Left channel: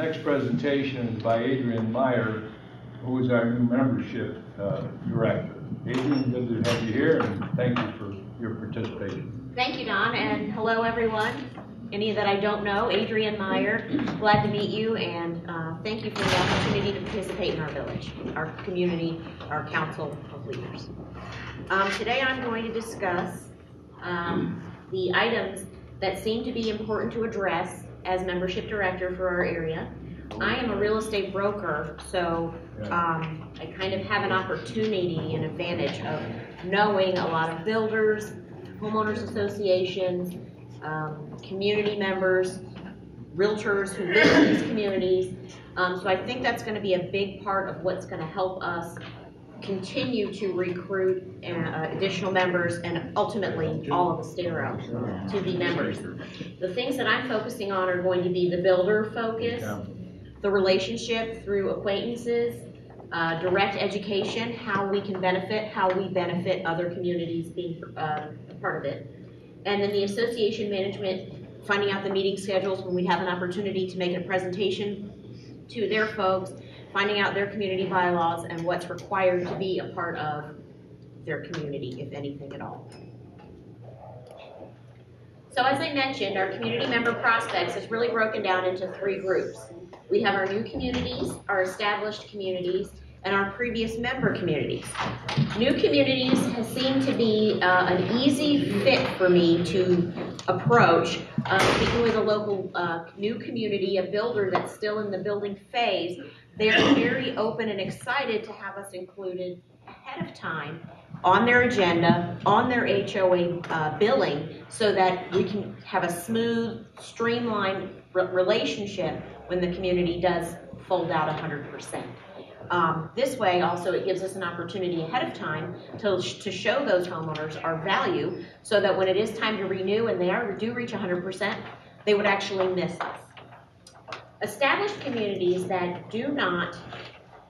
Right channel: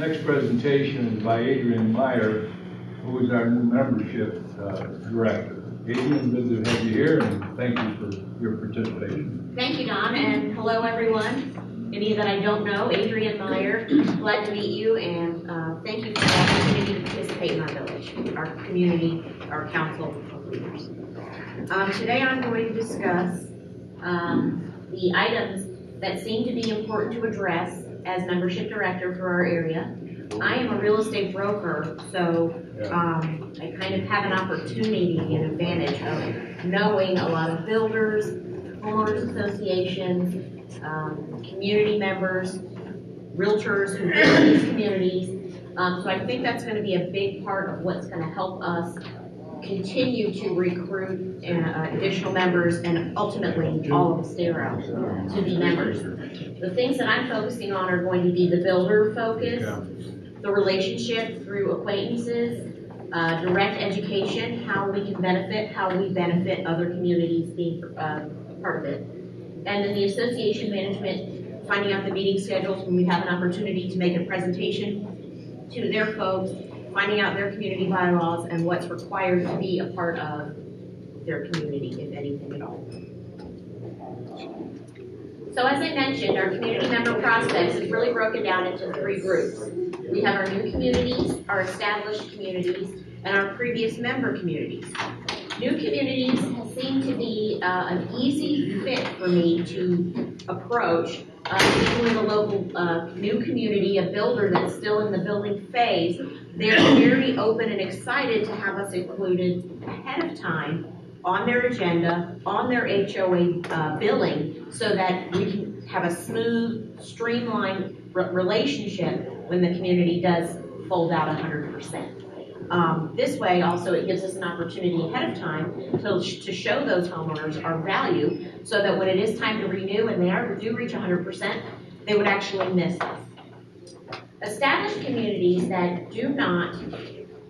next presentation is by Adrian Meyer, who is our new membership director. Adrian, good to have you here, and thank you for your participation. Thank you, Don, and hello, everyone. Any that I don't know, Adrian Meyer, glad to meet you, and thank you for the opportunity to participate in our village, our community, our council of leaders. Today I'm going to discuss the items that seem to be important to address as membership director for our area. I am a real estate broker, so I kind of have an opportunity and advantage of knowing a lot of builders, homeowners associations, community members, realtors who live in these communities. So I think that's going to be a big part of what's going to help us continue to recruit additional members and ultimately all of Estero to be members. The things that I'm focusing on are going to be the builder focus, the relationship through acquaintances, direct education, how we can benefit, how we benefit other communities being part of it. And then the association management, finding out the meeting schedules when we have an opportunity to make a presentation to their folks, finding out their community bylaws and what's required to be a part of their community, if anything at all. So as I mentioned, our community member prospects is really broken down into 3 groups. We have our new communities, our established communities, and our previous member communities. New communities has seemed to be an easy fit for me to approach. Even with a local new community, a builder that's still in the building phase, they're very open and excited to have us included ahead of time on their agenda, on their HOA billing, so that we can have a smooth, streamlined relationship when the community does fold out 100%. This way, also, it gives us an opportunity ahead of time to show those homeowners our value, so that when it is time to renew and they do reach 100%, they would actually miss us. Established communities that do not,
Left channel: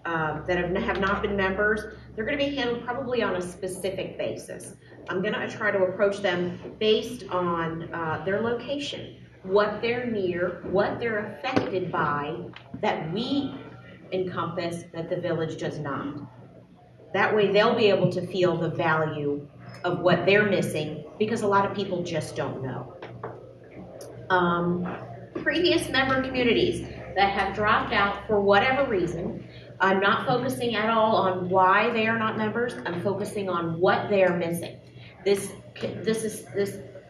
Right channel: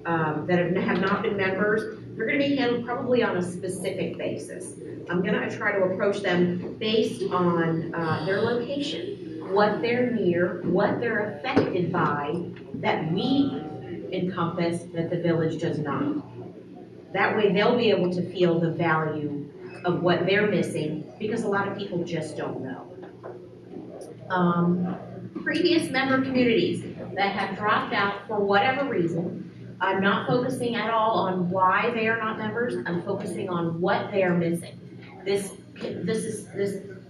that have not been members, they're going to be handled probably on a specific basis. I'm going to try to approach them based on their location, what they're near, what they're affected by that we encompass that the village does not. That way they'll be able to feel the value of what they're missing, because a lot of people just don't know. Previous member communities that have dropped out for whatever reason, I'm not focusing at all on why they are not members. I'm focusing on what they are missing. This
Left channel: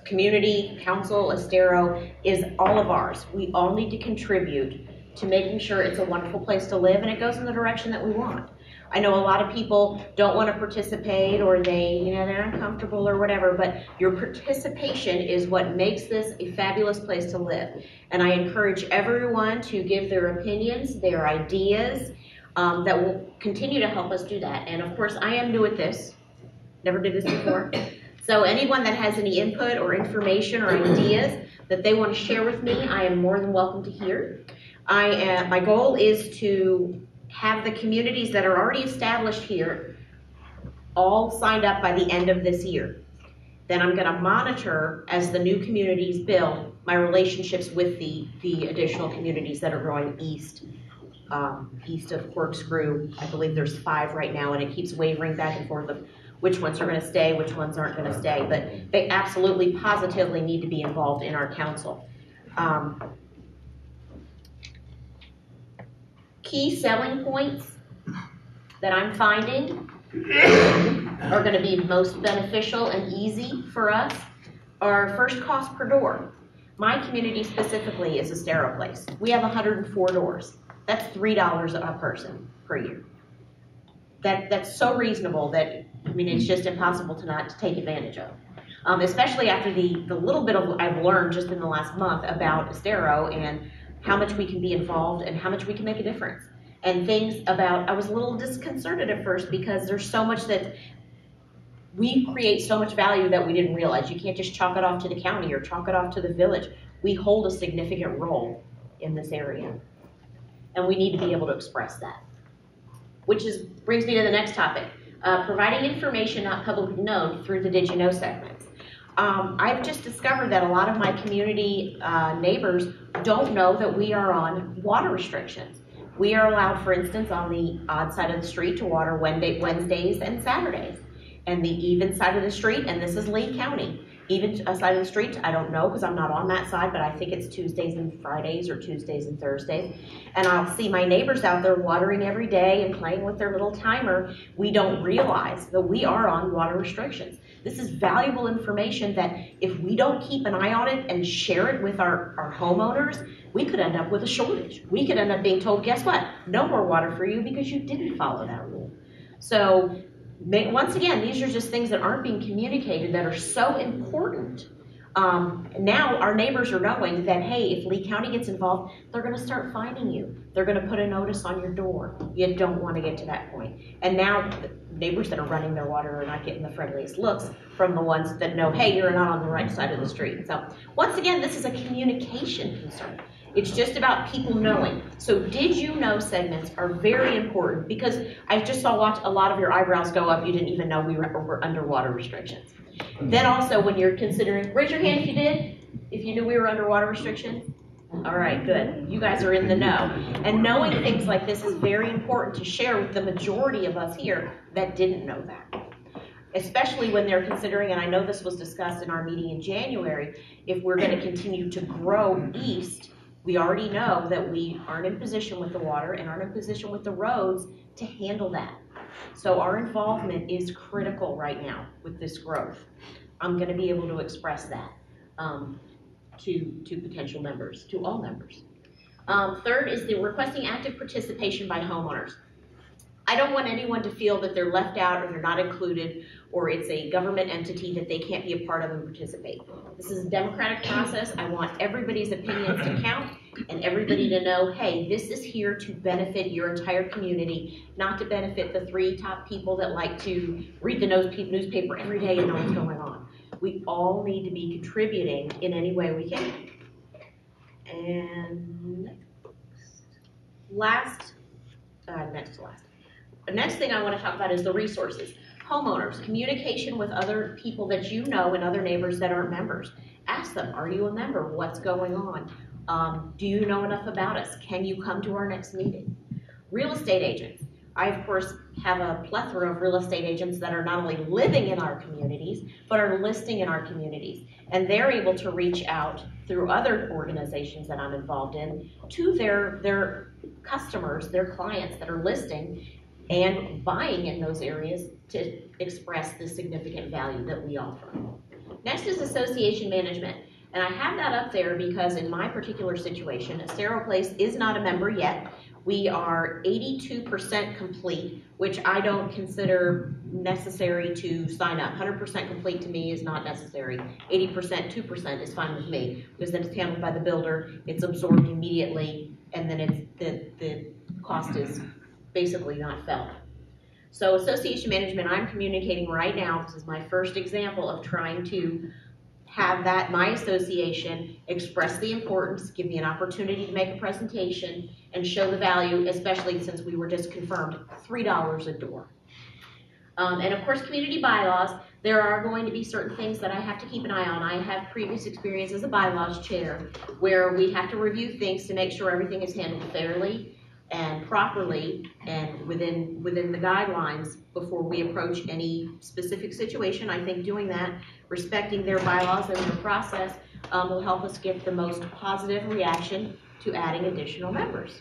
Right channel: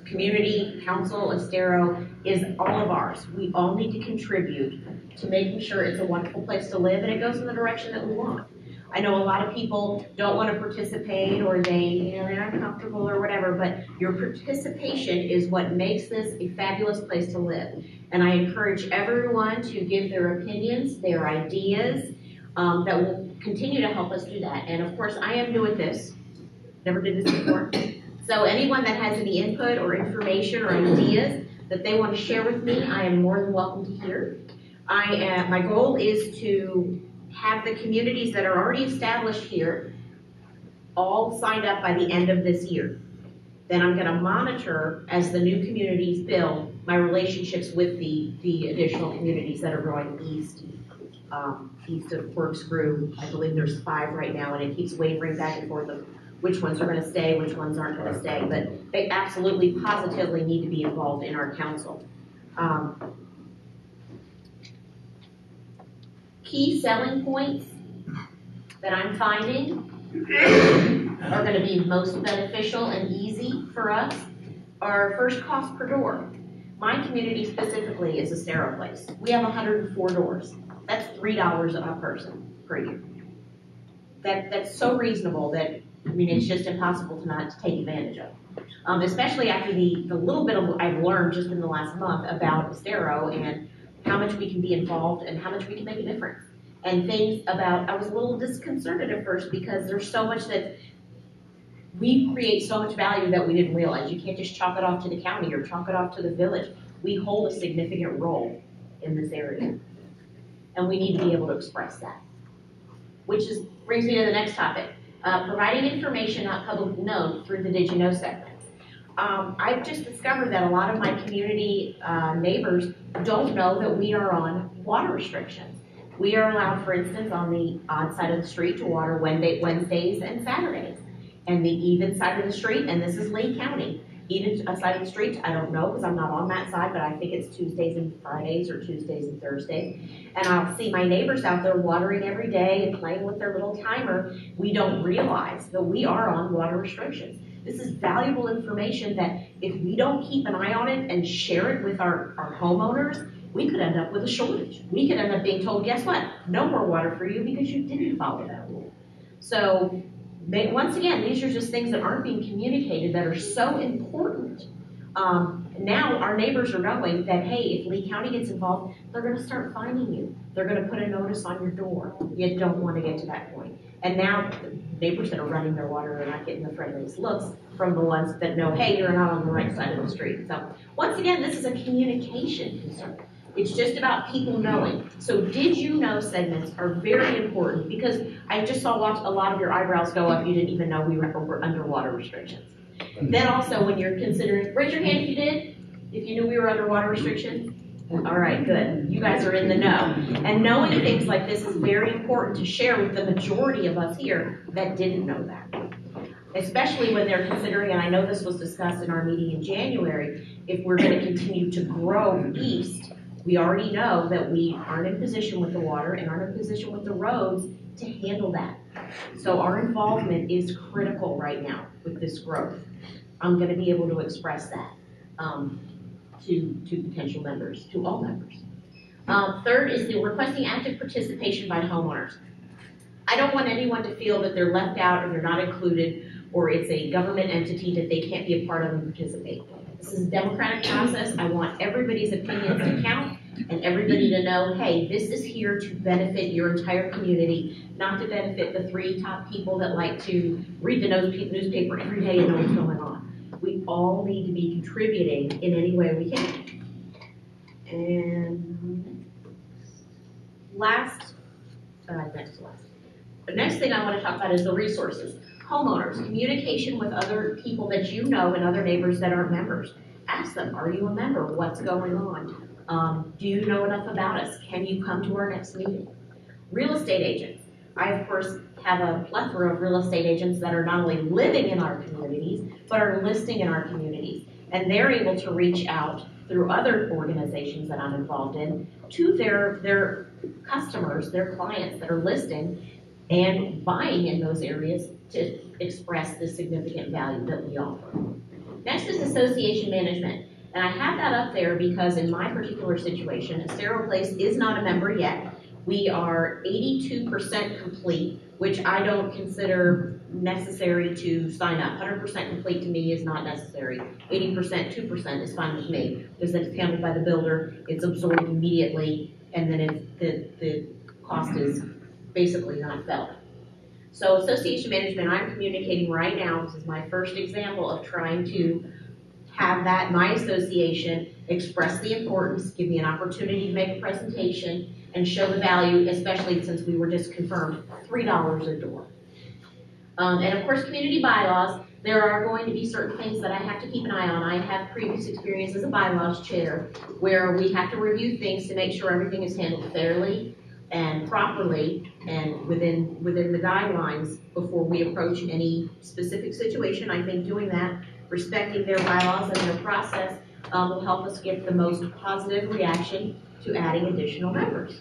community council, Estero, is all of ours. We all need to contribute to making sure it's a wonderful place to live and it goes in the direction that we want. I know a lot of people don't want to participate, or they're uncomfortable or whatever, but your participation is what makes this a fabulous place to live. And I encourage everyone to give their opinions, their ideas, that will continue to help us do that. And of course, I am new at this, never did this before. So anyone that has any input or information or ideas that they want to share with me, I am more than welcome to hear. My goal is to have the communities that are already established here all signed up by the end of this year. Then I'm going to monitor, as the new communities build, my relationships with the additional communities that are growing east of Corkscrew. I believe there's 5 right now, and it keeps wavering back and forth of which ones are going to stay, which ones aren't going to stay, but they absolutely, positively need to be involved in our council. Key selling points that I'm finding are going to be most beneficial and easy for us are first cost per door. My community specifically is Estero Place. We have 104 doors. That's $3 a person per year. That's so reasonable that, I mean, it's just impossible to not take advantage of. Especially after the little bit of I've learned just in the last month about Estero and how much we can be involved and how much we can make a difference. And things about, I was a little disconcerted at first because there's so much that we create, so much value that we didn't realize. You can't just chalk it off to the county or chalk it off to the village. We hold a significant role in this area. And we need to be able to express that. Which brings me to the next topic. Providing information not publicly known through the Did You Know segments. I've just discovered that a lot of my community neighbors don't know that we are on water restrictions. We are allowed, for instance, on the odd side of the street to water Wednesdays and Saturdays. And the even side of the street, and this is Lee County, even side of the street, I don't know because I'm not on that side, but I think it's Tuesdays and Fridays or Tuesdays and Thursdays. And I'll see my neighbors out there watering every day and playing with their little timer. We don't realize that we are on water restrictions. This is valuable information that if we don't keep an eye on it and share it with our homeowners, we could end up with a shortage. We could end up being told, guess what? No more water for you because you didn't follow that rule. So once again, these are just things that aren't being communicated that are so important. Now our neighbors are knowing that, hey, if Lee County gets involved, they're going to start fining you. They're going to put a notice on your door. You don't want to get to that point. And now neighbors that are running their water are not getting the friendliest looks from the ones that know, hey, you're not on the right side of the street. So once again, this is a communication concern. It's just about people knowing. So did you know segments are very important, because I just saw a lot of your eyebrows go up. You didn't even know we were under water restrictions. Then also when you're considering, raise your hand if you did, if you knew we were under water restrictions. All right, good. You guys are in the know. And knowing things like this is very important to share with the majority of us here that didn't know that. Especially when they're considering, and I know this was discussed in our meeting in January, if we're going to continue to grow east, we already know that we aren't in position with the water and aren't in position with the roads to handle that. So our involvement is critical right now with this growth. I'm going to be able to express that to potential members, to all members. Third is the requesting active participation by homeowners. I don't want anyone to feel that they're left out or they're not included, or it's a government entity that they can't be a part of and participate. This is a democratic process. I want everybody's opinions to count and everybody to know, hey, this is here to benefit your entire community, not to benefit the 3 top people that like to read the newspaper every day and know what's going on. We all need to be contributing in any way we can. And the next thing I want to talk about is the resources. Homeowners, communication with other people that you know and other neighbors that aren't members. Ask them, are you a member? What's going on? Do you know enough about us? Can you come to our next meeting? Real estate agents. I, of course, have a plethora of real estate agents that are not only living in our communities, but are listing in our communities. And they're able to reach out through other organizations that I'm involved in to their customers, their clients that are listing and buying in those areas to express the significant value that we offer. Next is association management. And I have that up there because in my particular situation, Estero Place is not a member yet. We are 82% complete, which I don't consider necessary to sign up. 100% complete to me is not necessary. 80%, 2% is fine with me, because then it's handled by the builder, it's absorbed immediately, and then the cost is basically not felt. So association management, I'm communicating right now. This is my first example of trying to have that, my association, express the importance, give me an opportunity to make a presentation, and show the value, especially since we were just confirmed $3 a door. And of course, community bylaws, there are going to be certain things that I have to keep an eye on. I have previous experience as a bylaws chair where we have to review things to make sure everything is handled fairly and properly and within the guidelines before we approach any specific situation. I think doing that, respecting their bylaws and their process, will help us get the most positive reaction to adding additional members.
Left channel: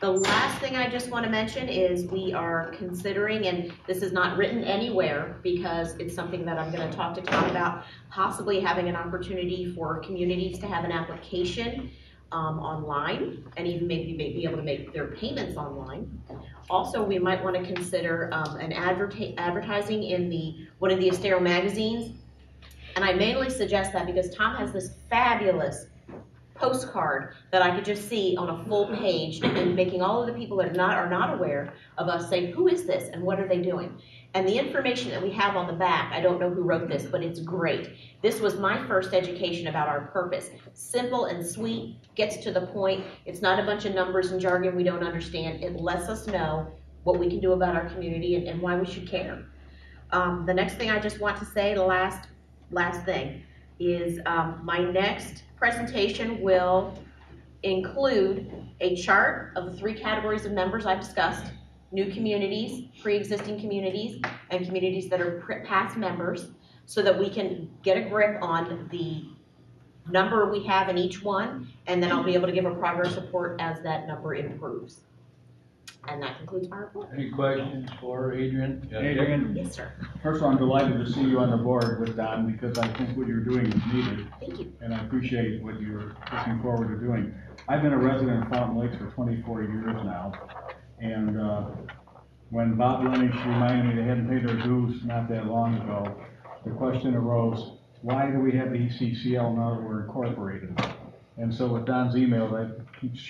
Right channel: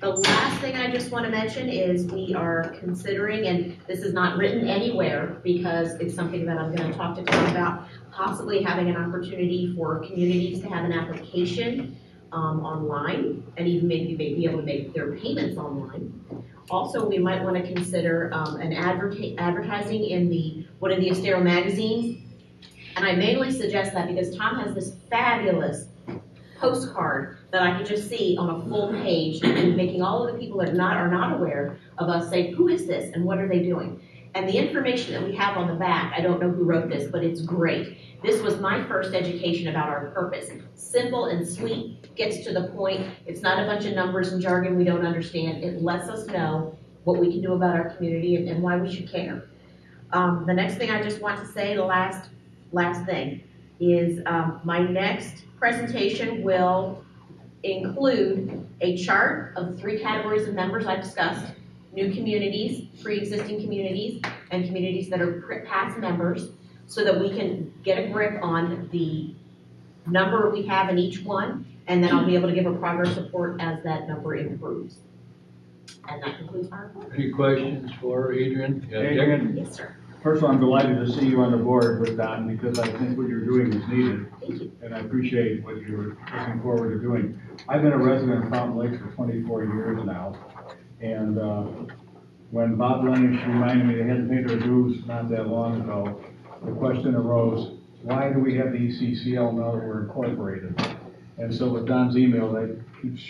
The last thing I just want to mention is we are considering, and this is not written anywhere because it's something that I'm going to talk to Tom about, possibly having an opportunity for communities to have an application online, and even maybe be able to make their payments online. Also, we might want to consider an advertising in one of the Estero magazines, and I mainly suggest that because Tom has this fabulous postcard that I could just see on a full page, and making all of the people that are not aware of us say, who is this and what are they doing? And the information that we have on the back, I don't know who wrote this, but it's great. This was my first education about our purpose. Simple and sweet, gets to the point. It's not a bunch of numbers and jargon we don't understand. It lets us know what we can do about our community and why we should care. The next thing I just want to say, the last last thing, is my next presentation will include a chart of the 3 categories of members I discussed: new communities, pre-existing communities, and communities that are past members, so that we can get a grip on the number we have in each one, and then I'll be able to give a progress report as that number improves. And that concludes my report. Any questions for Adrian? Yeah, Adrian, Yes, sir. first of all, I'm delighted to see you on the board with Don, because I think what you're doing is needed, Thank you. and I appreciate what you're looking forward to doing. I've been a resident of Fountain Lakes for 24 years now, and when Bob Lennish reminded me they hadn't paid their dues not that long ago, the question arose, why do we have the ECCL now that we're incorporated? And so with Don's email, that keeps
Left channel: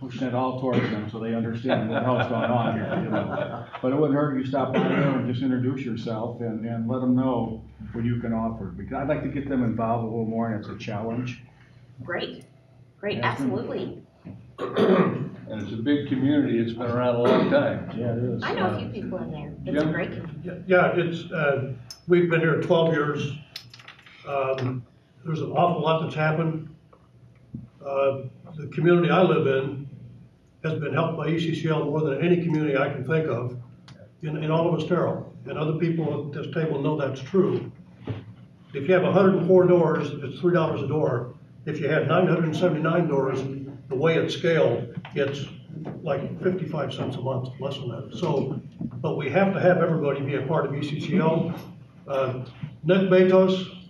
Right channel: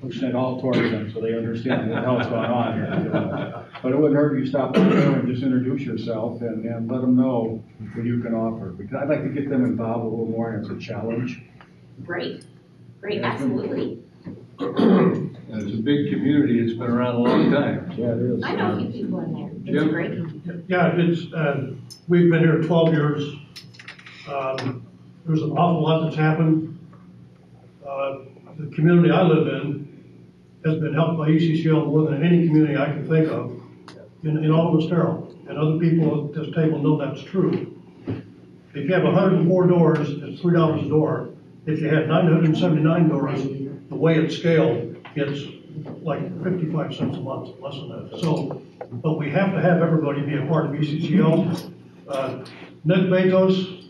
pushing it all towards them so they understand what else going on here. You know? But it wouldn't hurt if you stop by there and just introduce yourself and let them know what you can offer. Because I'd like to get them involved a little more, and it's a challenge. Great, absolutely. And it's a big community, it's been around a long time. Yeah, it is. I know a few people in there. It's a Jim? great community. Yeah, it's, we've been here 12 years. There's an awful lot that's happened. The community I live in has been helped by ECCL more than any community I can think of in all of Estero. And other people at this table know that's true. If you have 104 doors, it's $3 a door. If you had 979 doors, the way it's scaled, it's like 55 cents a month, less than that. So, but we have to have everybody be a part of ECCL. Nick Betos,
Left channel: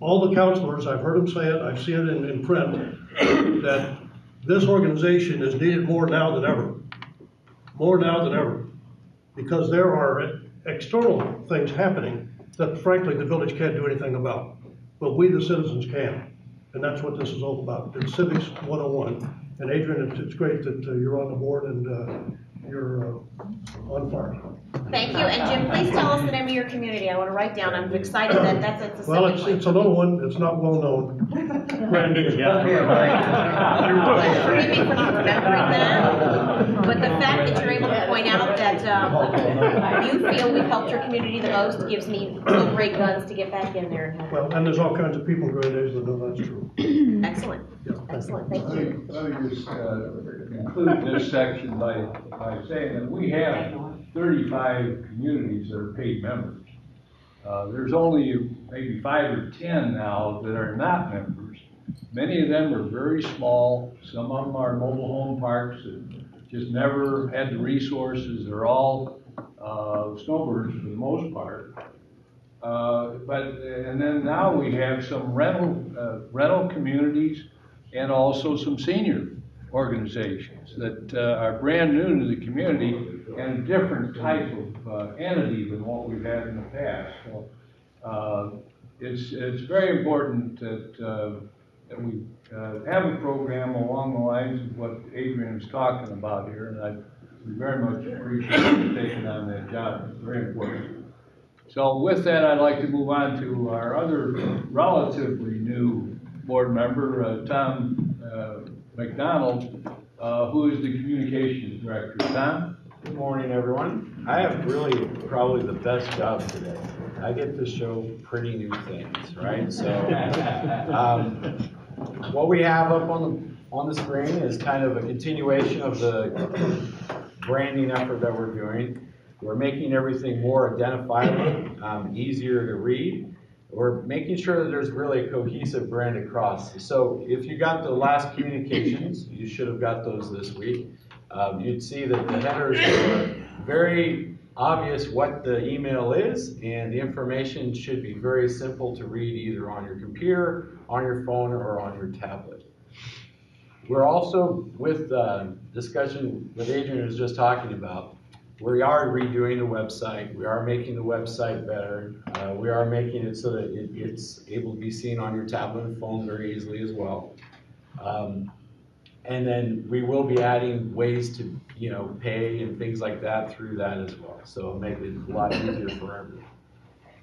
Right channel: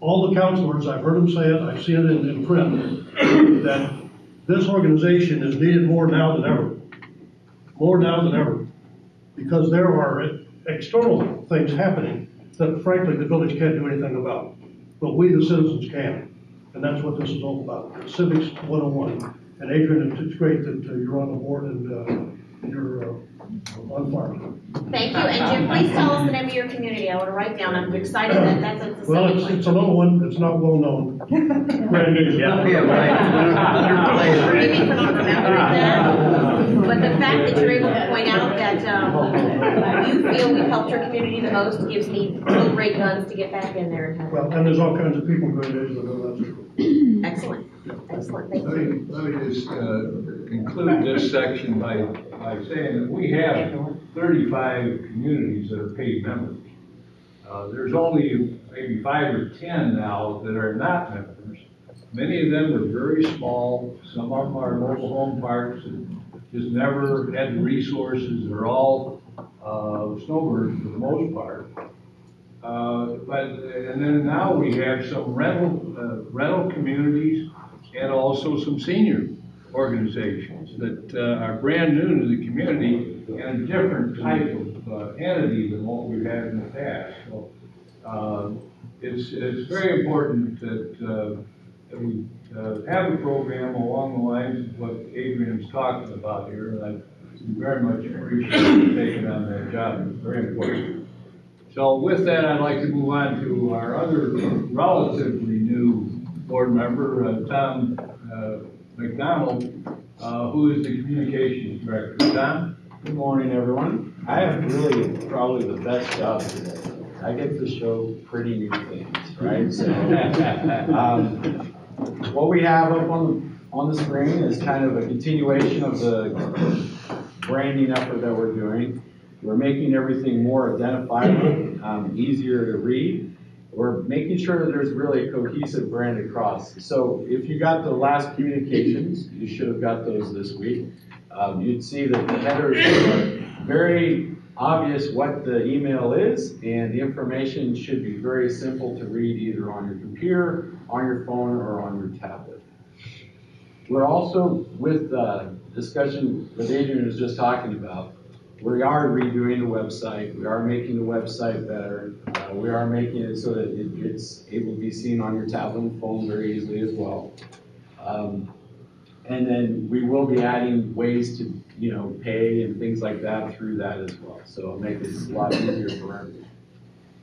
all the counselors, I've heard him say it, I've seen it in print, that this organization is needed more now than ever. More now than ever. Because there are external things happening that frankly the village can't do anything about. But we the citizens can. And that's what this is all about. It's Civics 101. And Adrian, it's great that you're on the board and you're on fire. Thank you, and Jim, please tell us the name of your community. I want to write down. I'm excited that that's at the Well, second it's one. a little one, it's not well known. Brand new. Forgive me for not remembering that, but the fact that you're able to point out that you feel we've helped your community the most gives me real great guns to get back in there. Well, and there's all kinds of people in Great Edge that know that's true. Excellent, thank you. Let me just include this section by saying that we have 35 communities that are paid members. There's only maybe 5 or 10 now that are not members. Many of them are very small. Some of them are mobile home parks that just never had the resources. They're all snowbirds for the most part. And then now we have some rental communities and also some senior organizations that are brand new to the community and a different type of entity than what we've had in the past. So it's very important that we have a program along the lines of what Adrian's talking about here, and I very much appreciate you taking on that job. It's very important. So with that, I'd like to move on to our other relatively new board member, Tom McDonald, who is the communications director. Tom? Good morning, everyone. I have really probably the best job today. I get to show pretty new things, right? So what we have up on the screen is kind of a continuation of the branding effort that we're doing. We're making everything more identifiable, easier to read. We're making sure that there's really a cohesive brand across. So if you got the last communications, you should have got those this week. You'd see that the headers are very obvious what the email is, and the information should be very simple to read either on your computer, on your phone, or on your tablet. We're also, with discussion that Adrian was just talking about, we are redoing the website. We are making the website better. We are making it so that it's able to be seen on your tablet and phone very easily as well. And then we will be adding ways to, pay and things like that through that as well. So it'll make this a lot easier for everyone.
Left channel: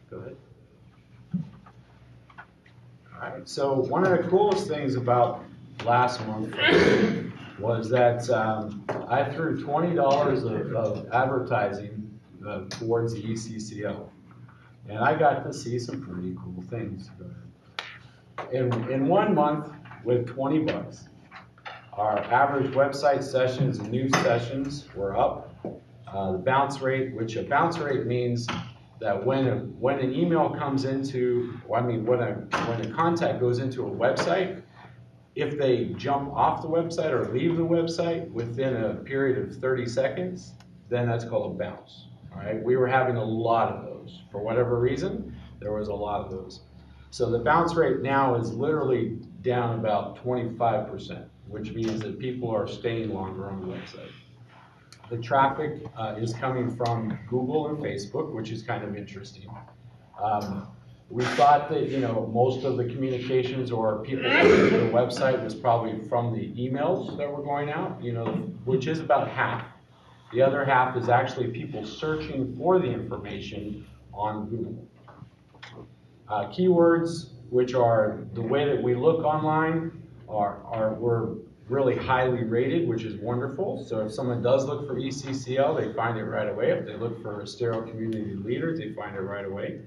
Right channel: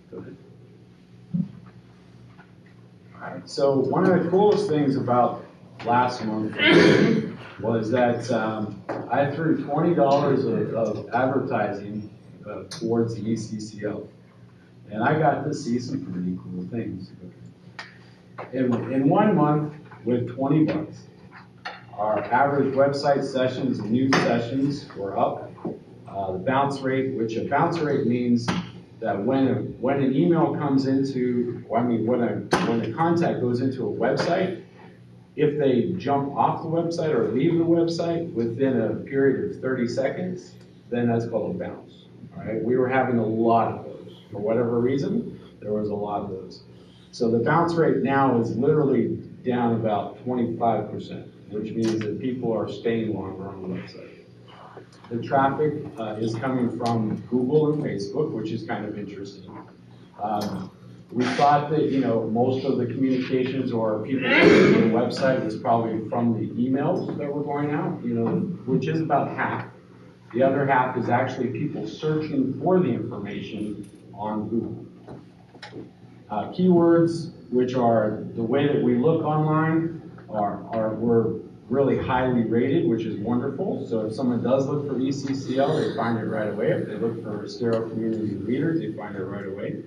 Go ahead. All right. So one of the coolest things about last month was that I threw $20 of advertising towards the ECCL. And I got to see some pretty cool things. In 1 month, with 20 bucks, our average website sessions and news sessions were up. The bounce rate, which a bounce rate means that when an email comes into, when a contact goes into a website, if they jump off the website or leave the website within a period of 30 seconds, then that's called a bounce. All right, we were having a lot of those. For whatever reason, there was a lot of those. So the bounce rate now is literally down about 25%, which means that people are staying longer on the website. The traffic is coming from Google and Facebook, which is kind of interesting. We thought that, most of the communications or people going to the website was probably from the emails that were going out, which is about half. The other half is actually people searching for the information on Google. Keywords, which are the way that we look online, were really highly rated, which is wonderful. So if someone does look for ECCL, they find it right away. If they look for Estero Community Leaders, they find it right away.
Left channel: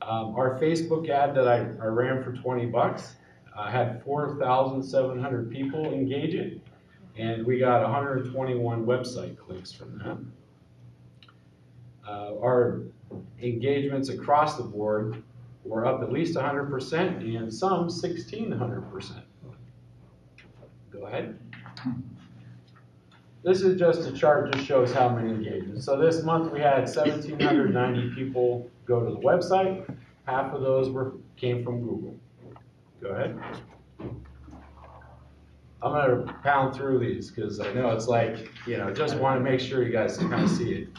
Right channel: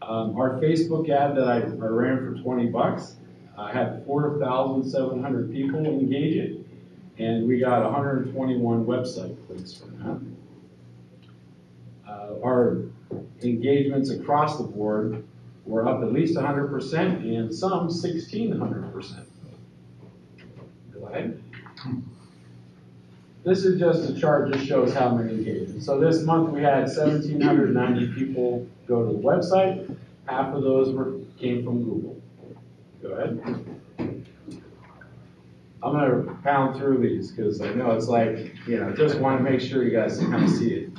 Our Facebook ad that I ran for 20 bucks had 4,700 people engage it, and we got 121 website clicks from that. Our engagements across the board were up at least 100% and some 1,600%. Go ahead. This is just a chart, just shows how many engagements. So this month we had 1,790 people go to the website. Half of those came from Google. Go ahead. I'm going to pound through these because I know it's like, just want to make sure you guys kind of see it.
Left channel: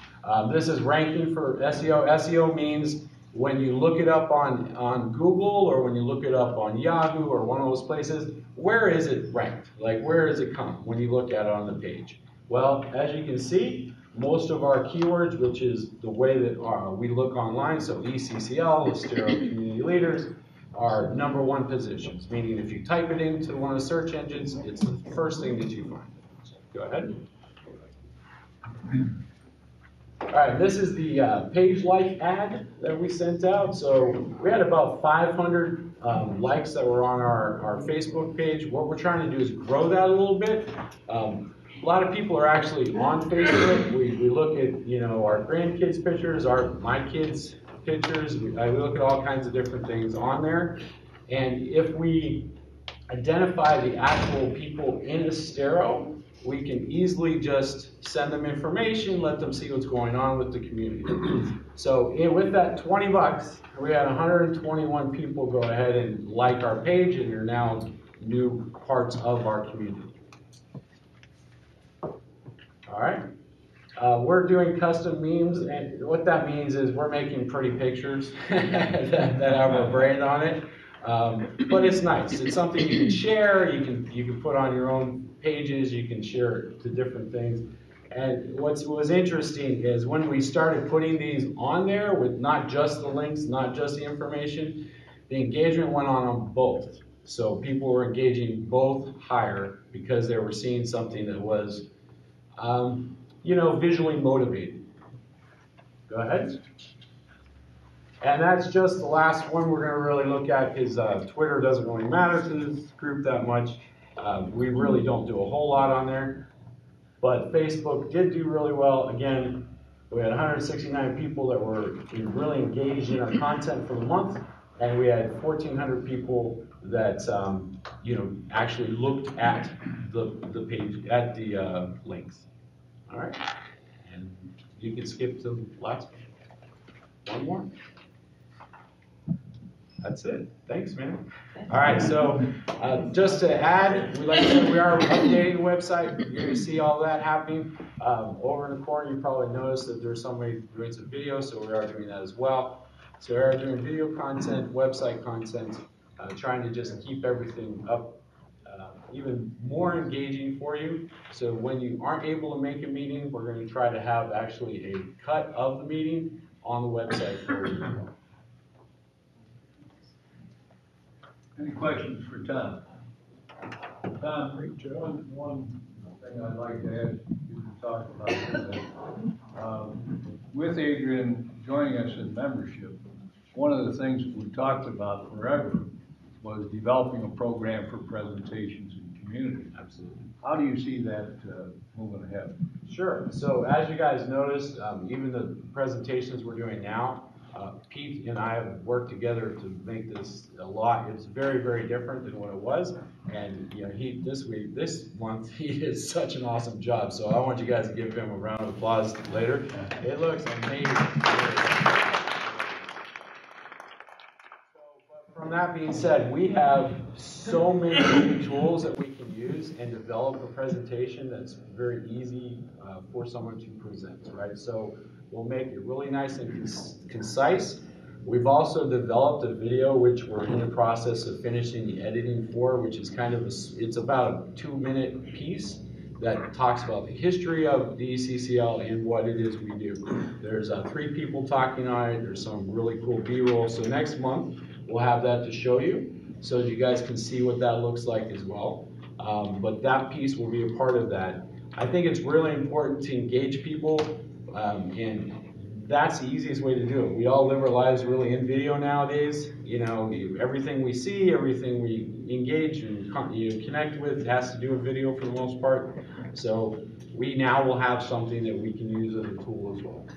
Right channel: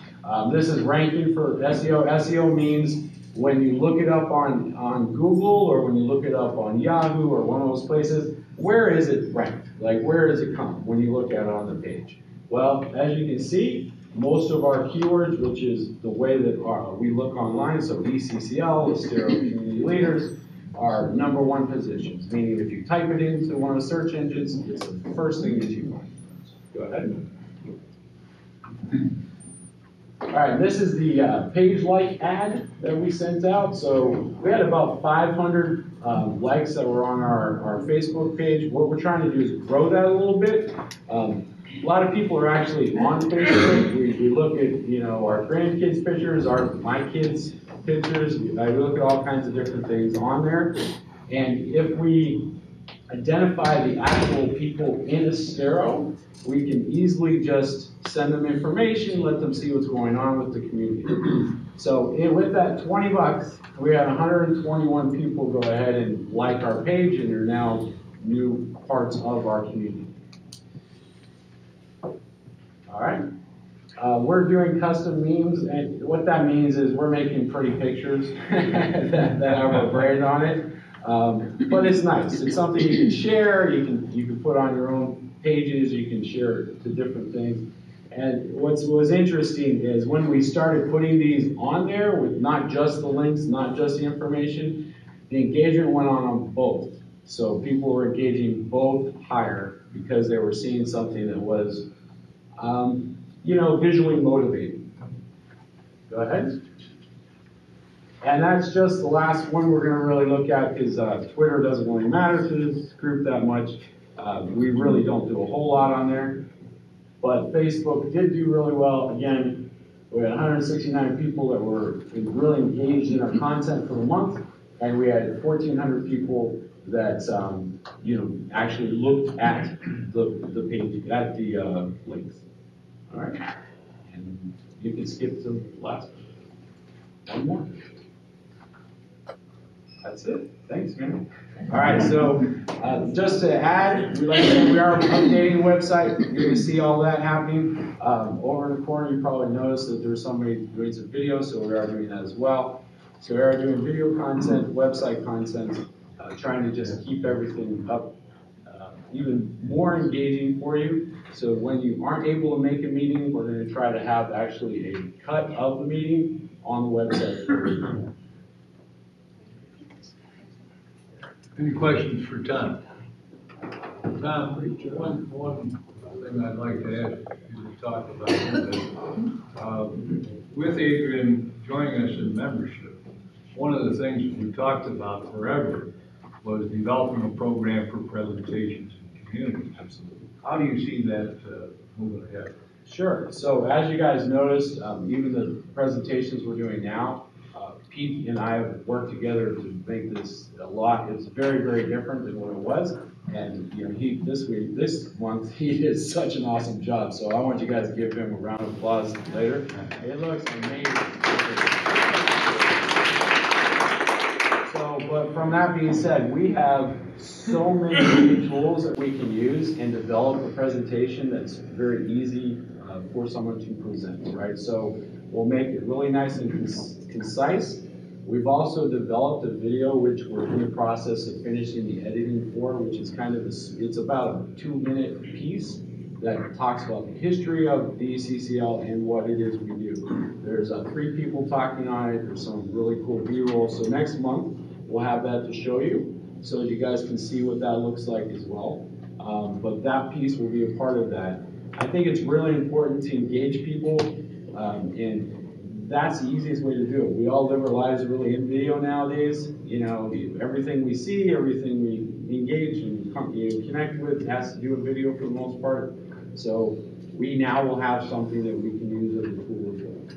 This is ranking for SEO. SEO means when you look it up on Google or when you look it up on Yahoo or one of those places, where is it ranked? Like, where does it come when you look at it on the page? Well, as you can see, most of our keywords, which is the way that we look online, so ECCL, Estero Community Leaders, are #1 positions, meaning if you type it into one of the search engines, it's the first thing that you find. Go ahead. All right, this is the page-like ad that we sent out. So we had about 500 likes that were on our Facebook page. What we're trying to do is grow that a little bit. A lot of people are actually on Facebook. We look at, our grandkids' pictures, my kids' pictures. We look at all kinds of different things on there. And if we identify the actual people in Estero, we can easily just send them information, let them see what's going on with the community. So with that 20 bucks, we had 121 people go ahead and like our page, and they're now new parts of our community. All right. We're doing custom memes, and what that means is we're making pretty pictures that have our brand on it. But it's nice. It's something you can share. You can put on your own pages. You can share it to different things. And what was interesting is when we started putting these on there with not just the links, not just the information, the engagement went on both. So people were engaging both higher because they were seeing something that was, visually motivating. Go ahead. And that's just the last one we're going to really look at because Twitter doesn't really matter to this group that much. We really don't do a whole lot on there. But Facebook did do really well. Again, we had 169 people that were really engaged in our content for the month, and we had 1,400 people that actually looked at the page, at the links. All right, and you can skip to the last one more. That's it. Thanks, man. All right, so just to add, like I said, we are updating the website. You're going to see all that happening. Over in the corner, you probably noticed that there's somebody doing some video, so we are doing that as well. So we are doing video content, website content, trying to just keep everything up, even more engaging for you. So when you aren't able to make a meeting, we're going to try to have actually a cut of the meeting on the website for you. Any questions for Tom? Tom, one thing I'd like to ask you to talk about is with Adrian joining us in membership, one of the things that we talked about forever was developing a program for presentations in community. Absolutely. How do you see that moving ahead? Sure. So as you guys noticed, even the presentations we're doing now, Pete and I have worked together to make this a lot. It's very, very different than what it was. And you know, this month, he did such an awesome job. So I want you guys to give him a round of applause later. It looks amazing. So, but from that being said, we have so many tools that we can use and develop a presentation that's very easy for someone to present, right? So we'll make it really nice and concise. We've also developed a video which we're in the process of finishing the editing for, which is kind of it's about a 2-minute piece that talks about the history of the ECCL and what it is we do. There's 3 people talking on it. There's some really cool B-roll. So next month we'll have that to show you, so that you guys can see what that looks like as well. But that piece will be a part of that. I think it's really important to engage people, and that's the easiest way to do it. We all live our lives really in video nowadays. You know, everything we see, everything we engage and connect with has to do with video for the most part. So we now will have something that we can use as a tool as well.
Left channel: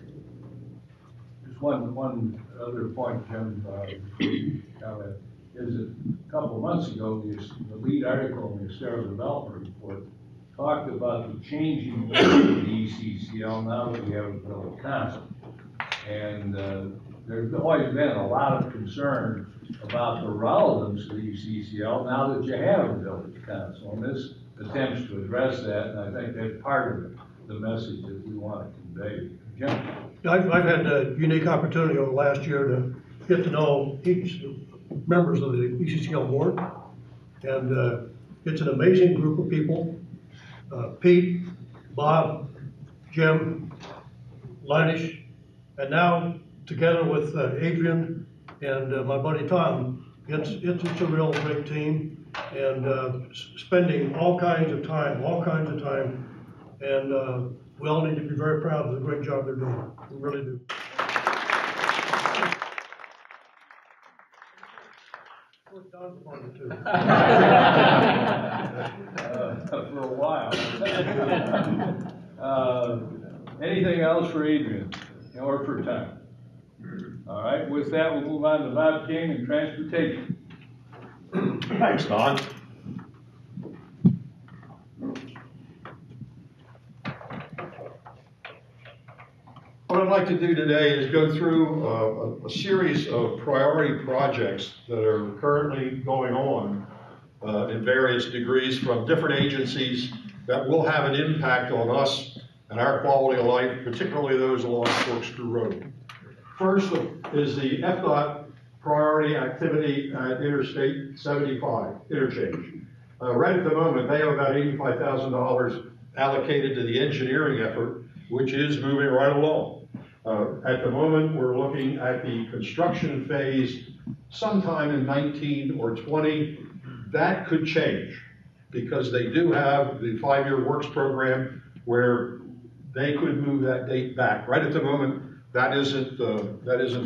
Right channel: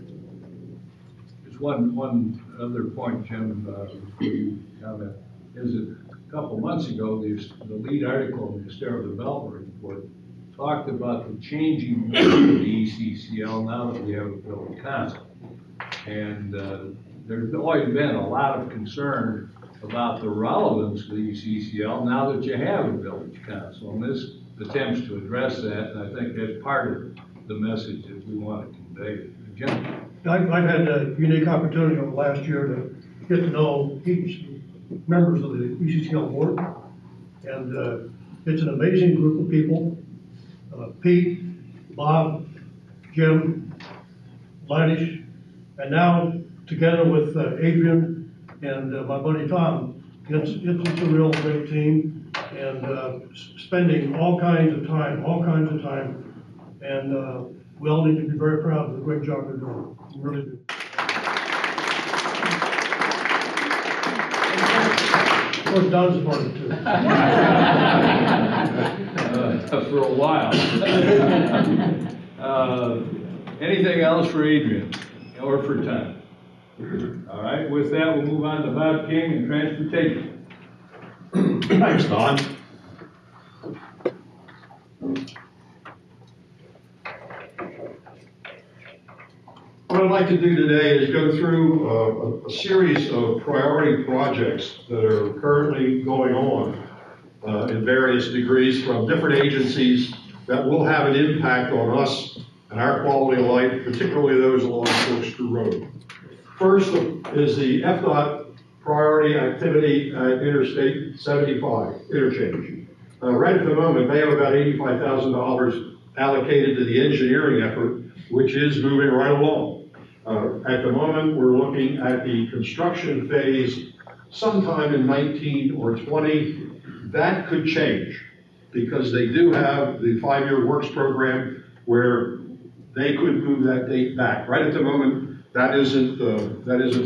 Just one other point, Jim, before you comment, is that a couple months ago, the lead article in the Estero Development Report talked about the changing of the ECCL now that we have a village council. And there's always been a lot of concern about the relevance of the ECCL now that you have a village council. And this attempts to address that, and I think that's part of the message that we want to convey. Jim? I've had a unique opportunity over the last year to get to know each members of the ECCL board. And it's an amazing group of people. Pete, Bob, Jim, Linus, and now together with Adrian and my buddy Tom, it's a real great team, and spending all kinds of time, and we all need to be very proud of the great job they're doing. We really do. Of course, Don's a part of it too. For a while. Anything else for Adrian or for Tom? All right, with that, we'll move on to Bob King and transportation. Thanks, Don. What I'd like to do today is go through a series of priority projects that are currently going on in various degrees from different agencies that will have an impact on us and our quality of life, particularly those along Corkscrew Road. First is the FDOT priority activity at Interstate 75 interchange. Right at the moment, they have about $85,000 allocated to the engineering effort, which is moving right along. At the moment, we're looking at the construction phase sometime in 19 or 20. That could change because they do have the 5-year works program where they could move that date back. Right at the moment, that isn't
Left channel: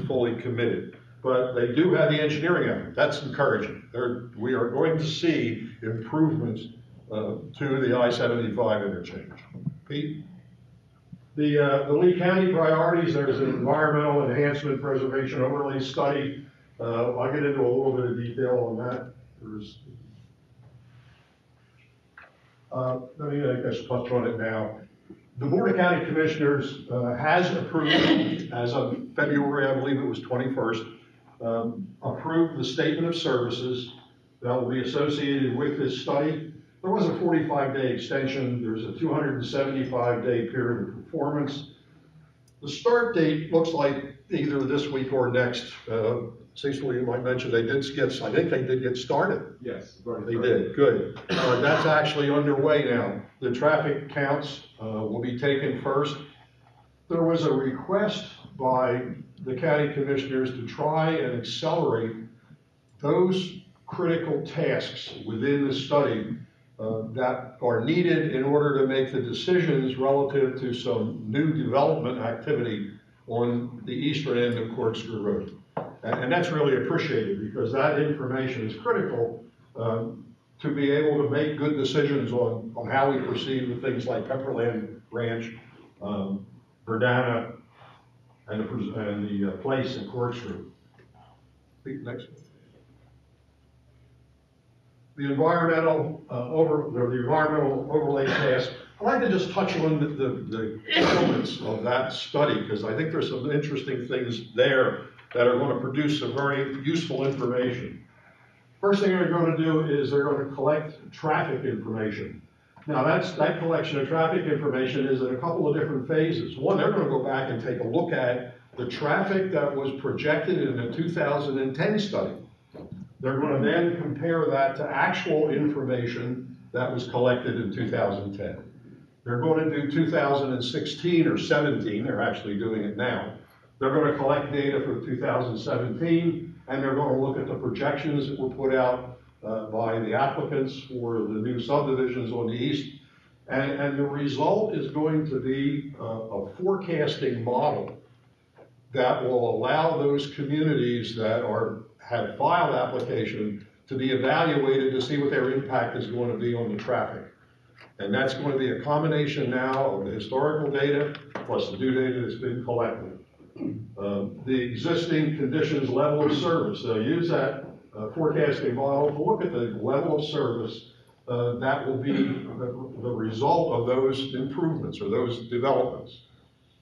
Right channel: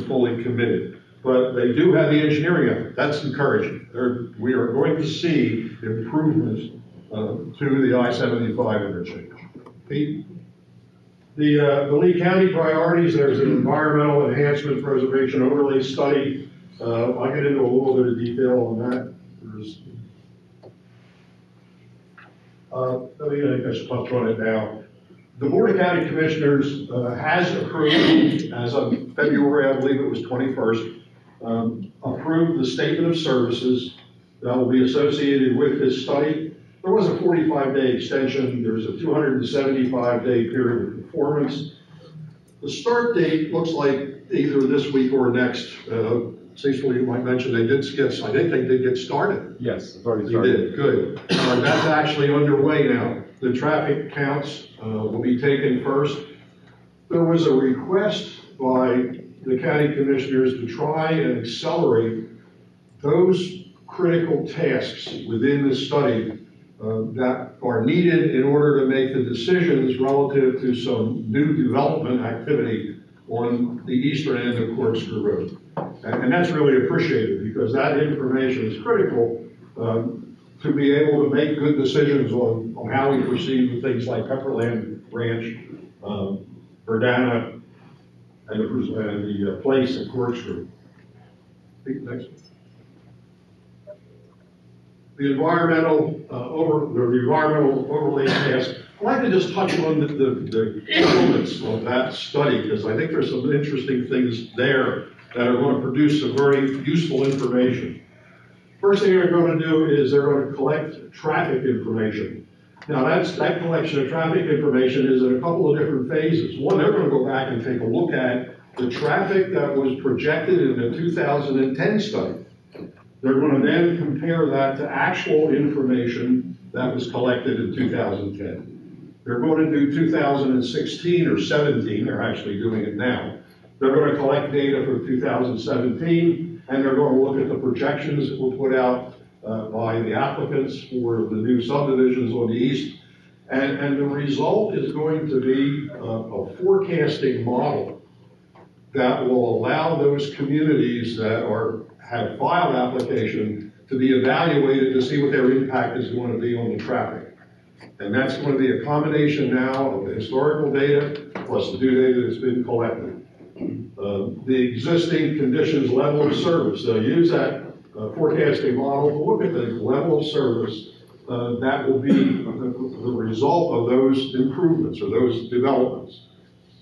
fully committed. But they do have the engineering effort. That's encouraging. We are going to see improvements to the I-75 interchange. Pete? The Lee County priorities, there's an environmental enhancement preservation overlay study. I'll get into a little bit of detail on that. Let me, I guess, touch on it now. The Board of County Commissioners has approved, as of February, I believe it was 21st, approved the statement of services that will be associated with this study. There was a 45-day extension. There's a 275-day period of performance. The start date looks like either this week or next. Cecil, you might mention they did get, I think they did get started. Yes, it's already started. They did, good. That's actually underway now. The traffic counts will be taken first. There was a request by the county commissioners to try and accelerate those critical tasks within the study that are needed in order to make the decisions relative to some new development activity on the eastern end of Corkscrew Road. And that's really appreciated because that information is critical to be able to make good decisions on how we proceed with things like Pepperland Ranch, Verdana, and the place at Corkscrew. Next. The environmental overlay task. I'd like to just touch on the elements of that study because I think there's some interesting things there that are going to produce some very useful information. First thing they're going to do is they're going to collect traffic information. Now that collection of traffic information is in a couple of different phases. One, they're going to go back and take a look at the traffic that was projected in the 2010 study. They're going to then compare that to actual information that was collected in 2010. They're going to do 2016 or 17, they're actually doing it now. They're going to collect data for 2017, and they're going to look at the projections that were put out by the applicants for the new subdivisions on the east. And the result is going to be a forecasting model that will allow those communities that have filed application to be evaluated to see what their impact is going to be on the traffic. And that's going to be a combination now of the historical data plus the new data that's been collected. The existing conditions level of service, they'll use that forecasting model to look at the level of service that will be the result of those improvements or those developments.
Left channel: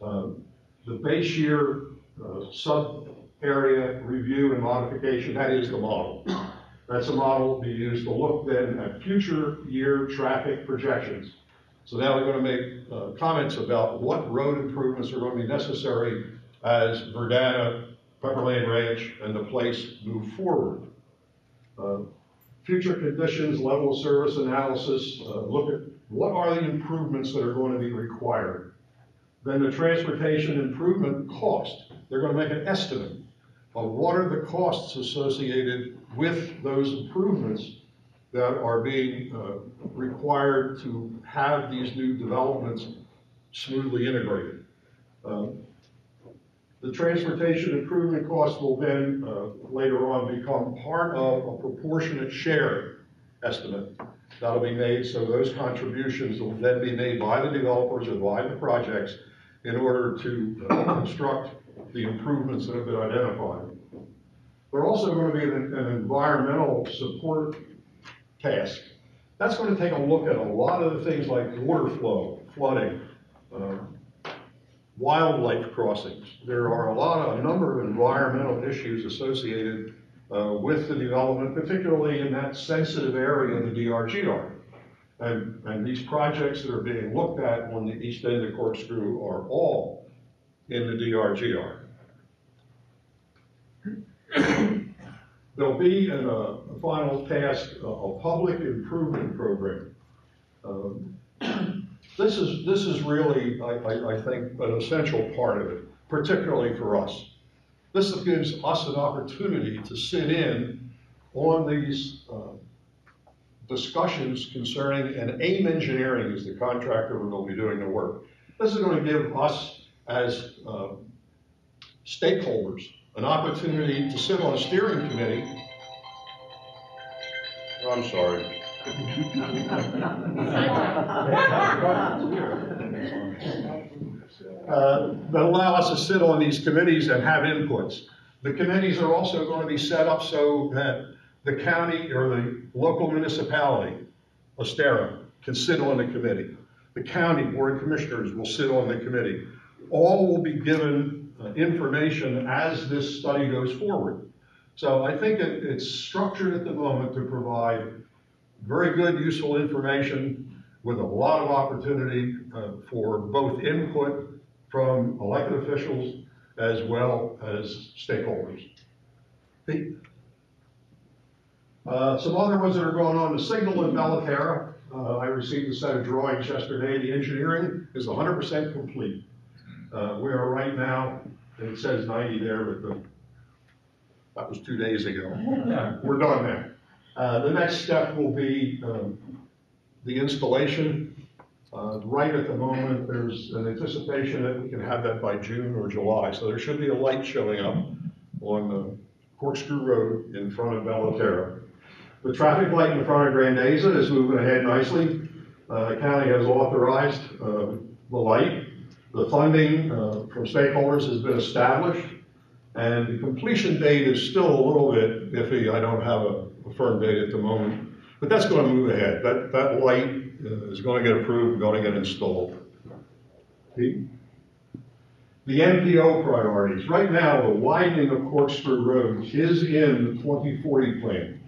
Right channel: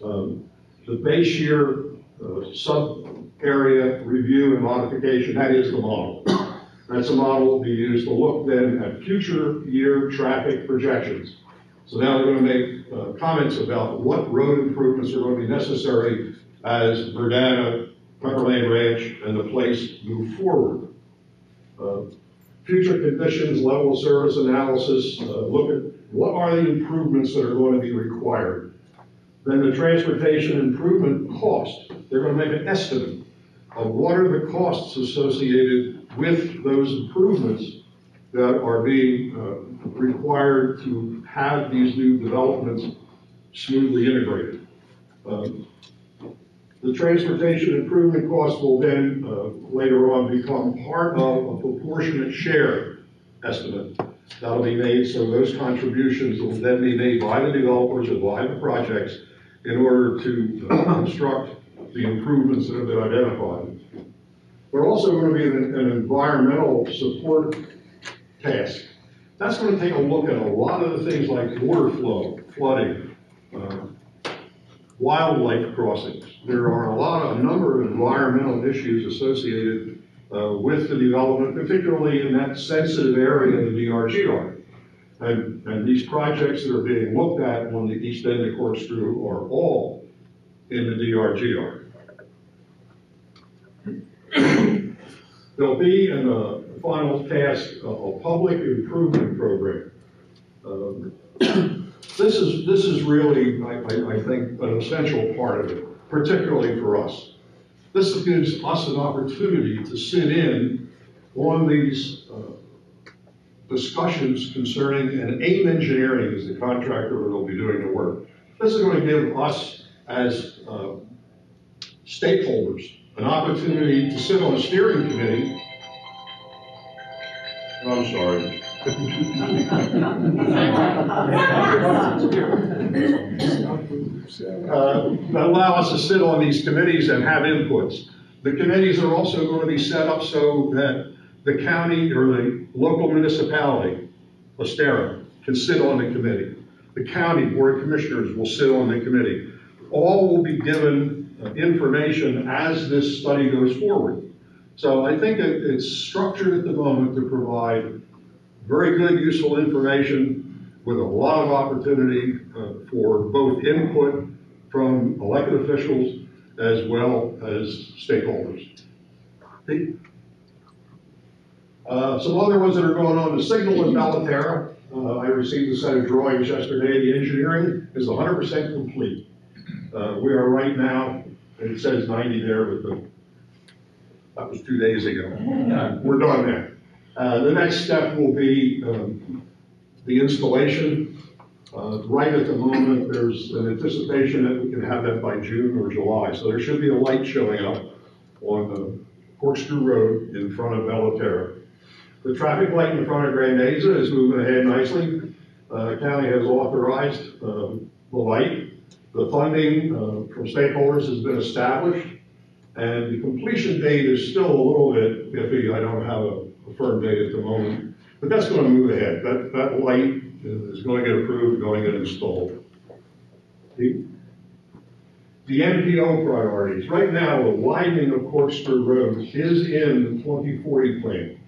The base year sub-area review and modification, that is the model. That's a model to be used to look then at future year traffic projections. So now we're going to make comments about what road improvements are going to be necessary as Verdana, Pepperland Ranch, and the place move forward. Future conditions, level of service analysis, look at what are the improvements that are going to be required. Then the transportation improvement cost. They're going to make an estimate of what are the costs associated with those improvements that are being required to have these new developments smoothly integrated. The transportation improvement cost will then later on become part of a proportionate share estimate that'll be made, so those contributions will then be made by the developers and by the projects in order to construct the improvements that have been identified. There's also going to be an environmental support task. That's going to take a look at a lot of the things like water flow, flooding, wildlife crossings. There are a number of environmental issues associated with the development, particularly in that sensitive area of the DRGR. And these projects that are being looked at on the east end of Corkscrew are all in the DRGR. There'll be in a final task a public improvement program. This is really, I think, an essential part of it, particularly for us. This gives us an opportunity to sit in on these discussions concerning, and AIM Engineering is the contractor that will be doing the work. This is going to give us as stakeholders an opportunity to sit on a steering committee. I'm sorry. Allow us to sit on these committees and have inputs. The committees are also going to be set up so that the county or the local municipality, Estero, can sit on the committee. The county board of commissioners will sit on the committee. All will be given information as this study goes forward. So I think it's structured at the moment to provide very good, useful information with a lot of opportunity for both input from elected officials as well as stakeholders. Some other ones that are going on, the signal in Malaterra. I received a set of drawings yesterday. The engineering is 100% complete. We are right now, it says 90 there, but that was 2 days ago. We're done there. The next step will be the installation. Right at the moment, there's an anticipation that we can have that by June or July. So there should be a light showing up on the Corkscrew Road in front of Estero. The traffic light in front of Grandeza is moving ahead nicely. County has authorized the light. The funding from stakeholders has been established, and the completion date is still a little bit iffy. I don't have a firm date at the moment, but that's going to move ahead. That light is going to get approved, going to get installed. The MPO priorities. Right now, the widening of Corkscrew Road is in the 2040 plan.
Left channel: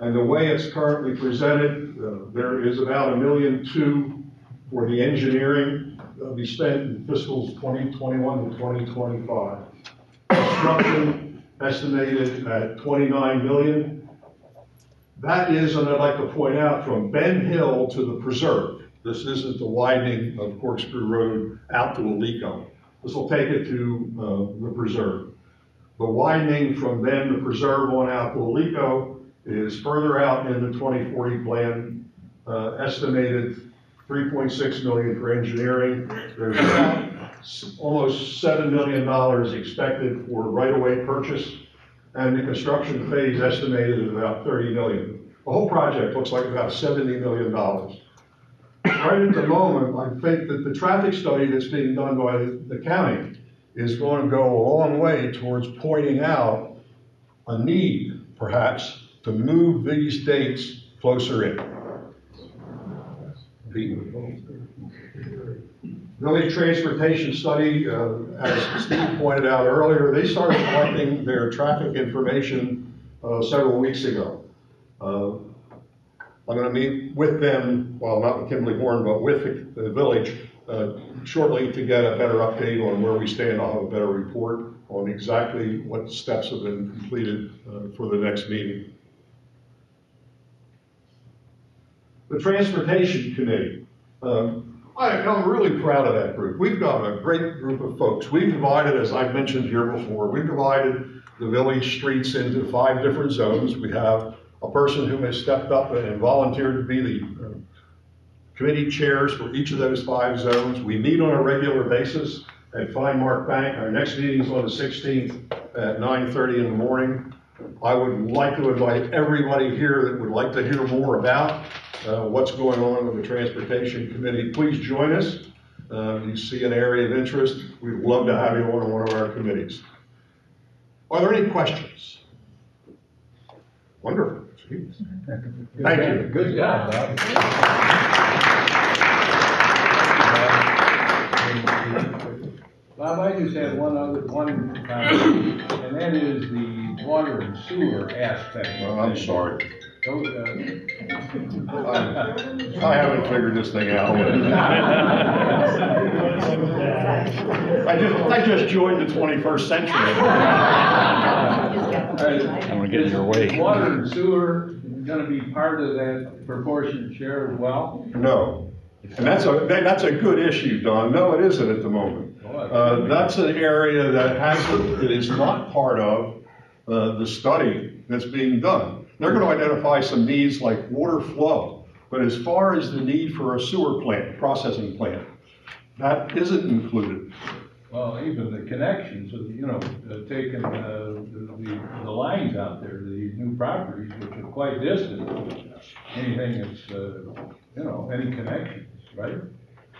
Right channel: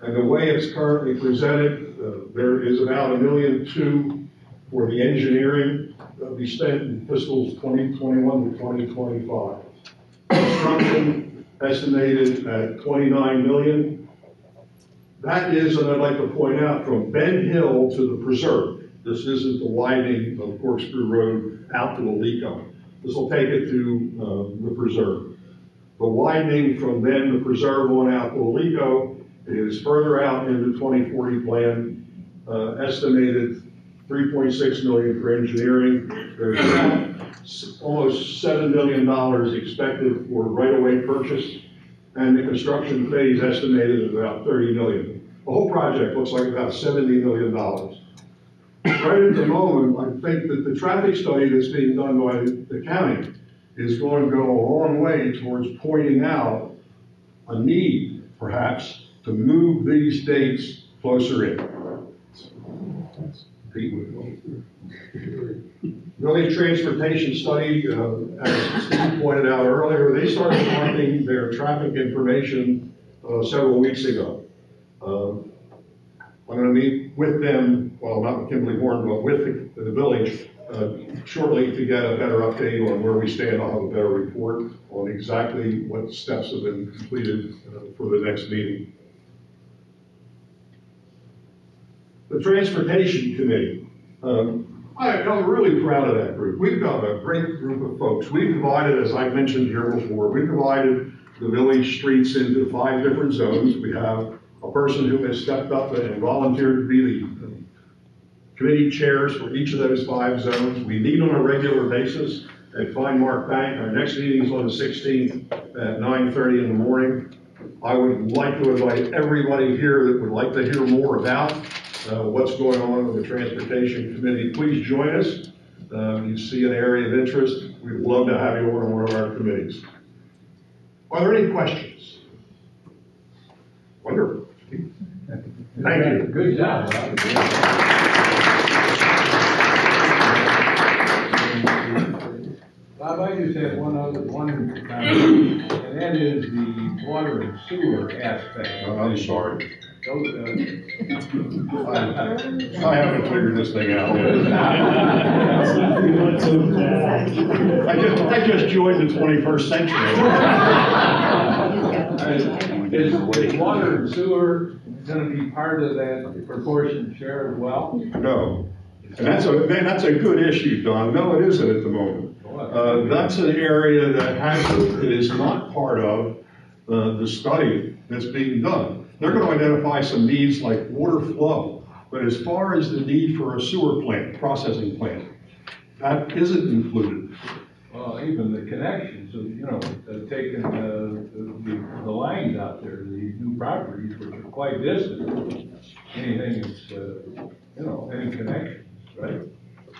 And the way it's currently presented, there is about $1.2 million for the engineering that'll be spent in fiscals 2021 to 2025. Construction estimated at $29 million. That is, and I'd like to point out, from Ben Hill to the preserve. This isn't the widening of Corkscrew Road out to Alico. This will take it to the preserve. The widening from then the preserve on out to Alico is further out in the 2040 plan, estimated $3.6 million for engineering. There's about almost $7 million expected for right-of-way purchase, and the construction phase estimated at about $30 million. The whole project looks like about $70 million. Right at the moment, I think that the traffic study that's being done by the county is going to go a long way towards pointing out a need, perhaps, to move these dates closer in. Village transportation study, as Steve pointed out earlier, they started collecting their traffic information several weeks ago. I'm going to meet with them, well, not with Kimberly Horn, but with the village shortly to get a better update on where we stand. I'll have a better report on exactly what steps have been completed for the next meeting. The Transportation Committee. I'm really proud of that group. We've got a great group of folks. We've divided, as I've mentioned here before, we've divided the village streets into 5 different zones. We have a person who has stepped up and volunteered to be the committee chairs for each of those 5 zones. We meet on a regular basis at Fine Mark Bank. Our next meeting is on the 16th at 9:30 in the morning. I would like to invite everybody here that would like to hear more about what's going on with the Transportation Committee. Please join us. You see an area of interest, we'd love to have you on one of our committees. Are there any questions? Wonderful. Thank you. Good job, Bob. Bob, I just have one comment, and that is the water and sewer aspect. I'm sorry. Those, I haven't figured this thing out. I just joined the 21st century. Is water and sewer going to be part of that proportionate share as well? No. And that's a good issue, Don. No, it isn't at the moment. That's an area that is not part of the study that's being done. They're going to identify some needs like water flow, but as far as the need for a sewer plant, processing plant, that isn't included. Well, even the connections, taking the lines out there, the new properties, which are quite distant. Anything that's, any connections, right?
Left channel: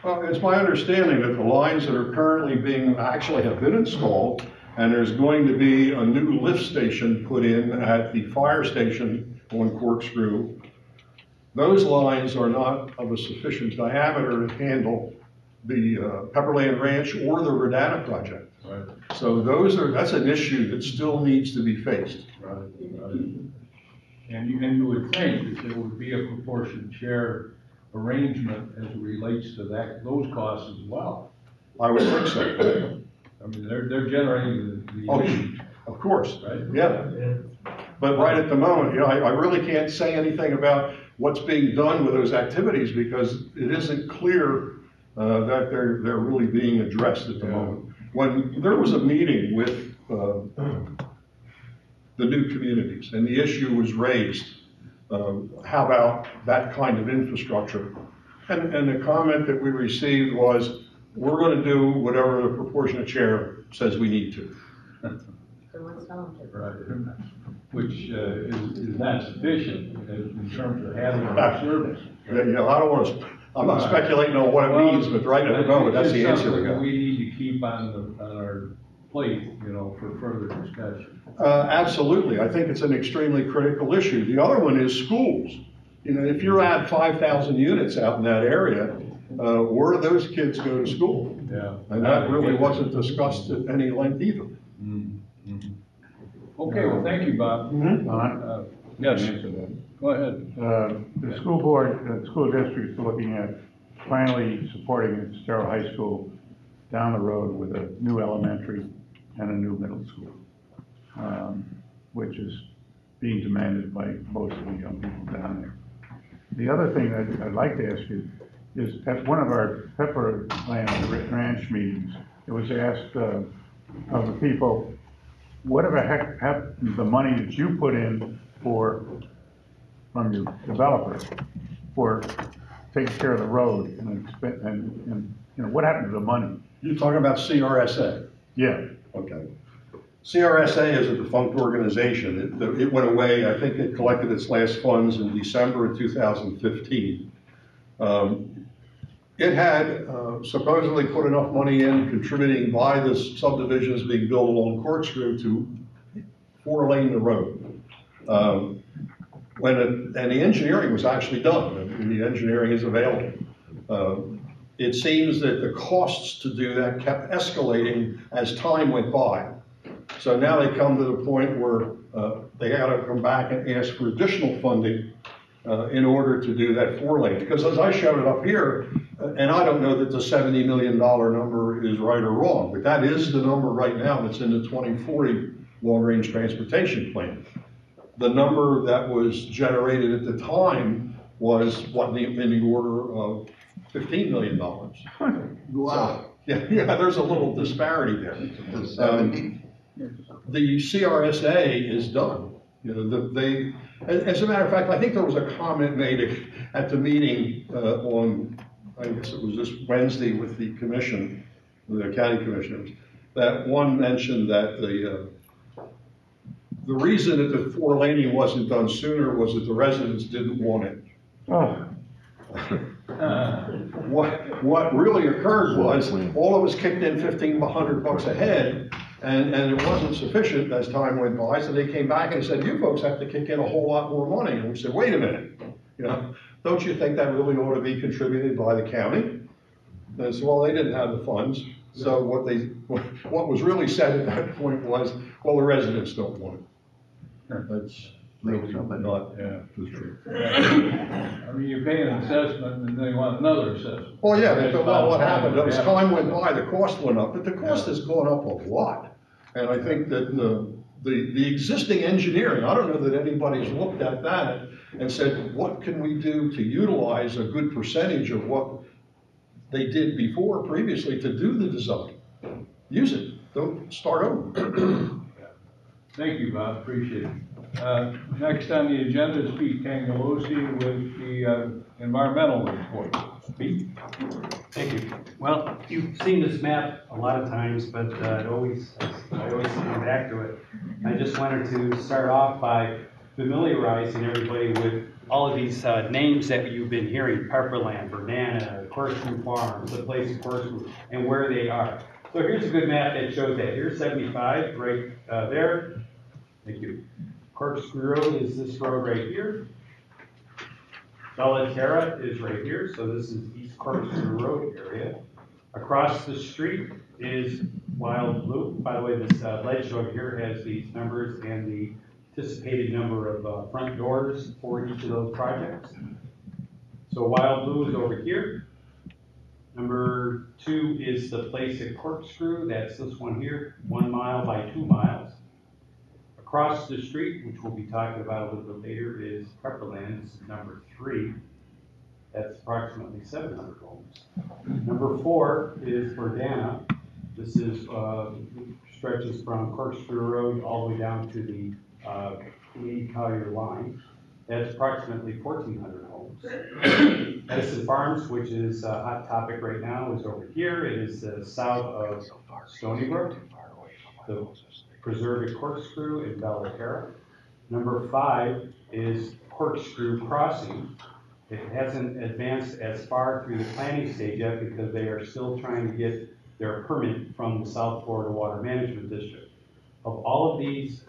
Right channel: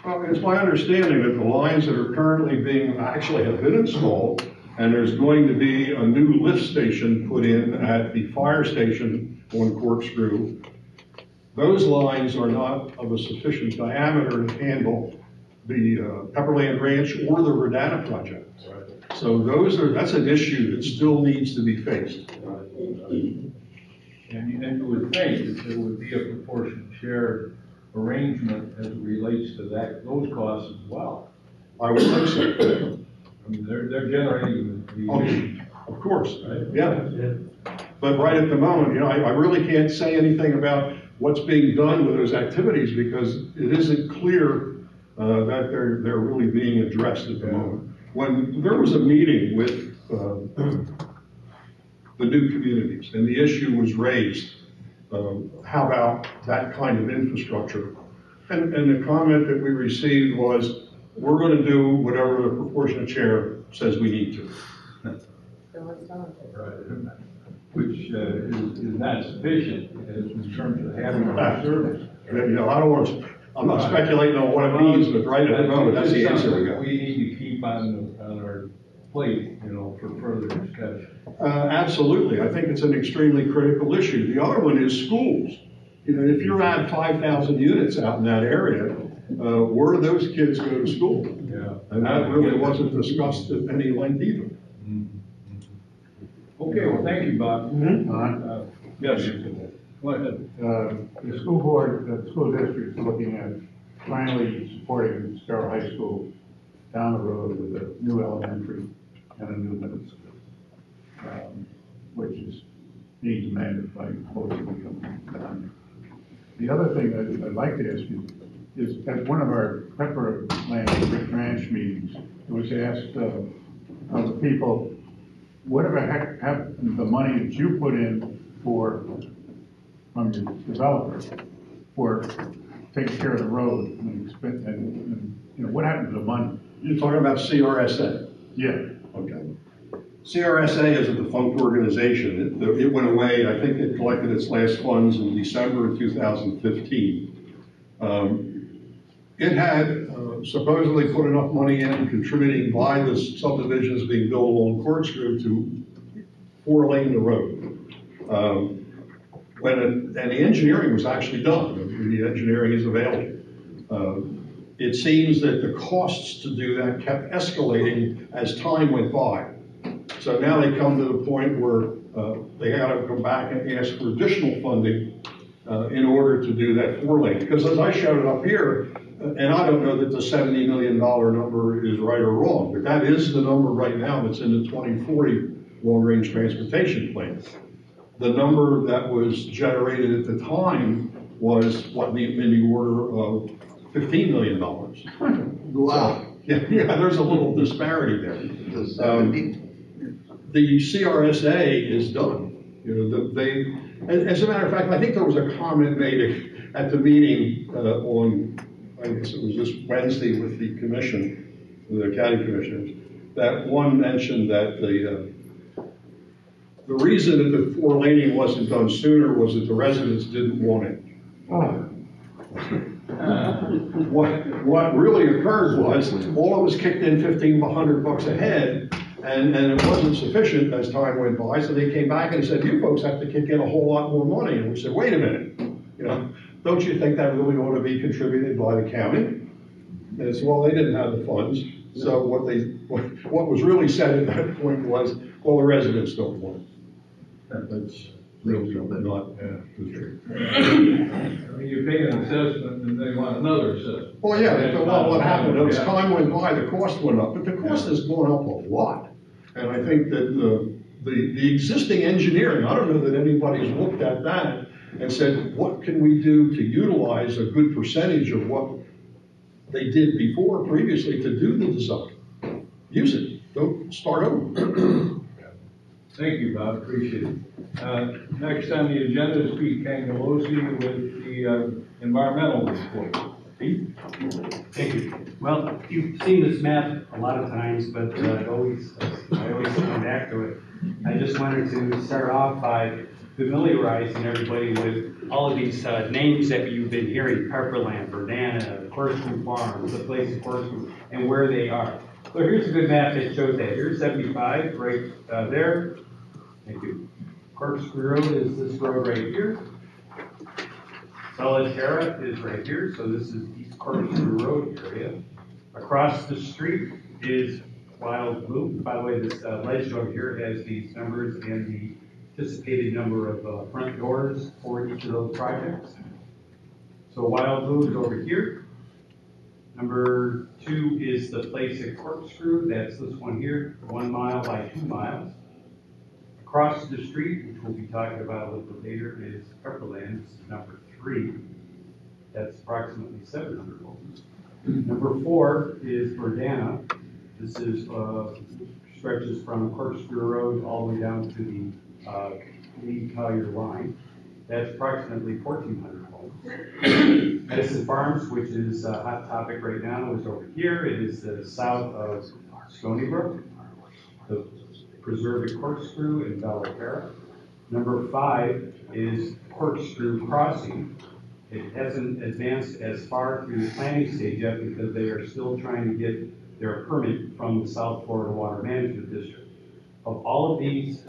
Well, it's my understanding that the lines that are currently actually have been installed, and there's going to be a new lift station put in at the fire station on Corkscrew. Those lines are not of a sufficient diameter to handle the Pepperland Ranch or the Verdana project. Right. So that's an issue that still needs to be faced. Right. And you would think that there would be a proportionate share arrangement as it relates to those costs as well. I would think so. I mean, they're generating the of course, right? Yeah. But right at the moment, I really can't say anything about what's being done with those activities because it isn't clear that they're really being addressed at the moment. When there was a meeting with the new communities and the issue was raised, how about that kind of infrastructure? And the comment that we received was, we're going to do whatever the proportionate share says we need to. So what's Right. Which is not sufficient in terms of having a service. You know, I don't want to, I'm not speculating on what it means, but right at the moment, that's the answer we got. We need to keep on our plate, you know, for further discussion. Absolutely. I think it's an extremely critical issue. The other one is schools. You know, if you're at 5,000 units out in that area, where do those kids go to school? Yeah. And that really wasn't discussed at any length either. Okay, well, thank you, Bob. Yes. Go ahead. The school board, the school district is looking at finally supporting Estero High School down the road with a new elementary and a new middle school, which is being demanded by most of the young people down there. The other thing I'd like to ask you is, at one of our Pepperland Ranch meetings, it was asked of the people, whatever happened to the money that you put in from your developer for taking care of the road and you know, what happened to the money? You're talking about CRSA? Yeah. Okay. CRSA is a defunct organization. It went away. I think it collected its last funds in December of 2015. It had supposedly put enough money in, contributing by the subdivisions being built along Corkscrew to 4-lane the road. And the engineering was actually done, and the engineering is available. It seems that the costs to do that kept escalating as time went by. So now they come to the point where they had to come back and ask for additional funding in order to do that 4-lane. Because as I showed it up here, and I don't know that the $70 million number is right or wrong, but that is the number right now that's in the 2040 long-range transportation plan. The number that was generated at the time was in the order of $15 million. Wow. So, yeah, there's a little disparity there. The CRSA is done. You know, as a matter of fact, I think there was a comment made at the meeting on, I guess it was this Wednesday with the commission, the county commissioners, that one mentioned that the reason that the 4-laning wasn't done sooner was that the residents didn't want it. Oh. What really occurred was all of us kicked in $1,500 a head, and it wasn't sufficient as time went by, so they came back and said, you folks have to kick in a whole lot more money. And we said, wait a minute, you know, don't you think that really ought to be contributed by the county? And they said, well, they didn't have the funds. So what was really said at that point was, well, the residents don't want it. That's really not true. I mean, you pay an assessment and they want another assessment. Well, yeah, well, what happened, as time went by, the cost went up, but the cost has gone up a lot. And I think that the existing engineering, I don't know that anybody's looked at that and said, what can we do to utilize a good percentage of what they did before, previously, to do the design? Use it, don't start over. Thank you, Bob, appreciate it. Next on the agenda is Pete Cangalosi with the environmental report. Pete? Thank you. Well, you've seen this map a lot of times, but I always come back to it. I just wanted to start off by familiarizing everybody with all of these names that you've been hearing: Pepperland, Verdana, Corkscrew Farms, the place of Corkscrew, and where they are. So here's a good map that shows that. Here's 75 right there. Thank you. Corkscrew Road is this road right here. Estero is right here, so this is East Corkscrew Road area. Across the street is Wild Blue. By the way, this ledge over here has these numbers and the anticipated number of front doors for each of those projects. So Wild Blue is over here. Number 2 is the place at Corkscrew. That's this one here, 1 mile by 2 miles. Across the street, which we'll be talking about a little bit later, is Pepperland. This is number 3. That's approximately 700 homes. Number 4 is Verdana. This is stretches from Corkscrew Road all the way down to the Lee-Collier line. That's approximately 1,400 homes. Medicine Farms, which is a hot topic right now, is over here. It is south of Stony Brook. The Preserve at Corkscrew in Belterra. Number 5 is Corkscrew Crossing. It hasn't advanced as far through the planning stage yet because they are still trying to get their permit from the South Florida Water Management District. Of all of these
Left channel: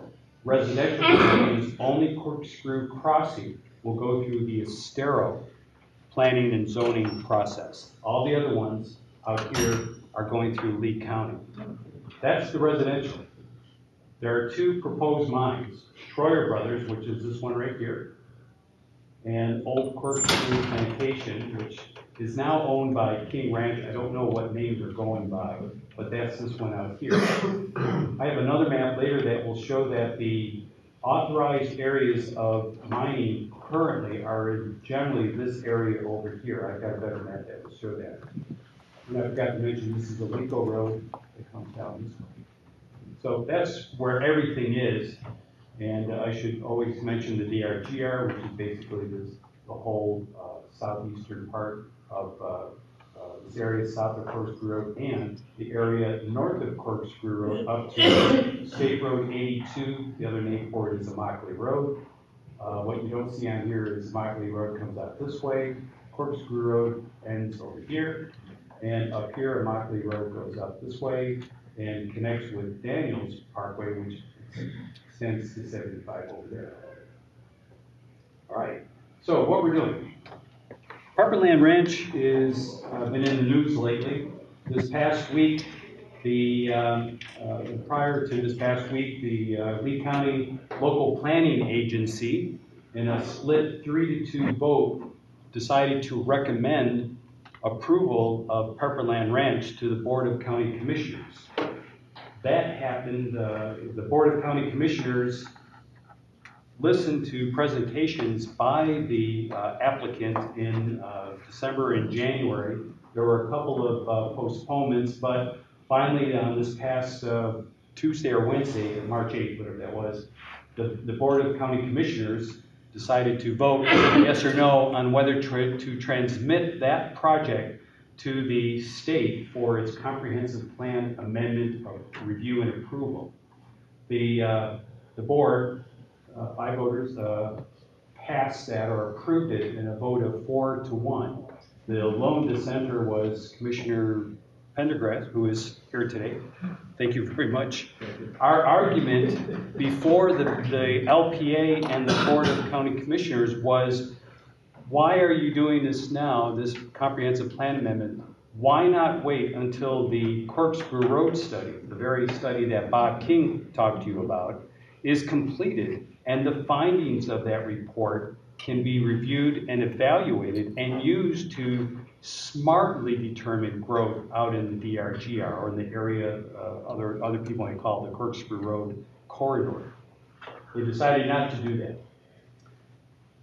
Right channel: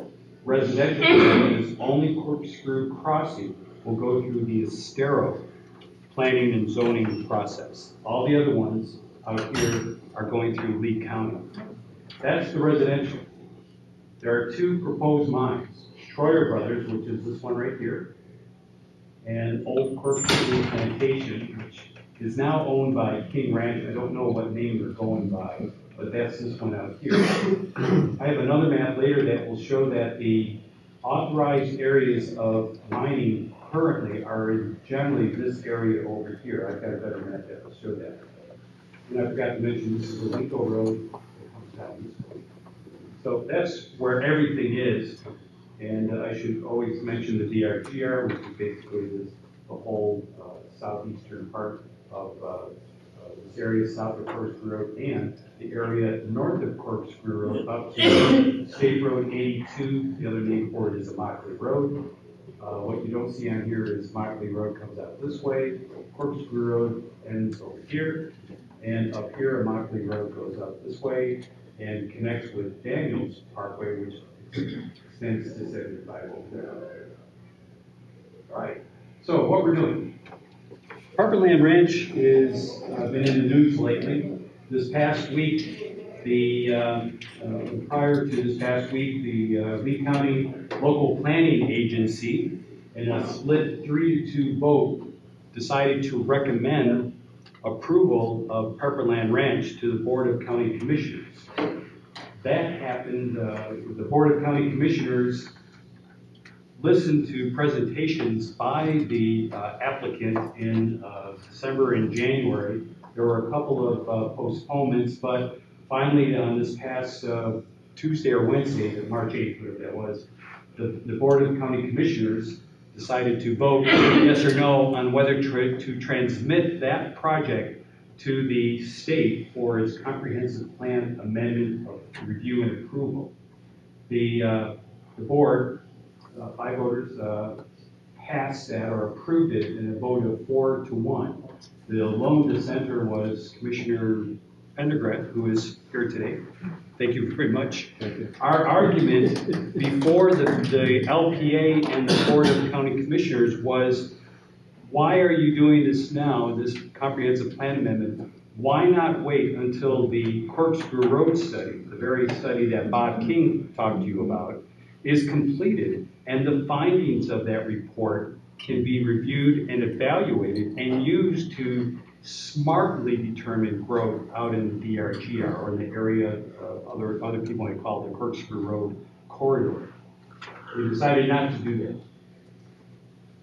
residential communities, only Corkscrew Crossing will go through the Estero planning and zoning process. All the other ones out here are going through Lee County. That's the residential. There are 2 proposed mines, Schroyer Brothers, which is this one right here, and Old Corkscrew Plantation, which is now owned by King Ranch. I don't know what name they're going by, but that's this one out here. I have another map later that will show that the authorized areas of mining currently are in generally this area over here. I've got a better map that will show that. And I forgot to mention, this is a Lincoln Road that comes down this way. So that's where everything is. And I should always mention the DRGR, which is basically the whole southeastern part of this area south of Corkscrew Road and the area north of Corkscrew Road up to State Road 82. The other name for it is Immokalee Road. What you don't see on here is Immokalee Road comes out this way, Corkscrew Road ends over here, and up here Immokalee Road goes up this way and connects with Daniels Parkway, which extends to 75 over there. All right, so what we're doing. Harperland Ranch is been in the news lately. This past week, prior to this past week, the Lee County Local Planning Agency, in a split 3-2 vote, decided to recommend approval of Harperland Ranch to the Board of County Commissioners. That happened, the Board of County Commissioners listened to presentations by the applicant in December and January. There were a couple of postponements, but finally on this past Tuesday or Wednesday, March 8th, whatever that was, the Board of County Commissioners decided to vote yes or no on whether to transmit that project to the state for its comprehensive plan amendment of review and approval. The board, 5 voters, passed that or approved it in a vote of 4-1. The lone dissenter was Commissioner Pendergrass, who is here today. Thank you very much. Our argument before the LPA and the Board of County Commissioners was, why are you doing this now, this comprehensive plan amendment? Why not wait until the Corkscrew Road study, the very study that Bob King talked to you about, is completed and the findings of that report can be reviewed and evaluated and used to smartly determine growth out in the DRGR or in the area other people might call the Corkscrew Road corridor. We decided not to do that.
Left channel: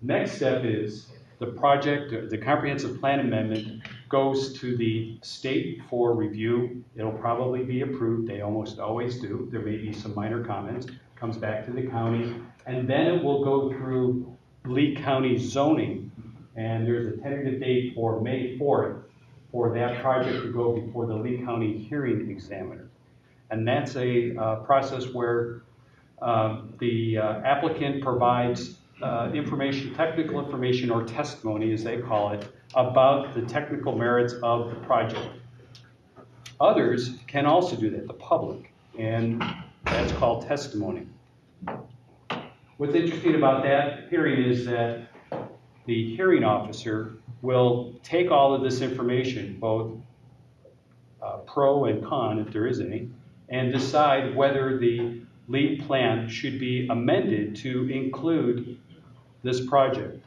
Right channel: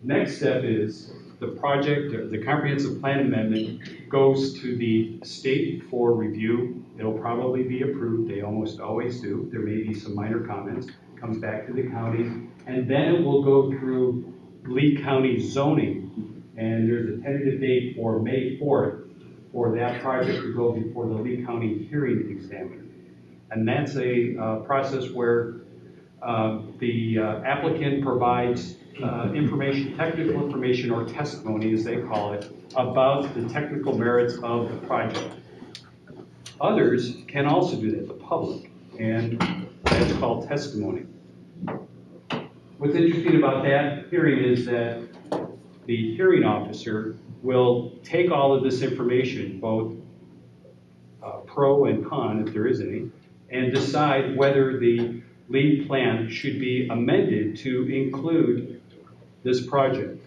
Next step is the project, the comprehensive plan amendment goes to the state for review. It'll probably be approved. They almost always do. There may be some minor comments. Comes back to the county, and then it will go through Lee County zoning. And there's a tentative date for May 4th for that project to go before the Lee County hearing examiner. And that's a process where the applicant provides information, technical information or testimony, as they call it, about the technical merits of the project. Others can also do that, the public, and that's called testimony. What's interesting about that hearing is that the hearing officer will take all of this information, both pro and con, if there is any, and decide whether the lead plan should be amended to include this project.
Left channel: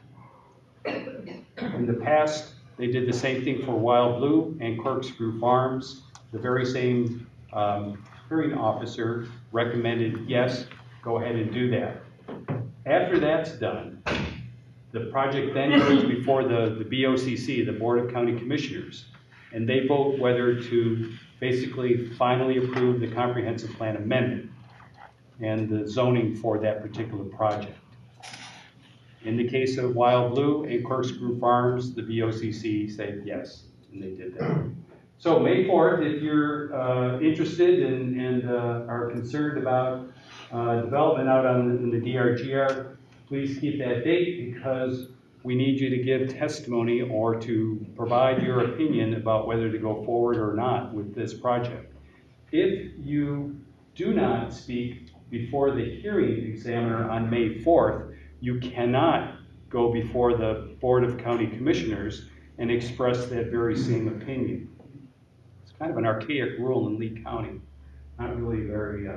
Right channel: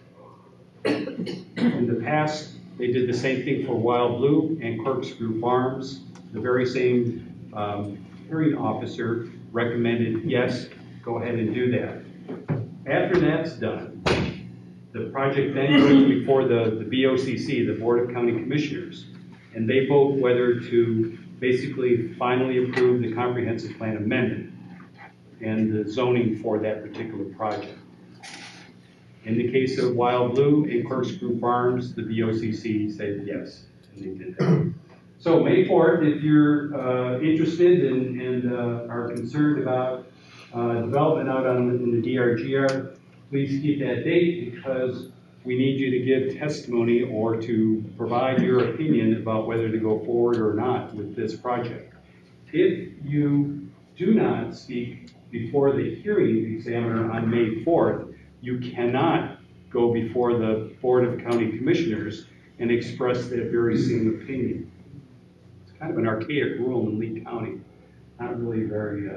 In the past, they did the same thing for Wild Blue and Corkscrew Farms. The very same hearing officer recommended, yes, go ahead and do that. After that's done, the project then goes before the BOCC, the Board of County Commissioners, and they vote whether to basically finally approve the comprehensive plan amendment and the zoning for that particular project. In the case of Wild Blue and Corkscrew Farms, the BOCC said yes, and they did that. So May 4th, if you're interested and are concerned about development out in the DRGR, please keep that date because we need you to give testimony or to provide your opinion about whether to go forward or not with this project. If you do not speak before the hearing examiner on May 4th, you cannot go before the Board of County Commissioners and express that very same opinion. It's kind of an archaic rule in Lee County, not really very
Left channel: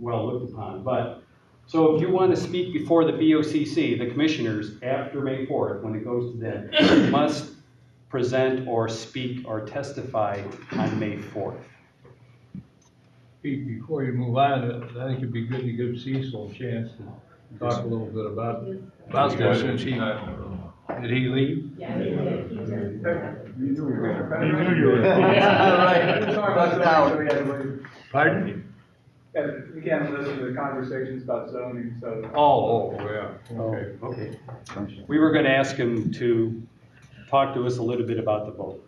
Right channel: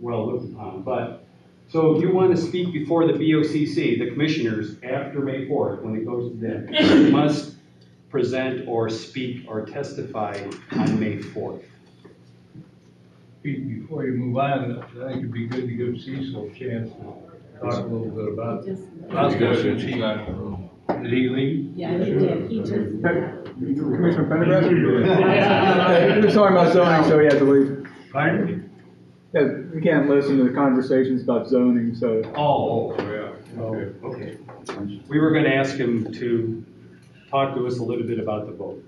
well looked upon. But so if you want to speak before the BOCC, the commissioners, after May 4th, when it goes to them, you must present or speak or testify on May 4th. Pete, before you move on, I think it'd be good to give Cecil a chance to talk a little bit about this. Since he got in the room. Did he leave? Yeah, he did. He just. Commissioner Pendergrass? He was talking about zoning, so he had to leave. Pardon? Yeah, we can't listen to the conversations about zoning, so. Oh, yeah, okay. Okay. We were going to ask him to talk to us a little bit about the vote.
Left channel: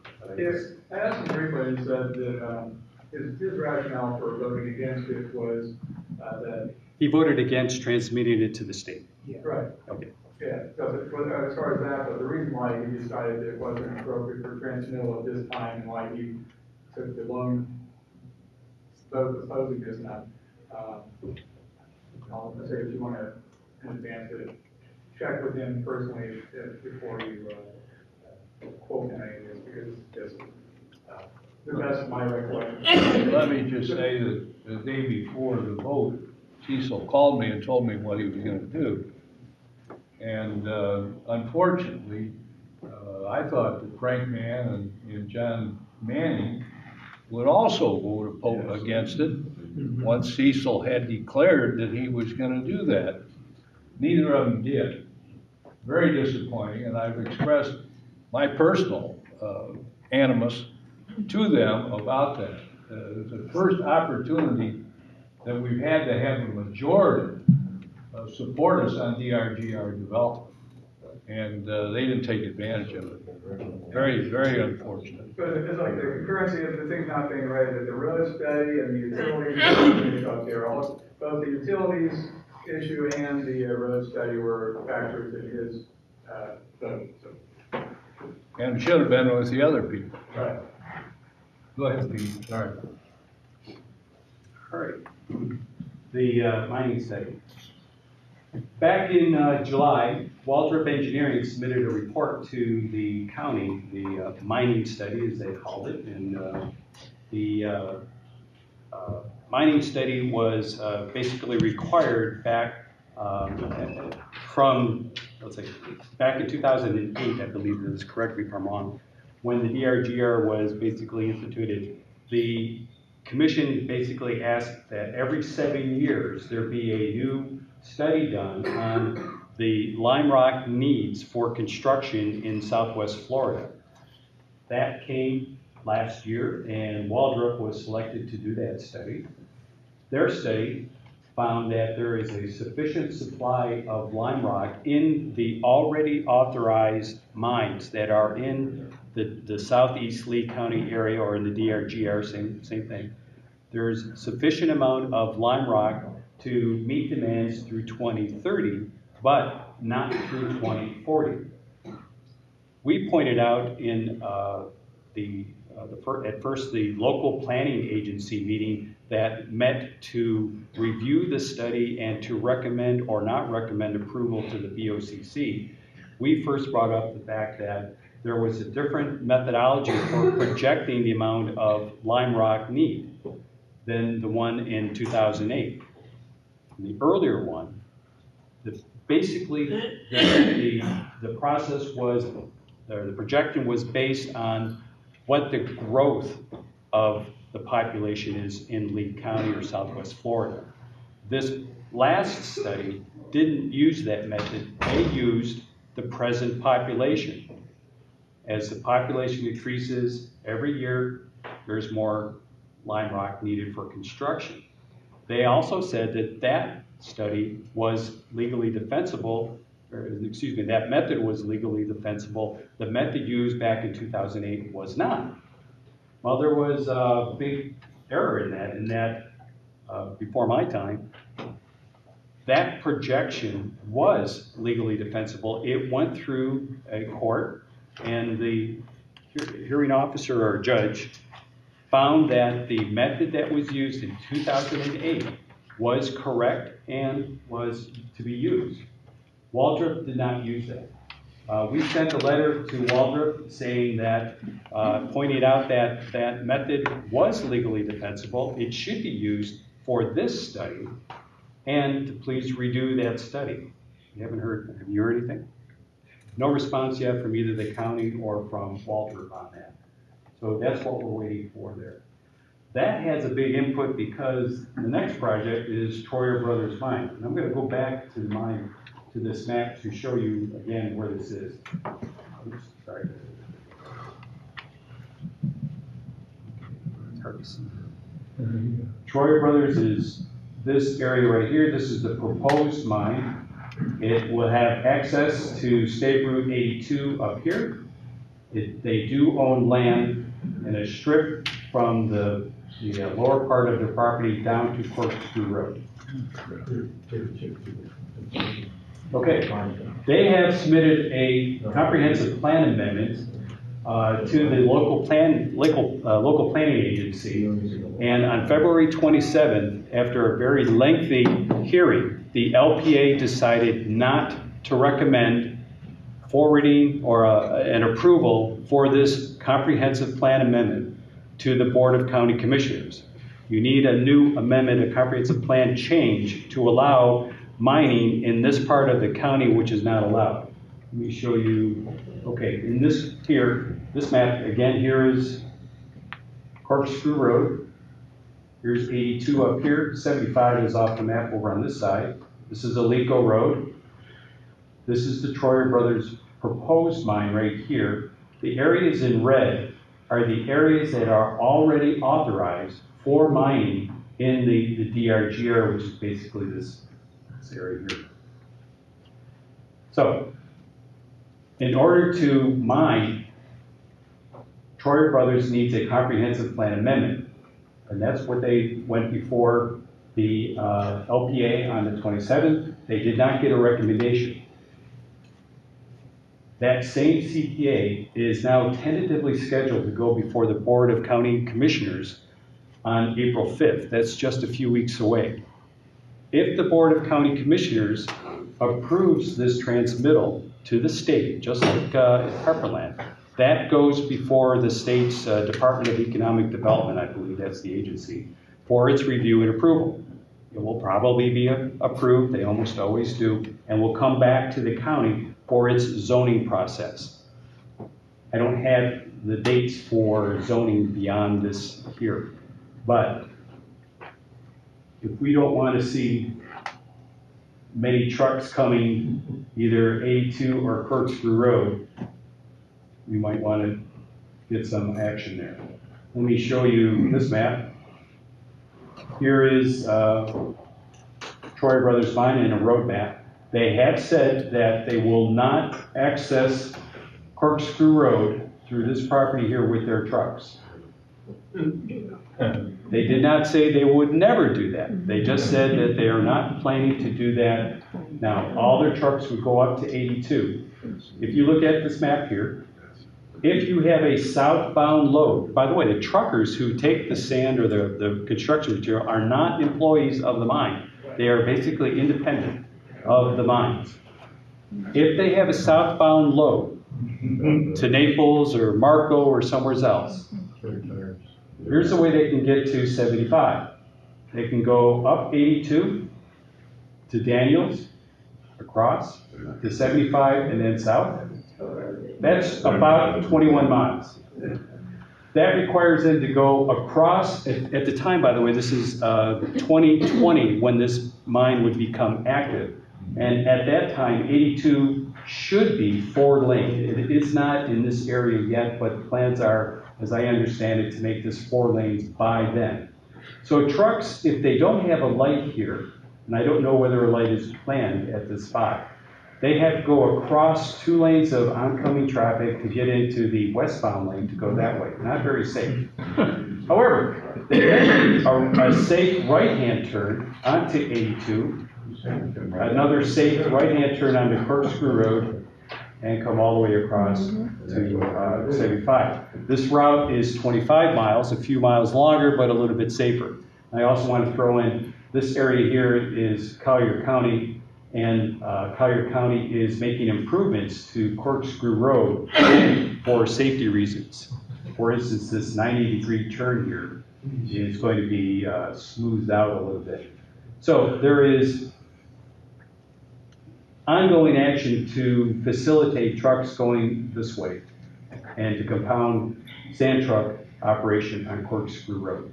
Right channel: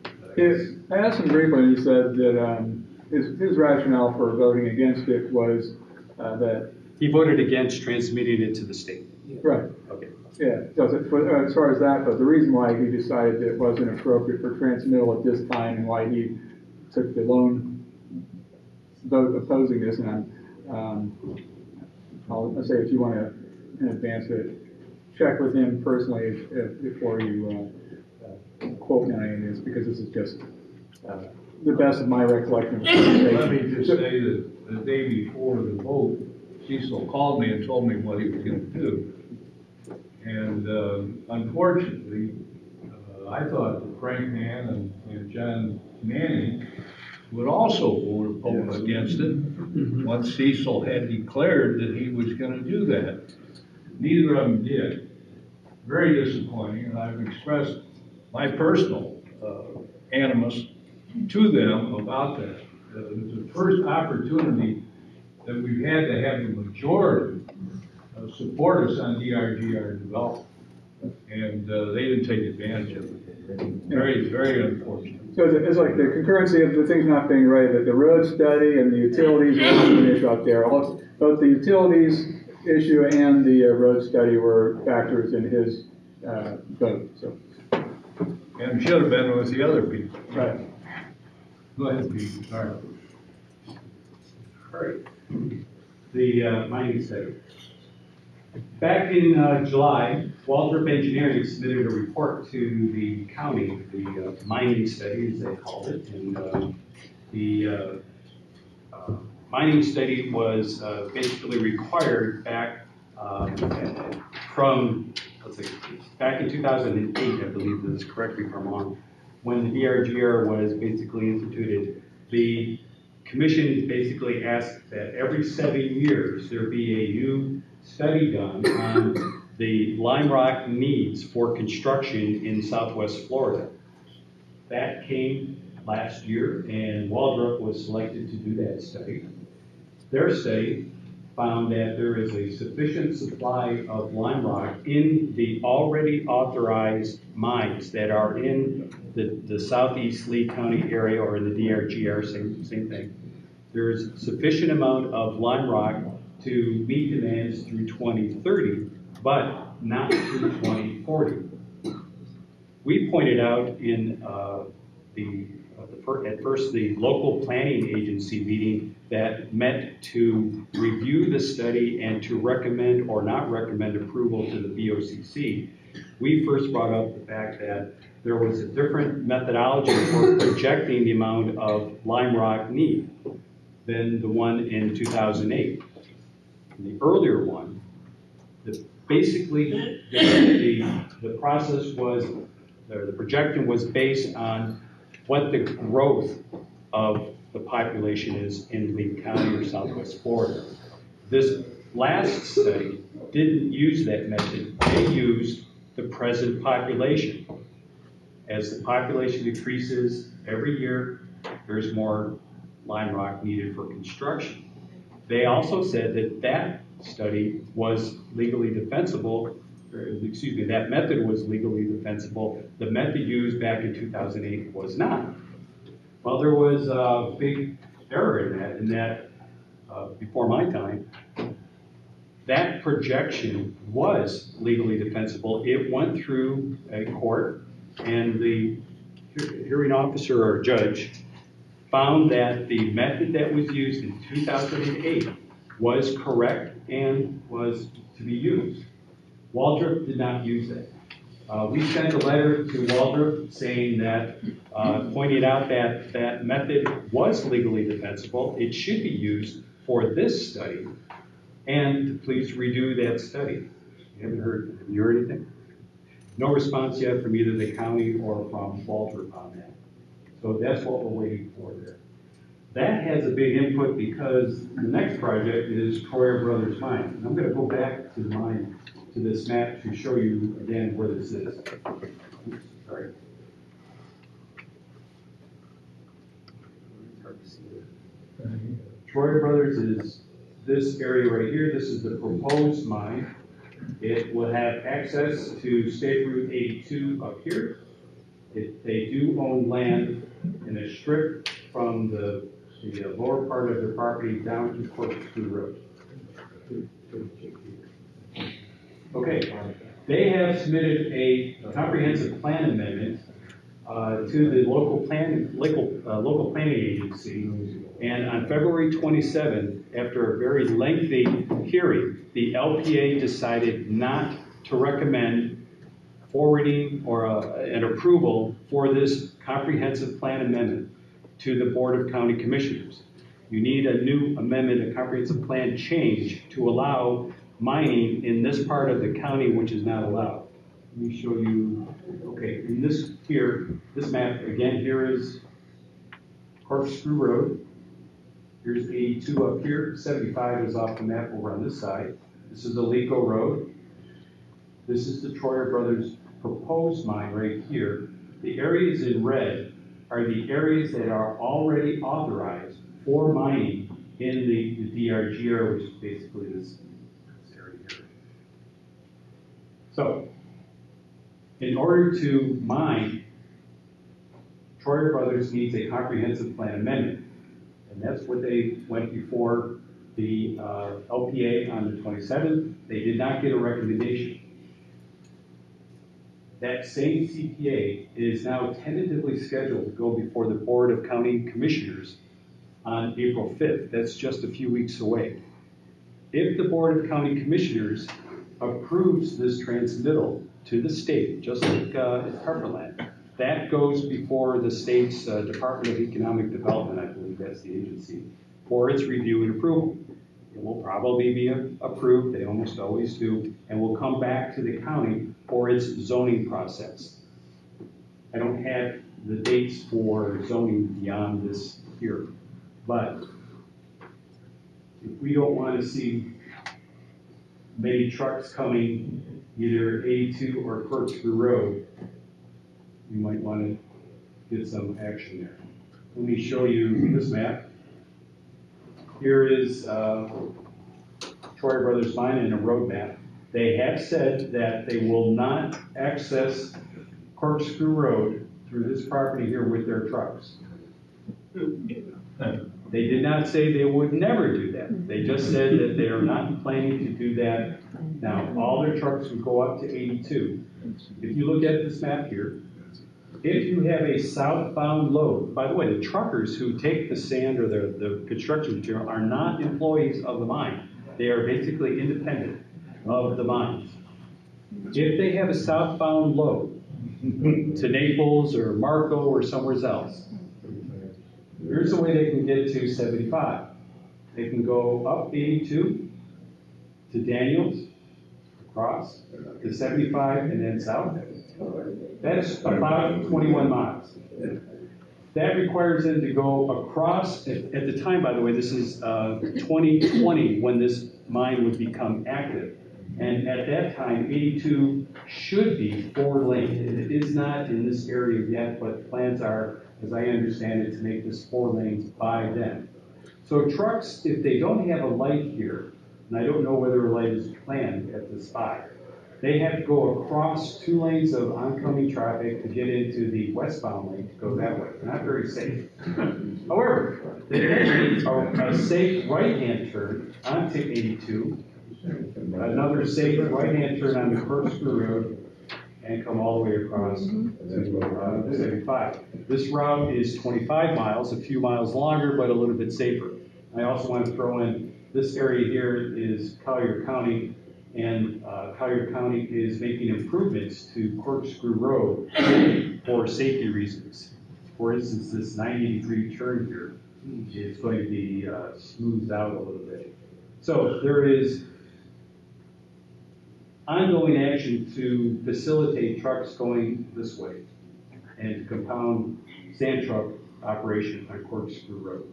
I asked him briefly, and he said that his rationale for voting against it was that. He voted against transmitting it to the state. Right. Okay. Yeah, as far as that, but the reason why he decided that it wasn't appropriate for transmittal at this time and why he took the lone vote opposing this, and I'll say if you want to in advance to check with him personally before you quote on any of this, because this is just the best of my recollection. Let me just say that the day before the vote, Cecil called me and told me what he was going to do. And unfortunately, I thought that Frank Mann and John Manning would also vote against it once Cecil had declared that he was going to do that. Neither of them did. Very disappointing, and I've expressed my personal animus to them about that. It's the first opportunity that we've had to have a majority support us on DRGR development, and they didn't take advantage of it. Very, very unfortunate. So it's like the concurrency of the things not being ready, the road study and the utilities issue up there. Both the utilities issue and the road study were factors in his vote. So. And should have been with the other people. Right. Go ahead, Pete. Sorry. All right. The mining study. Back in July, Waldrop Engineering submitted a report to the county, the mining study, as they called it. And the mining study was basically required back from, back in 2008, I believe this is, correct me if I'm wrong, when the DRGR was basically instituted. The commission basically asked that every 7 years there be a new study done on the lime rock needs for construction in Southwest Florida. That came last year, and Waldrop was selected to do that study. Their study found that there is a sufficient supply of lime rock in the already authorized mines that are in the southeast Lee County area or in the DRGR, same thing. There's sufficient amount of lime rock to meet demands through 2030, but not through 2040. We pointed out in at first the local planning agency meeting that met to review the study and to recommend or not recommend approval to the BOCC. We first brought up the fact that there was a different methodology for projecting the amount of lime rock need than the one in 2008. The earlier one, basically the process was, or the projection was based on what the growth of the population is in Lee County or Southwest Florida. This last study didn't use that method. They used the present population. As the population increases every year, there's more lime rock needed for construction. They also said that that study was legally defensible, or excuse me, that method was legally defensible. The method used back in 2008 was not. Well, there was a big error in that before my time, that projection was legally defensible. It went through a court, and the hearing officer or judge found that the method that was used in 2008 was correct and was to be used. Waldrop did not use that. We sent a letter to Waldrop saying that, pointing out that that method was legally defensible. It should be used for this study, and to please redo that study. Have you heard anything? No response yet from either the county or from Waldrop on that. So that's what we're waiting for there. That has a big input because the next project is Troyer Brothers Mine. And I'm going to go back to the mine, to this map to show you again where this is. Oops, sorry. Troyer Brothers is this area right here. This is the proposed mine. It will have access to State Route 82 up here. They do own land in a strip from the lower part of the property down to Corkscrew Road. Okay, they have submitted a comprehensive plan amendment to the local planning agency, and on February 27th, after a very lengthy hearing, the LPA decided not to recommend forwarding or an approval for this comprehensive plan amendment to the Board of County Commissioners. You need a new amendment, a comprehensive plan change to allow mining in this part of the county which is not allowed. Let me show you, okay, in this map, again, here is Corkscrew Road. Here's 82 up here, 75 is off the map over on this side. This is Alico Road. This is the Troyer Brothers proposed mine right here. The areas in red are the areas that are already authorized for mining in the DRG area, which is basically this area here. So, in order to mine, Troyer Brothers needs a comprehensive plan amendment, and that's what they went before the LPA on the 27th. They did not get a recommendation. That same CPA is now tentatively scheduled to go before the Board of County Commissioners on April 5th. That's just a few weeks away. If the Board of County Commissioners approves this transmittal to the state, just like Harperland, that goes before the state's Department of Economic Development, I believe that's the agency, for its review and approval. It will probably be approved, they almost always do, and will come back to the county for its zoning process. I don't have the dates for zoning beyond this here, but if we don't want to see many trucks coming either 82 or Corkscrew Road, we might want to get some action there. Let me show you this map. Here is Troyer Brothers Mine in a road map. They have said that they will not access Corkscrew Road through this property here with their trucks. They did not say they would never do that. They just said that they are not planning to do that now. All their trucks would go up to 82. If you look at this map here, if you have a southbound load, by the way, the truckers who take the sand or the construction material are not employees of the mine. They are basically independent of the mines. If they have a southbound load to Naples or Marco or somewhere else, here's the way they can get to 75. They can go up 82 to Daniels, across to 75, and then south. That's about 21 miles. That requires them to go across, at the time, by the way, this is 2020 when this mine would become active. And at that time, 82 should be 4-lane. It is not in this area yet, but plans are, as I understand it, to make this 4 lanes by then. So trucks, if they don't have a light here, and I don't know whether a light is planned at this spot, they have to go across 2 lanes of oncoming traffic to get into the westbound lane to go that way. Not very safe. However, they have a safe right-hand turn onto 82 another safe right-hand turn on the Corkscrew Road and come all the way across to 75. This route is 25 miles, a few miles longer, but a little bit safer. I also want to throw in, this area here is Collier County, and Collier County is making improvements to Corkscrew Road for safety reasons. For instance, this 90-degree turn here is going to be smoothed out a little bit. So there is ongoing action to facilitate trucks going this way and to compound sand truck operation on Corkscrew Road.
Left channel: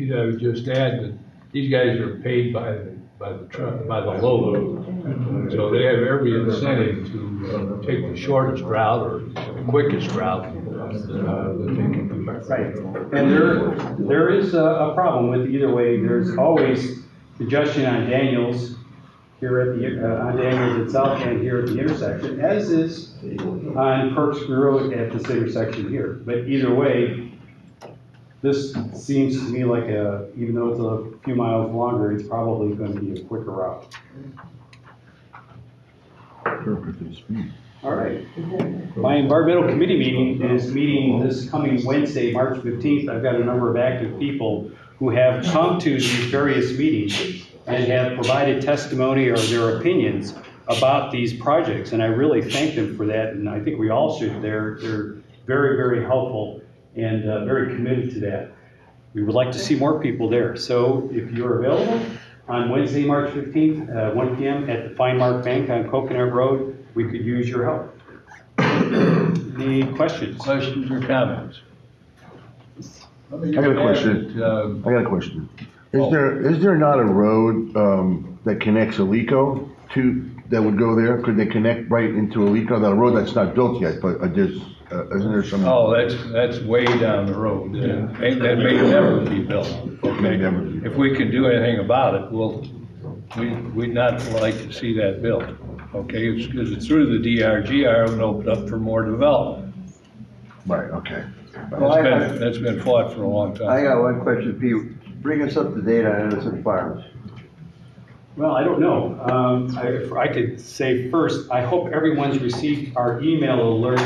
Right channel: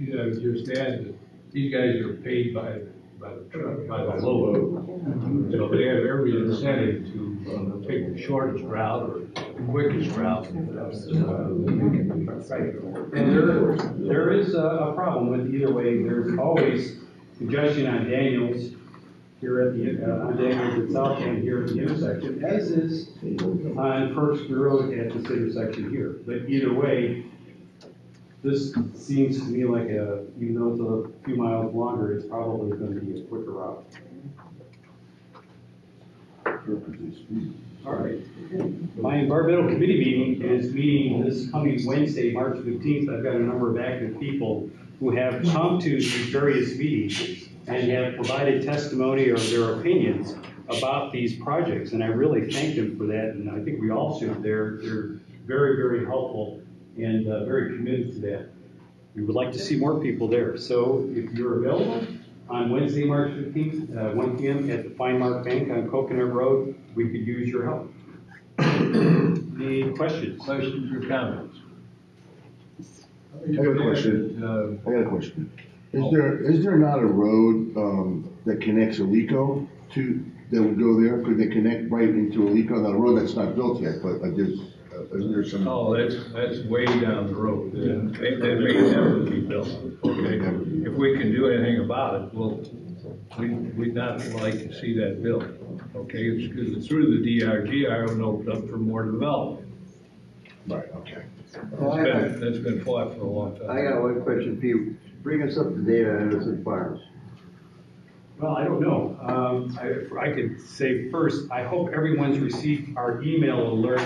I would just add that these guys are paid by the load. So they have every incentive to take the shortest route or the quickest route that they can do. Right. And there is a problem with either way. There's always congestion on Daniels here at the on Daniels itself and here at the intersection, as is on Corkscrew Road at this intersection here. But either way, this seems to me like even though it's a few miles longer, it's probably going to be a quicker route. All right. My environmental committee meeting is meeting this coming Wednesday, March 15th. I've got a number of active people who have come to these various meetings and have provided testimony or their opinions about these projects. And I really thank them for that. And I think we all should. They're very, very helpful and very committed to that. We would like to see more people there. So if you're available on Wednesday, March 15th, 1 p.m. at the Fine Mark Bank on Coconut Road, we could use your help. Any questions? Questions or comments? I got a question. Is there not a road that connects Alico that would go there? Could they connect right into Alico? That road that's not built yet, but isn't there some? Oh, that's way down the road. That may never be built. If we can do anything about it, we'd not like to see that built. Okay, it's because it's through the DRGR and opened up for more development. Right. Okay. That's been fought for a long time. I got one question, Pete. Bring us up to date on Innocent Farms. Well, I don't know. If I could say first, I hope everyone's received our email alert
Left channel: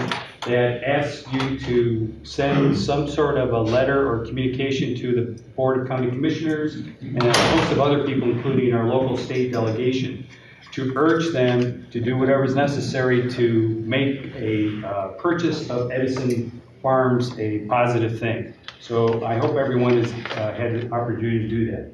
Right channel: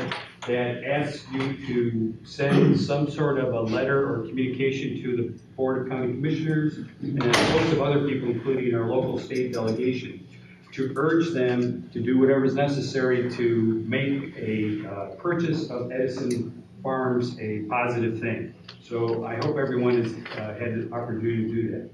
that asks you to send some sort of a letter or communication to the Board of County Commissioners and a host of other people, including our local state delegation, to urge them to do whatever is necessary to make a purchase of Edison Farms a positive thing. So I hope everyone has had the opportunity to do that.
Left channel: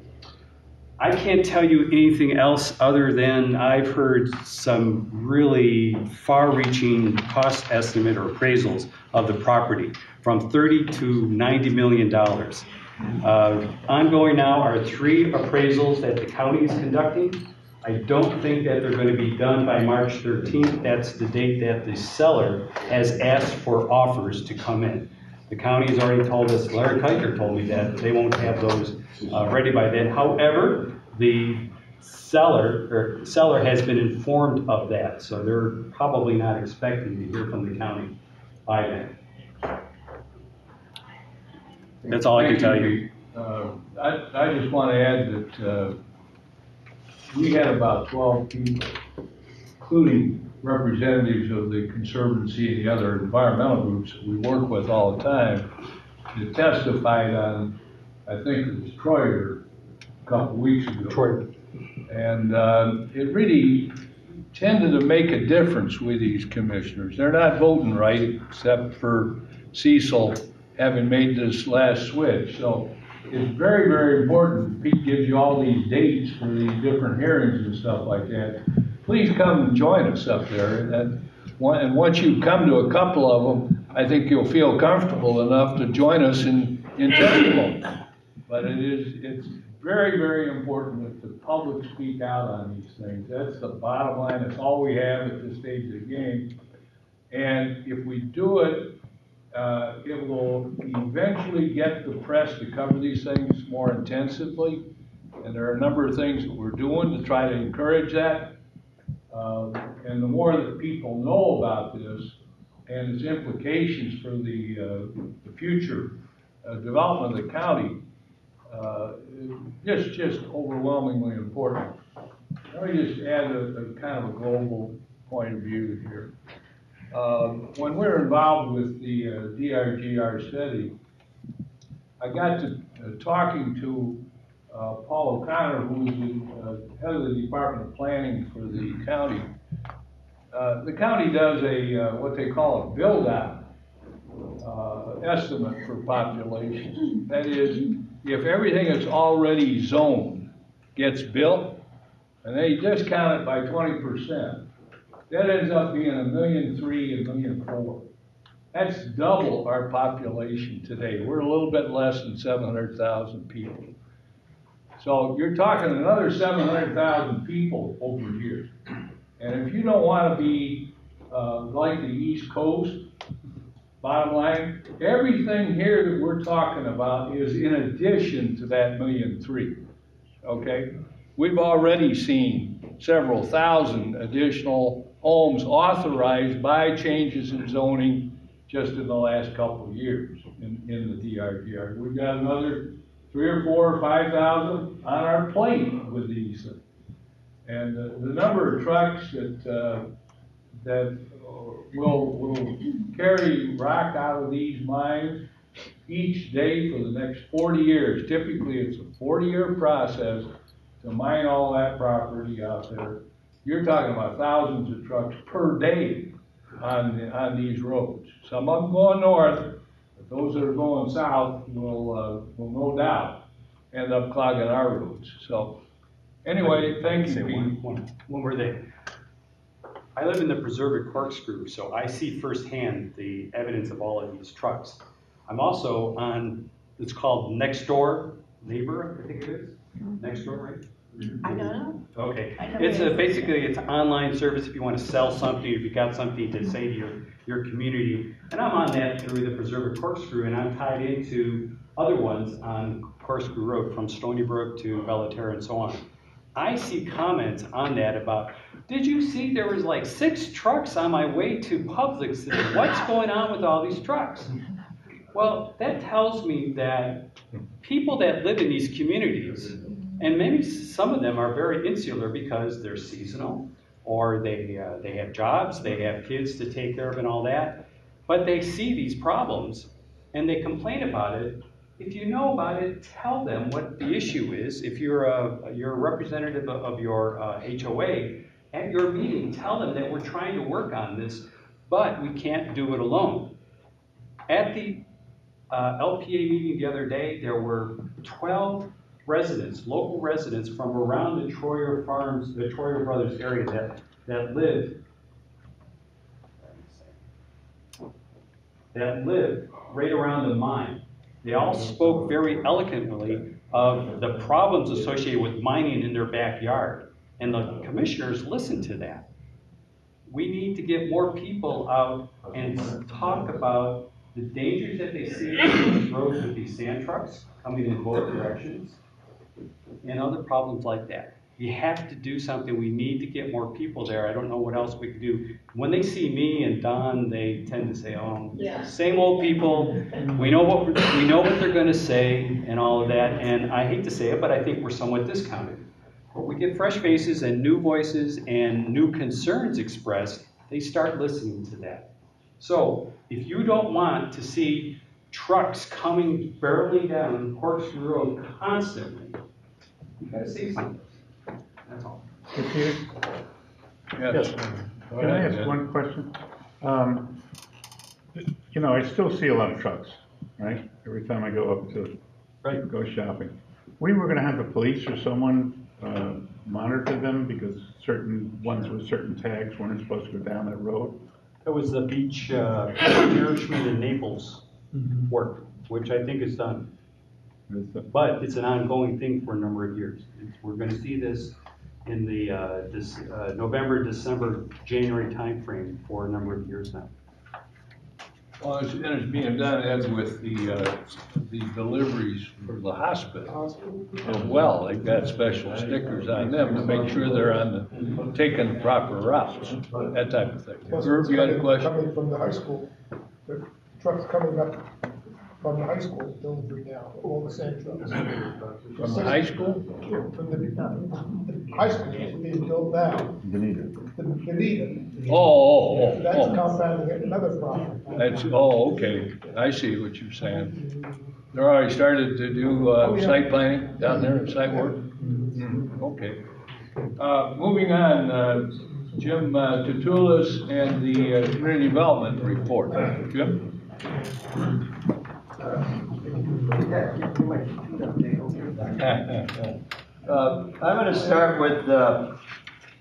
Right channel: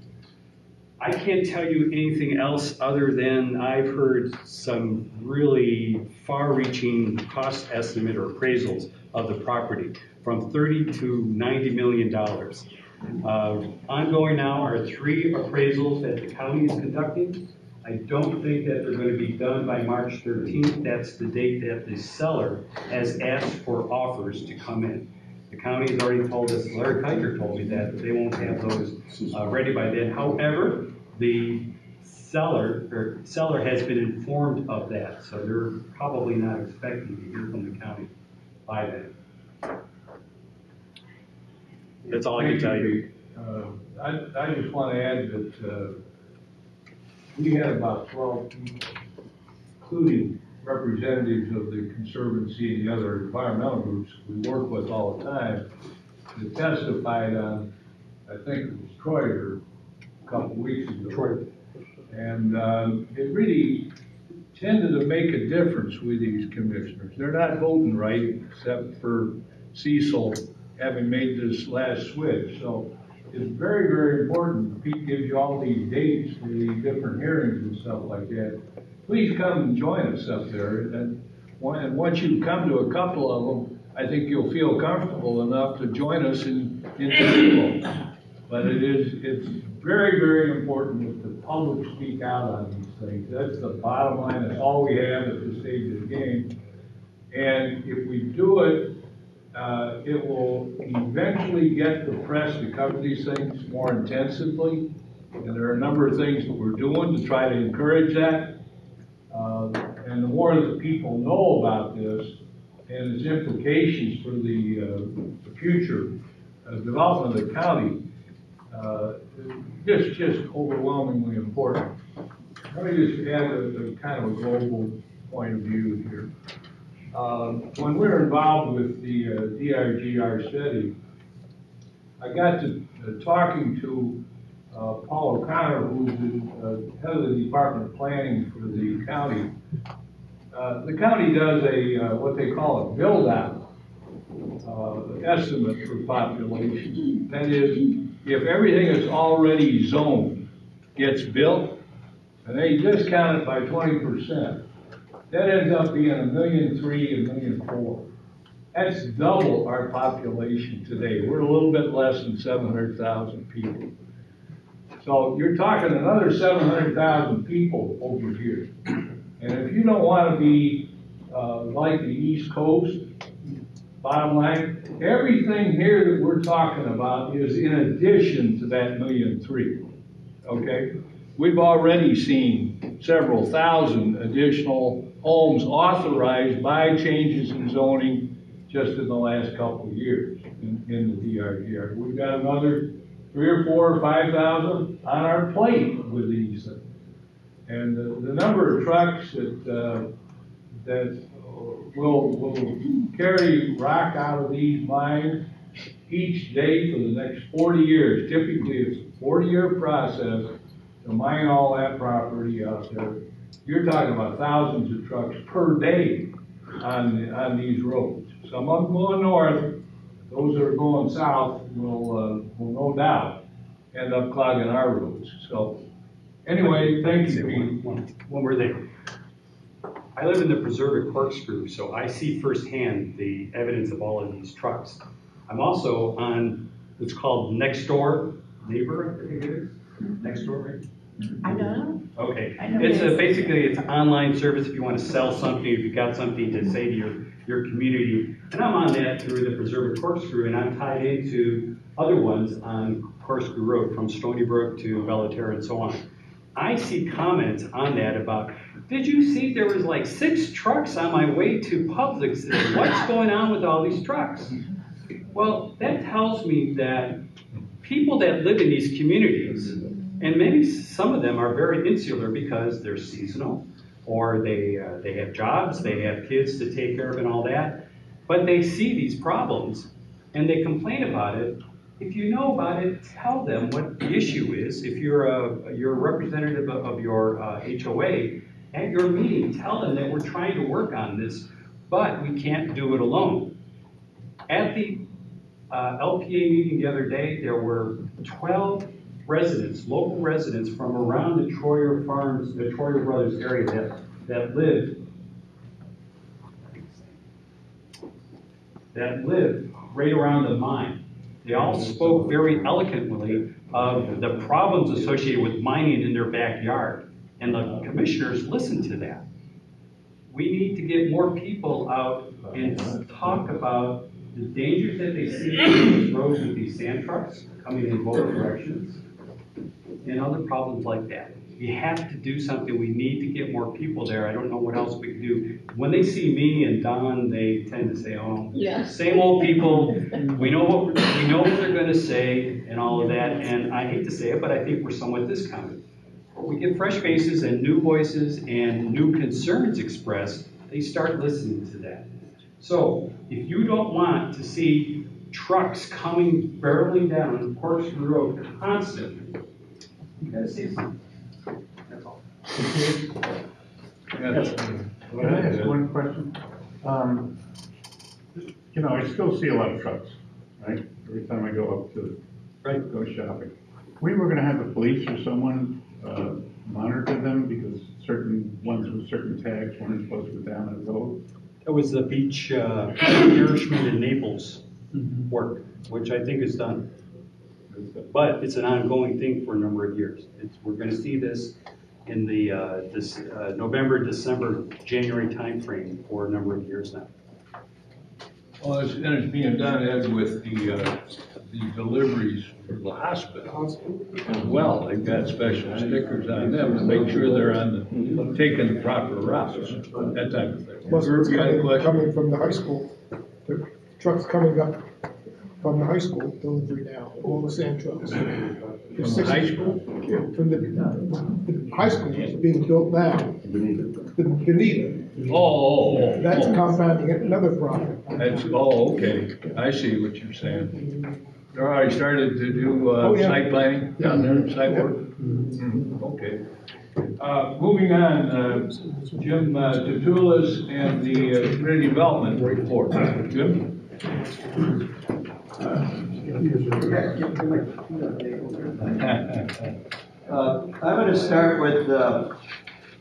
I can't tell you anything else other than I've heard some really far-reaching cost estimate or appraisals of the property from $30 to $90 million. Ongoing now are 3 appraisals that the county is conducting. I don't think that they're going to be done by March 13th. That's the date that the seller has asked for offers to come in. The county has already told us, Larry Kiker told me that they won't have those ready by then. However, the seller has been informed of that, so they're probably not expecting to hear from the county by then. That's all I can tell you. I just want to add that we had about 12 people, including representatives of the Conservancy and the other environmental groups that we work with all the time, that testified on, I think it was Troyer a couple weeks ago. Troyer. And it really tended to make a difference with these commissioners. They're not voting right, except for Cecil having made this last switch. So it's very, very important. Pete gives you all these dates for these different hearings and stuff like that. Please come and join us up there. And once you come to a couple of them, I think you'll feel comfortable enough to join us in testimony. But it's very, very important that the public speak out on these things. That's the bottom line. That's all we have at this stage of the game. And if we do it, it will eventually get the press to cover these things more intensively. And there are a number of things that we're doing to try to encourage that. And the more that people know about this and its implications for the future development of the county, just overwhelmingly important. Let me just add a kind of a global point of view here. When we're involved with the DRGR study, I got to talking to Paul O'Connor, who's the head of the Department of Planning for the county. The county does a what they call a build-out estimate for population. That is, if everything that's already zoned gets built, and they just count it by 20%, that ends up being 1,300,000, 1,400,000. That's double our population today. We're a little bit less than 700,000 people. So you're talking another 700,000 people over here. And if you don't want to be like the East Coast, bottom line, everything here that we're talking about is in addition to that 1,300,000. Okay? We've already seen several thousand additional homes authorized by changes in zoning just in the last couple of years in the DRGR. We've got another 3,000 or 4,000 or 5,000 on our plate with these things. And the number of trucks that will carry rock out of these mines each day for the next 40 years. Typically, it's a 40-year process to mine all that property out there. You're talking about thousands of trucks per day on these roads. Some of them going north, but those that are going south will no doubt end up clogging our roads. So anyway, thank you, Pete. One more thing. I live in the Preserve at Corkscrew, so I see firsthand the evidence of all of these trucks. I'm also on, it's called Next Door Neighbor, I think it is. Next Door, right? I don't know. Okay. I know It's it is. basically it's an online service if you want to sell something, if you've got something to say to your community. And I'm on that through the Preserve at Corkscrew, and I'm tied into other ones on Corkscrew Road from Stony Brook to Bellaterra and so on. I see comments on that about, did you see there was like 6 trucks on my way to Publix? What's going on with all these trucks? Well, that tells me that people that live in these communities, and maybe some of them are very insular because they're seasonal, or they have jobs, they have kids to take care of and all that, but they see these problems and they complain about it. If you know about it, tell them what the issue is. If you're a representative of your HOA, at your meeting, tell them that we're trying to work on this, but we can't do it alone. At the LPA meeting the other day, there were 12 residents, local residents from around the Troyer Farms, the Troyer Brothers area that live right around the mine. They all spoke very eloquently of the problems associated with mining in their backyard, and the commissioners listened to that. We need to get more people out and talk about the dangers that they see on these roads with these sand trucks coming in both directions, and other problems like that. You have to do something. We need to get more people there. I don't know what else we can do. When they see me and Don, they tend to say, "Oh, same old people." We know what they're going to say and all of that. And I hate to say it, but I think we're somewhat discounted. But we get fresh faces and new voices and new concerns expressed. They start listening to that. So if you don't want to see trucks coming barreling down Corkscrew Road constantly, you got to say something. That's all. Yes. Can I ask one question? You know, I still see a lot of trucks, right? Every time I go up to go shopping. We were gonna have the police or someone monitor them because certain ones with certain tags weren't supposed to go down that road. That was the beach nourishment in Naples work, which I think is done. But it's an ongoing thing for a number of years. We're going to see this in the November, December, January timeframe for a number of years now. Well, it's being done, Ed, with the deliveries for the hospital as well. They've got special stickers on them to make sure they're taking the proper routes, that type of thing. Plus, You had a question? coming from the high school, the trucks coming up from the high school delivery now, all the sand trucks. From the high school? Yeah, from the high school is being built now, Beneath it. beneath it. Oh. That's compounding another problem. That's, okay, I see what you're saying. You already started to do, Oh, yeah. site planning down there, site work? Okay. Moving on, Jim Tutulis and the community development report. Jim? I'm going to start with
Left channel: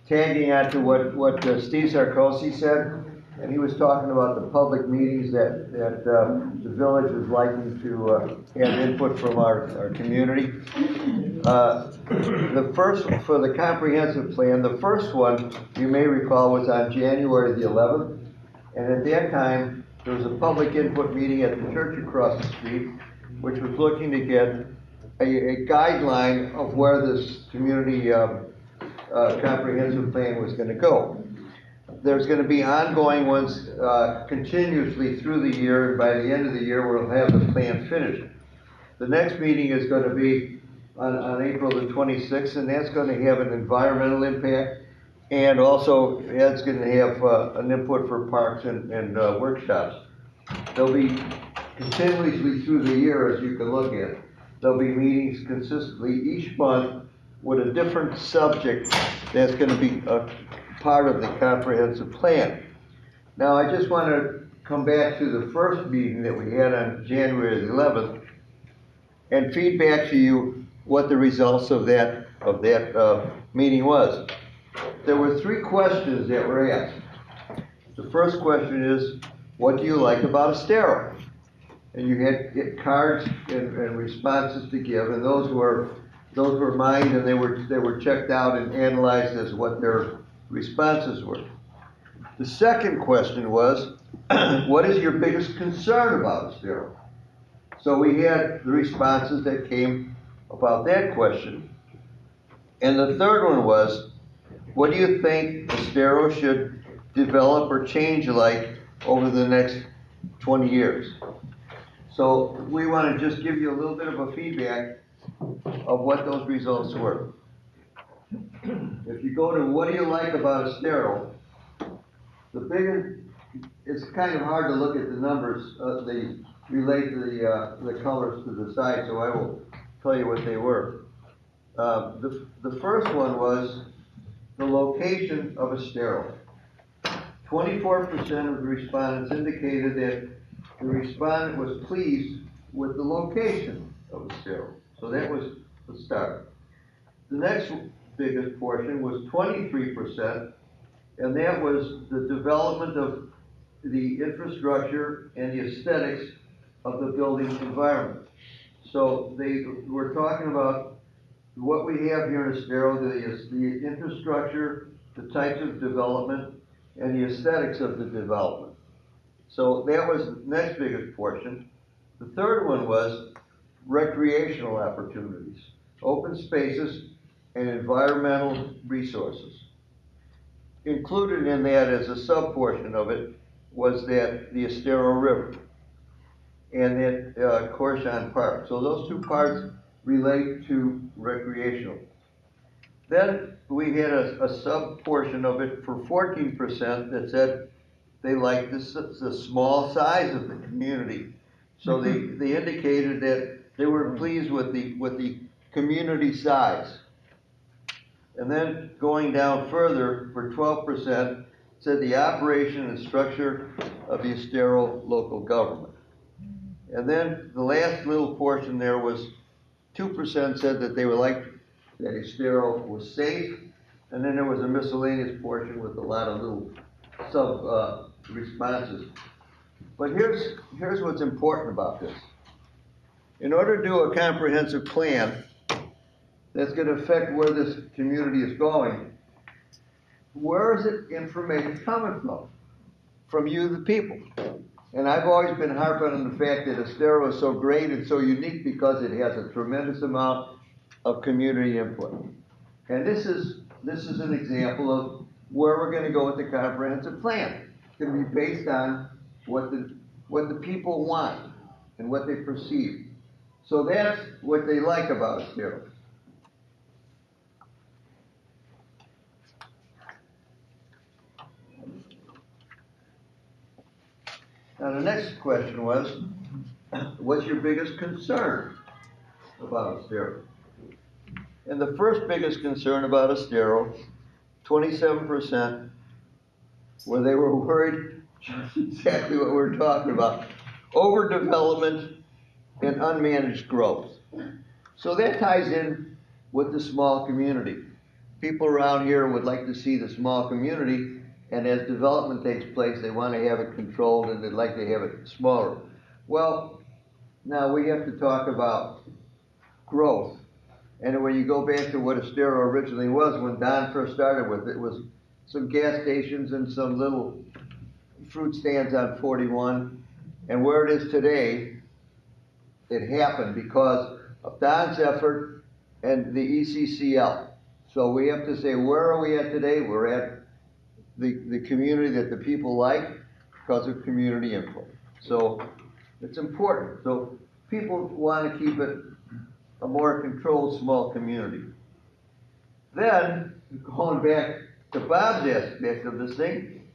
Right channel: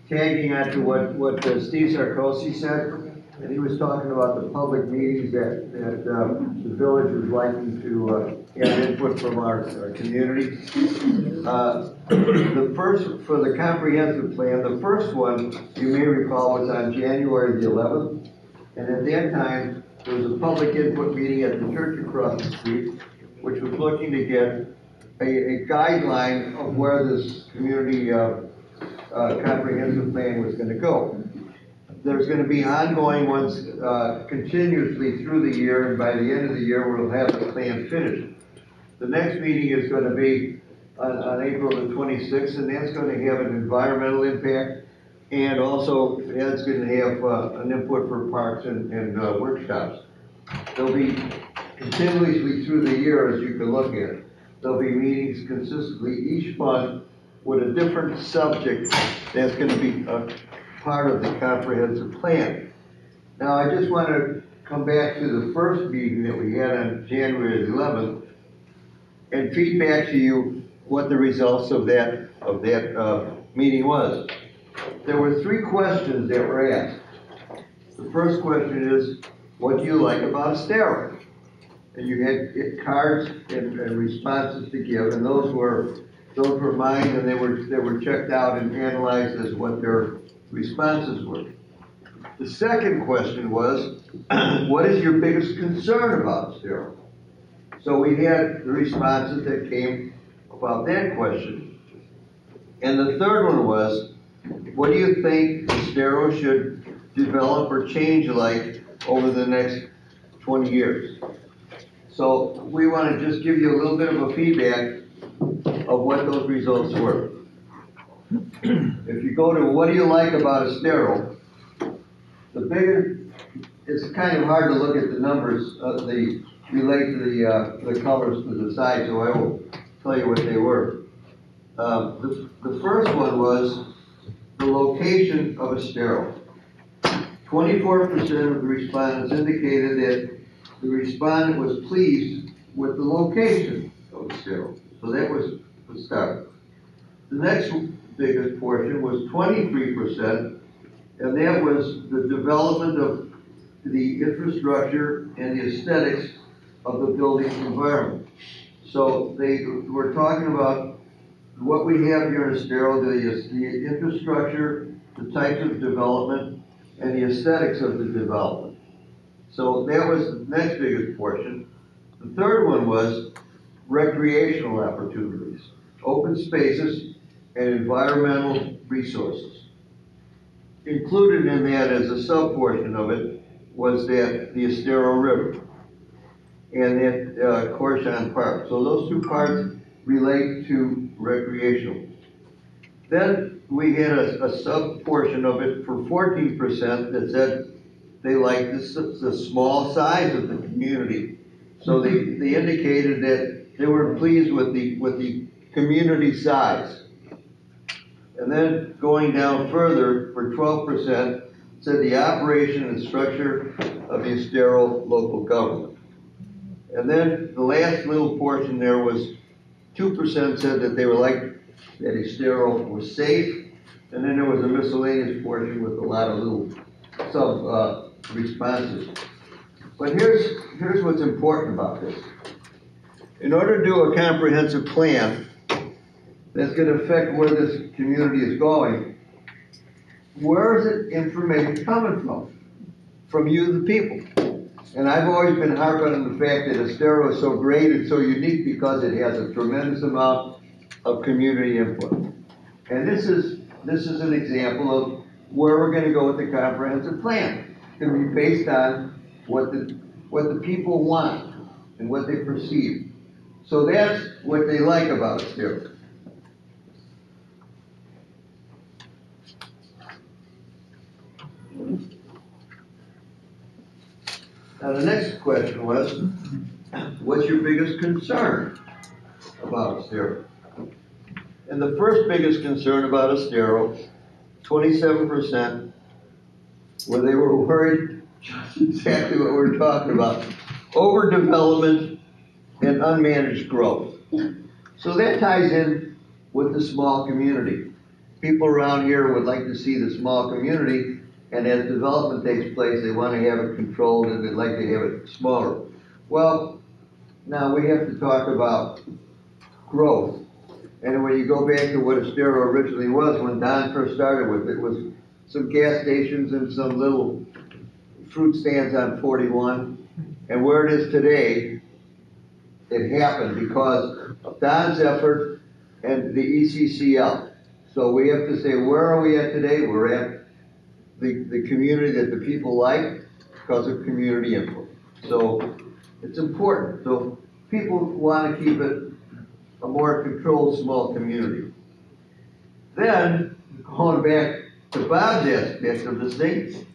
tagging onto what Steve Sarkozy said, and he was talking about the public meetings that the village is likely to have input from our community. The first, for the comprehensive plan, the first one, you may recall, was on January the 11th, and at that time, there was a public input meeting at the church across the street, which was looking to get a guideline of where this community comprehensive plan was going to go. There's going to be ongoing ones continuously through the year, and by the end of the year, we'll have the plan finished. The next meeting is going to be on April the 26th, and that's going to have an environmental impact, and also it's going to have an input for parks and workshops. There'll be continuously through the year, as you can look at. There'll be meetings consistently each month with a different subject that's going to be a part of the comprehensive plan. Now, I just want to come back to the first meeting that we had on January the 11th and feedback to you what the results of that meeting was. There were 3 questions that were asked. The first question is, what do you like about Estero? And you had cards and responses to give, and those were mine, and they were checked out and analyzed as what their responses were. The second question was, what is your biggest concern about Estero? So we had the responses that came about that question. And the third one was, what do you think Estero should develop or change like over the next 20 years? So we want to just give you a little bit of a feedback of what those results were. If you go to what do you like about Estero, the bigger, it's kind of hard to look at the numbers, they relate to the colors to the side, so I will tell you what they were. The first one was the location of Estero. 24% of the respondents indicated that the respondent was pleased with the location of Estero. So that was the start. The next biggest portion was 23%, and that was the development of the infrastructure and the aesthetics of the building environment. So they were talking about what we have here in Estero, the infrastructure, the types of development, and the aesthetics of the development. So that was the next biggest portion. The third one was recreational opportunities, open spaces, and environmental resources. Included in that as a sub-portion of it was that the Estero River and that Corshon Park. So those 2 parts relate to recreational. Then we had a sub-portion of it for 14% that said they liked the small size of the community. So they indicated that they were pleased with the community size. And then going down further, for 12%, said the operation and structure of the Estero local government. And then the last little portion there was 2% said that they were like that Estero was safe. And then there was a miscellaneous portion with a lot of little sub responses. But here's what's important about this. In order to do a comprehensive plan that's going to affect where this community is going, where is it information coming from? From you, the people. And I've always been harping on the fact that Estero is so great and so unique because it has a tremendous amount of community input. And this is an example of where we're going to go with the comprehensive plan. It's going to be based on what the people want and what they perceive. So that's what they like about Estero. Now, the next question was, what's your biggest concern about Estero? And the first biggest concern about Estero, 27%, where they were worried just exactly what we're talking about, overdevelopment and unmanaged growth. So that ties in with the small community. People around here would like to see the small community, and as development takes place, they want to have it controlled and they'd like to have it smaller. Well, now we have to talk about growth. And when you go back to what Estero originally was, when Don first started with it, was some gas stations and some little fruit stands on 41. And where it is today, it happened because of Don's effort and the ECCL. So we have to say, where are we at today? We're at the community that the people like because of community input. So it's important. So people want to keep it a more controlled small community. Then, going back to Bob's aspect of this thing,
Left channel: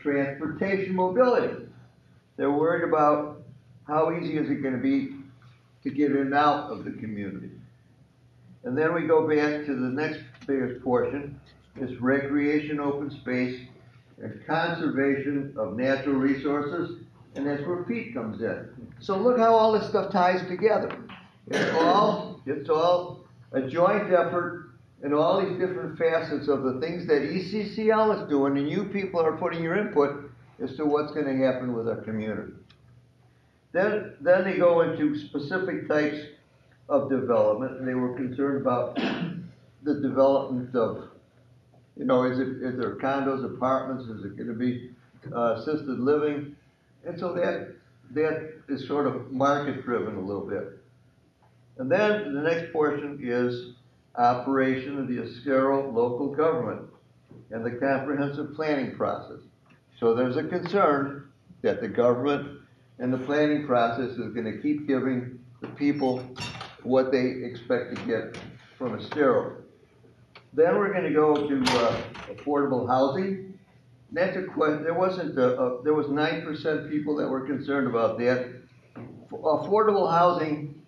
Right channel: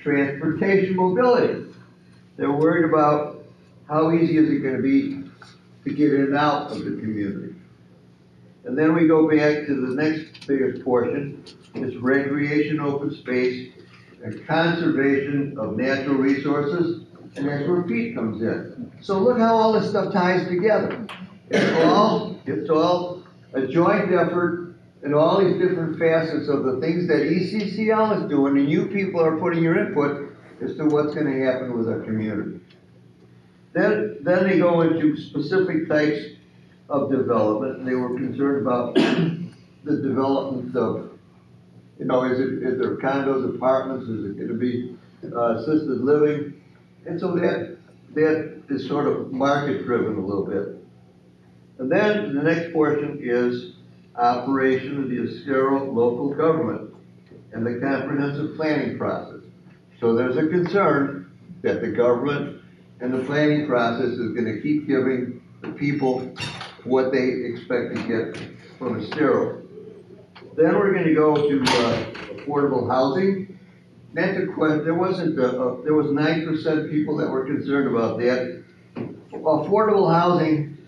transportation mobility. They're worried about how easy is it going to be to get in and out of the community. And then we go back to the next biggest portion, is recreation, open space, and conservation of natural resources, and that's where Pete comes in. So look how all this stuff ties together. It's all a joint effort in all these different facets of the things that ECCL is doing, and you people are putting your input as to what's going to happen with our community. Then they go into specific types of development, and they were concerned about the development of, is there condos, apartments, is it going to be assisted living? And so that is sort of market driven a little bit. And then the next portion is operation of the Estero local government and the comprehensive planning process. So there's a concern that the government and the planning process is going to keep giving the people what they expect to get from Estero. Then we're going to go to affordable housing. That's a question. There was 9% people that were concerned about that. Affordable housing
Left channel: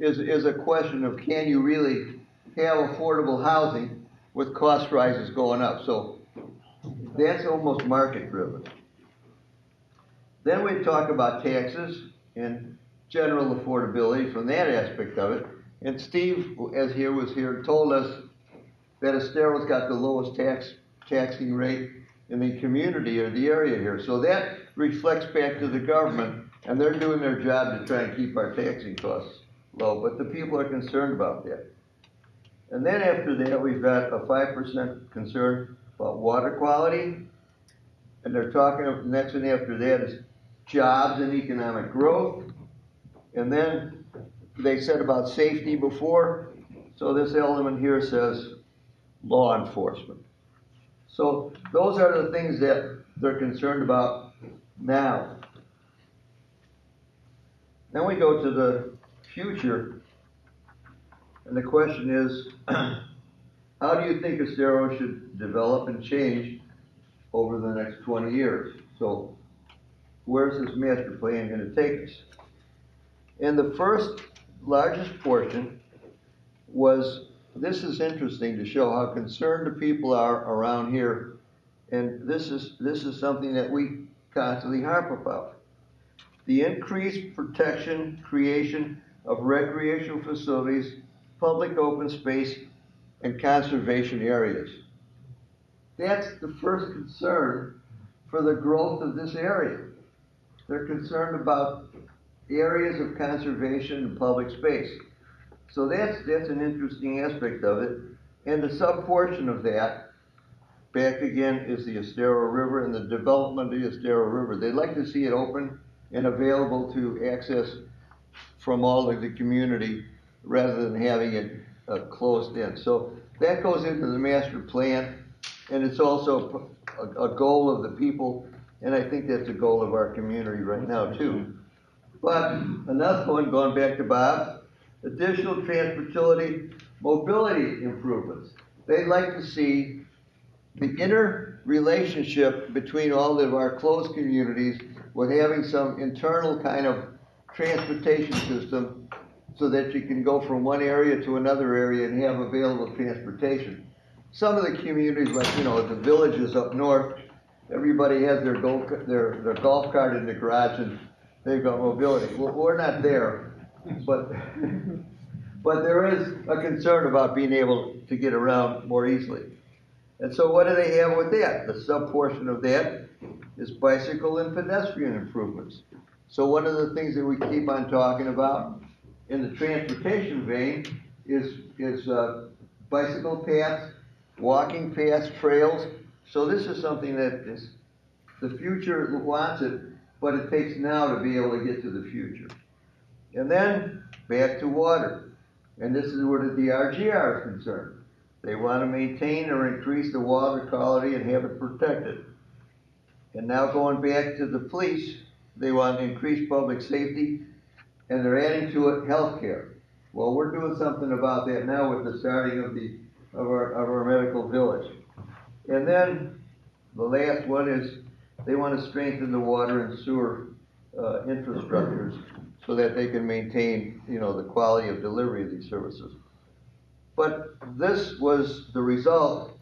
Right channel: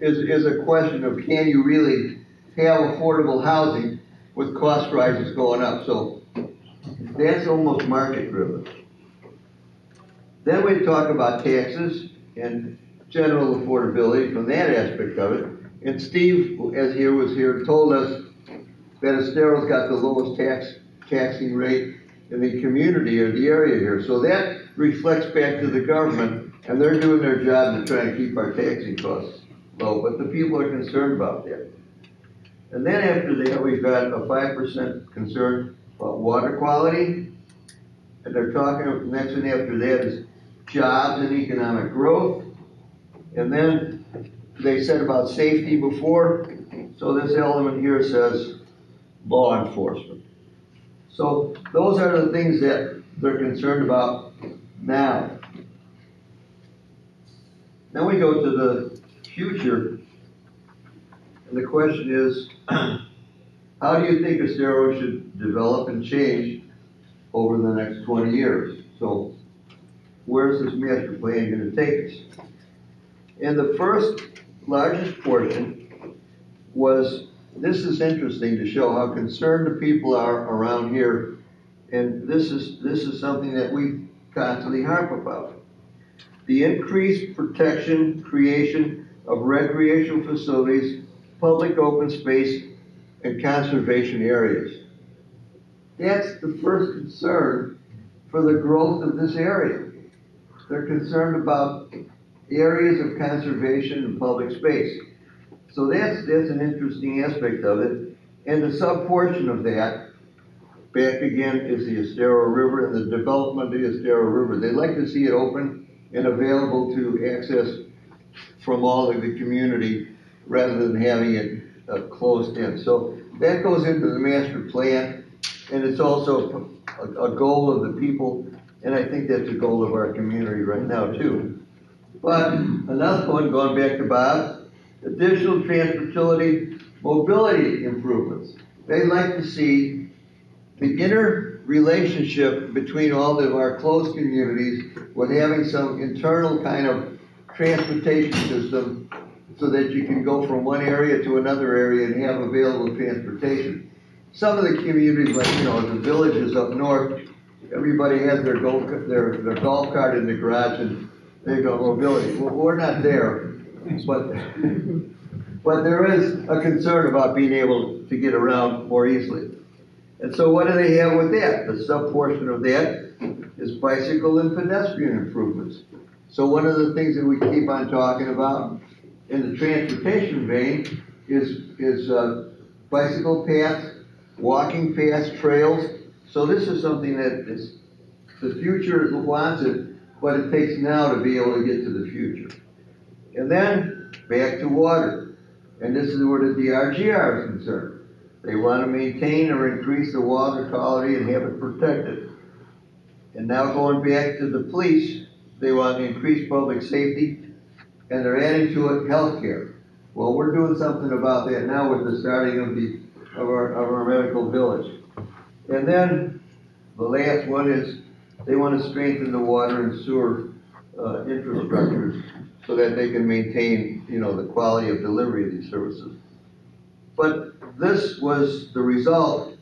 is a question of, can you really have affordable housing with cost rises going up? So that's almost market driven. Then we talk about taxes and general affordability from that aspect of it. And Steve, as he was here, told us that Estero's got the lowest taxing rate in the community or the area here. So that reflects back to the government, and they're doing their job to try and keep our taxing costs low, but the people are concerned about that. And then after that, we've got a 5% concern about water quality, and they're talking, the next one after that is jobs and economic growth, and then they said about safety before, so this element here says law enforcement. So those are the things that they're concerned about now. Then we go to the future, and the question is, how do you think Estero should develop and change over the next 20 years? So where's this master plan going to take us? And the first largest portion was, this is interesting to show how concerned the people are around here, and this is something that we constantly harp about. The increased protection, creation of recreational facilities, public open space, and conservation areas. That's the first concern for the growth of this area. They're concerned about areas of conservation and public space. So that's an interesting aspect of it. And the sub-portion of that, back again, is the Estero River and the development of the Estero River. They like to see it open and available to access from all of the community rather than having it closed in. So that goes into the master plan, and it's also a goal of the people, and I think that's a goal of our community right now too. But another one, going back to Bob, additional transportation mobility improvements. They like to see the inner relationship between all of our close communities with having some internal kind of transportation system so that you can go from one area to another area and have available transportation. Some of the communities, like, you know, the villages up north, everybody has their golf cart in the garage and they go mobility. Well, we're not there, but there is a concern about being able to get around more easily. And so what do they have with that? The sub-portion of that is bicycle and pedestrian improvements. So one of the things that we keep on talking about in the transportation vein is bicycle paths, walking paths, trails. So this is something that is, the future wants it, but it takes now to be able to get to the future. And then back to water. And this is where the DRGR is concerned. They want to maintain or increase the water quality and have it protected. And now going back to the police, they want to increase public safety, and they're adding to it healthcare. Well, we're doing something about that now with the starting of our medical village. And then the last one is they want to strengthen the water and sewer infrastructures so that they can maintain, you know, the quality of delivery of these services. But this was the result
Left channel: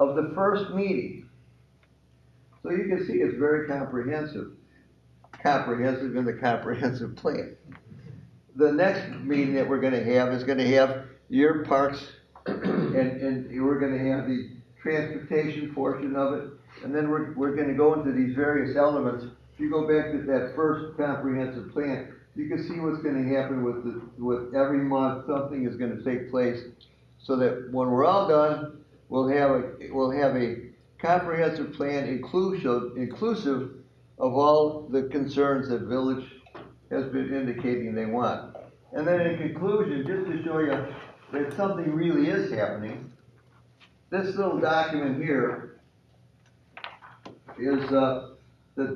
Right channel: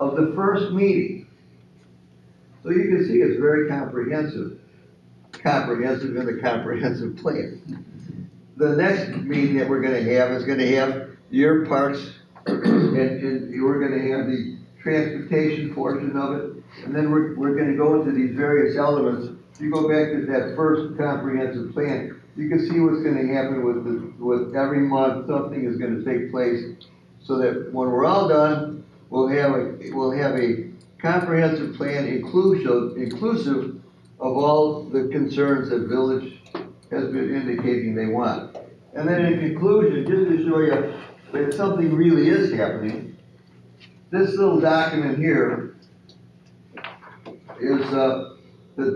of the first meeting. So you can see it's very comprehensive in the comprehensive plan. The next meeting that we're going to have is going to have your parks, and we're going to have the transportation portion of it, and then we're going to go into these various elements. If you go back to that first comprehensive plan, you can see what's going to happen with every month. Something is going to take place, so that when we're all done, we'll have a comprehensive plan inclusive of all the concerns that village has been indicating they want. And then in conclusion, just to show you that something really is happening, this little document here is the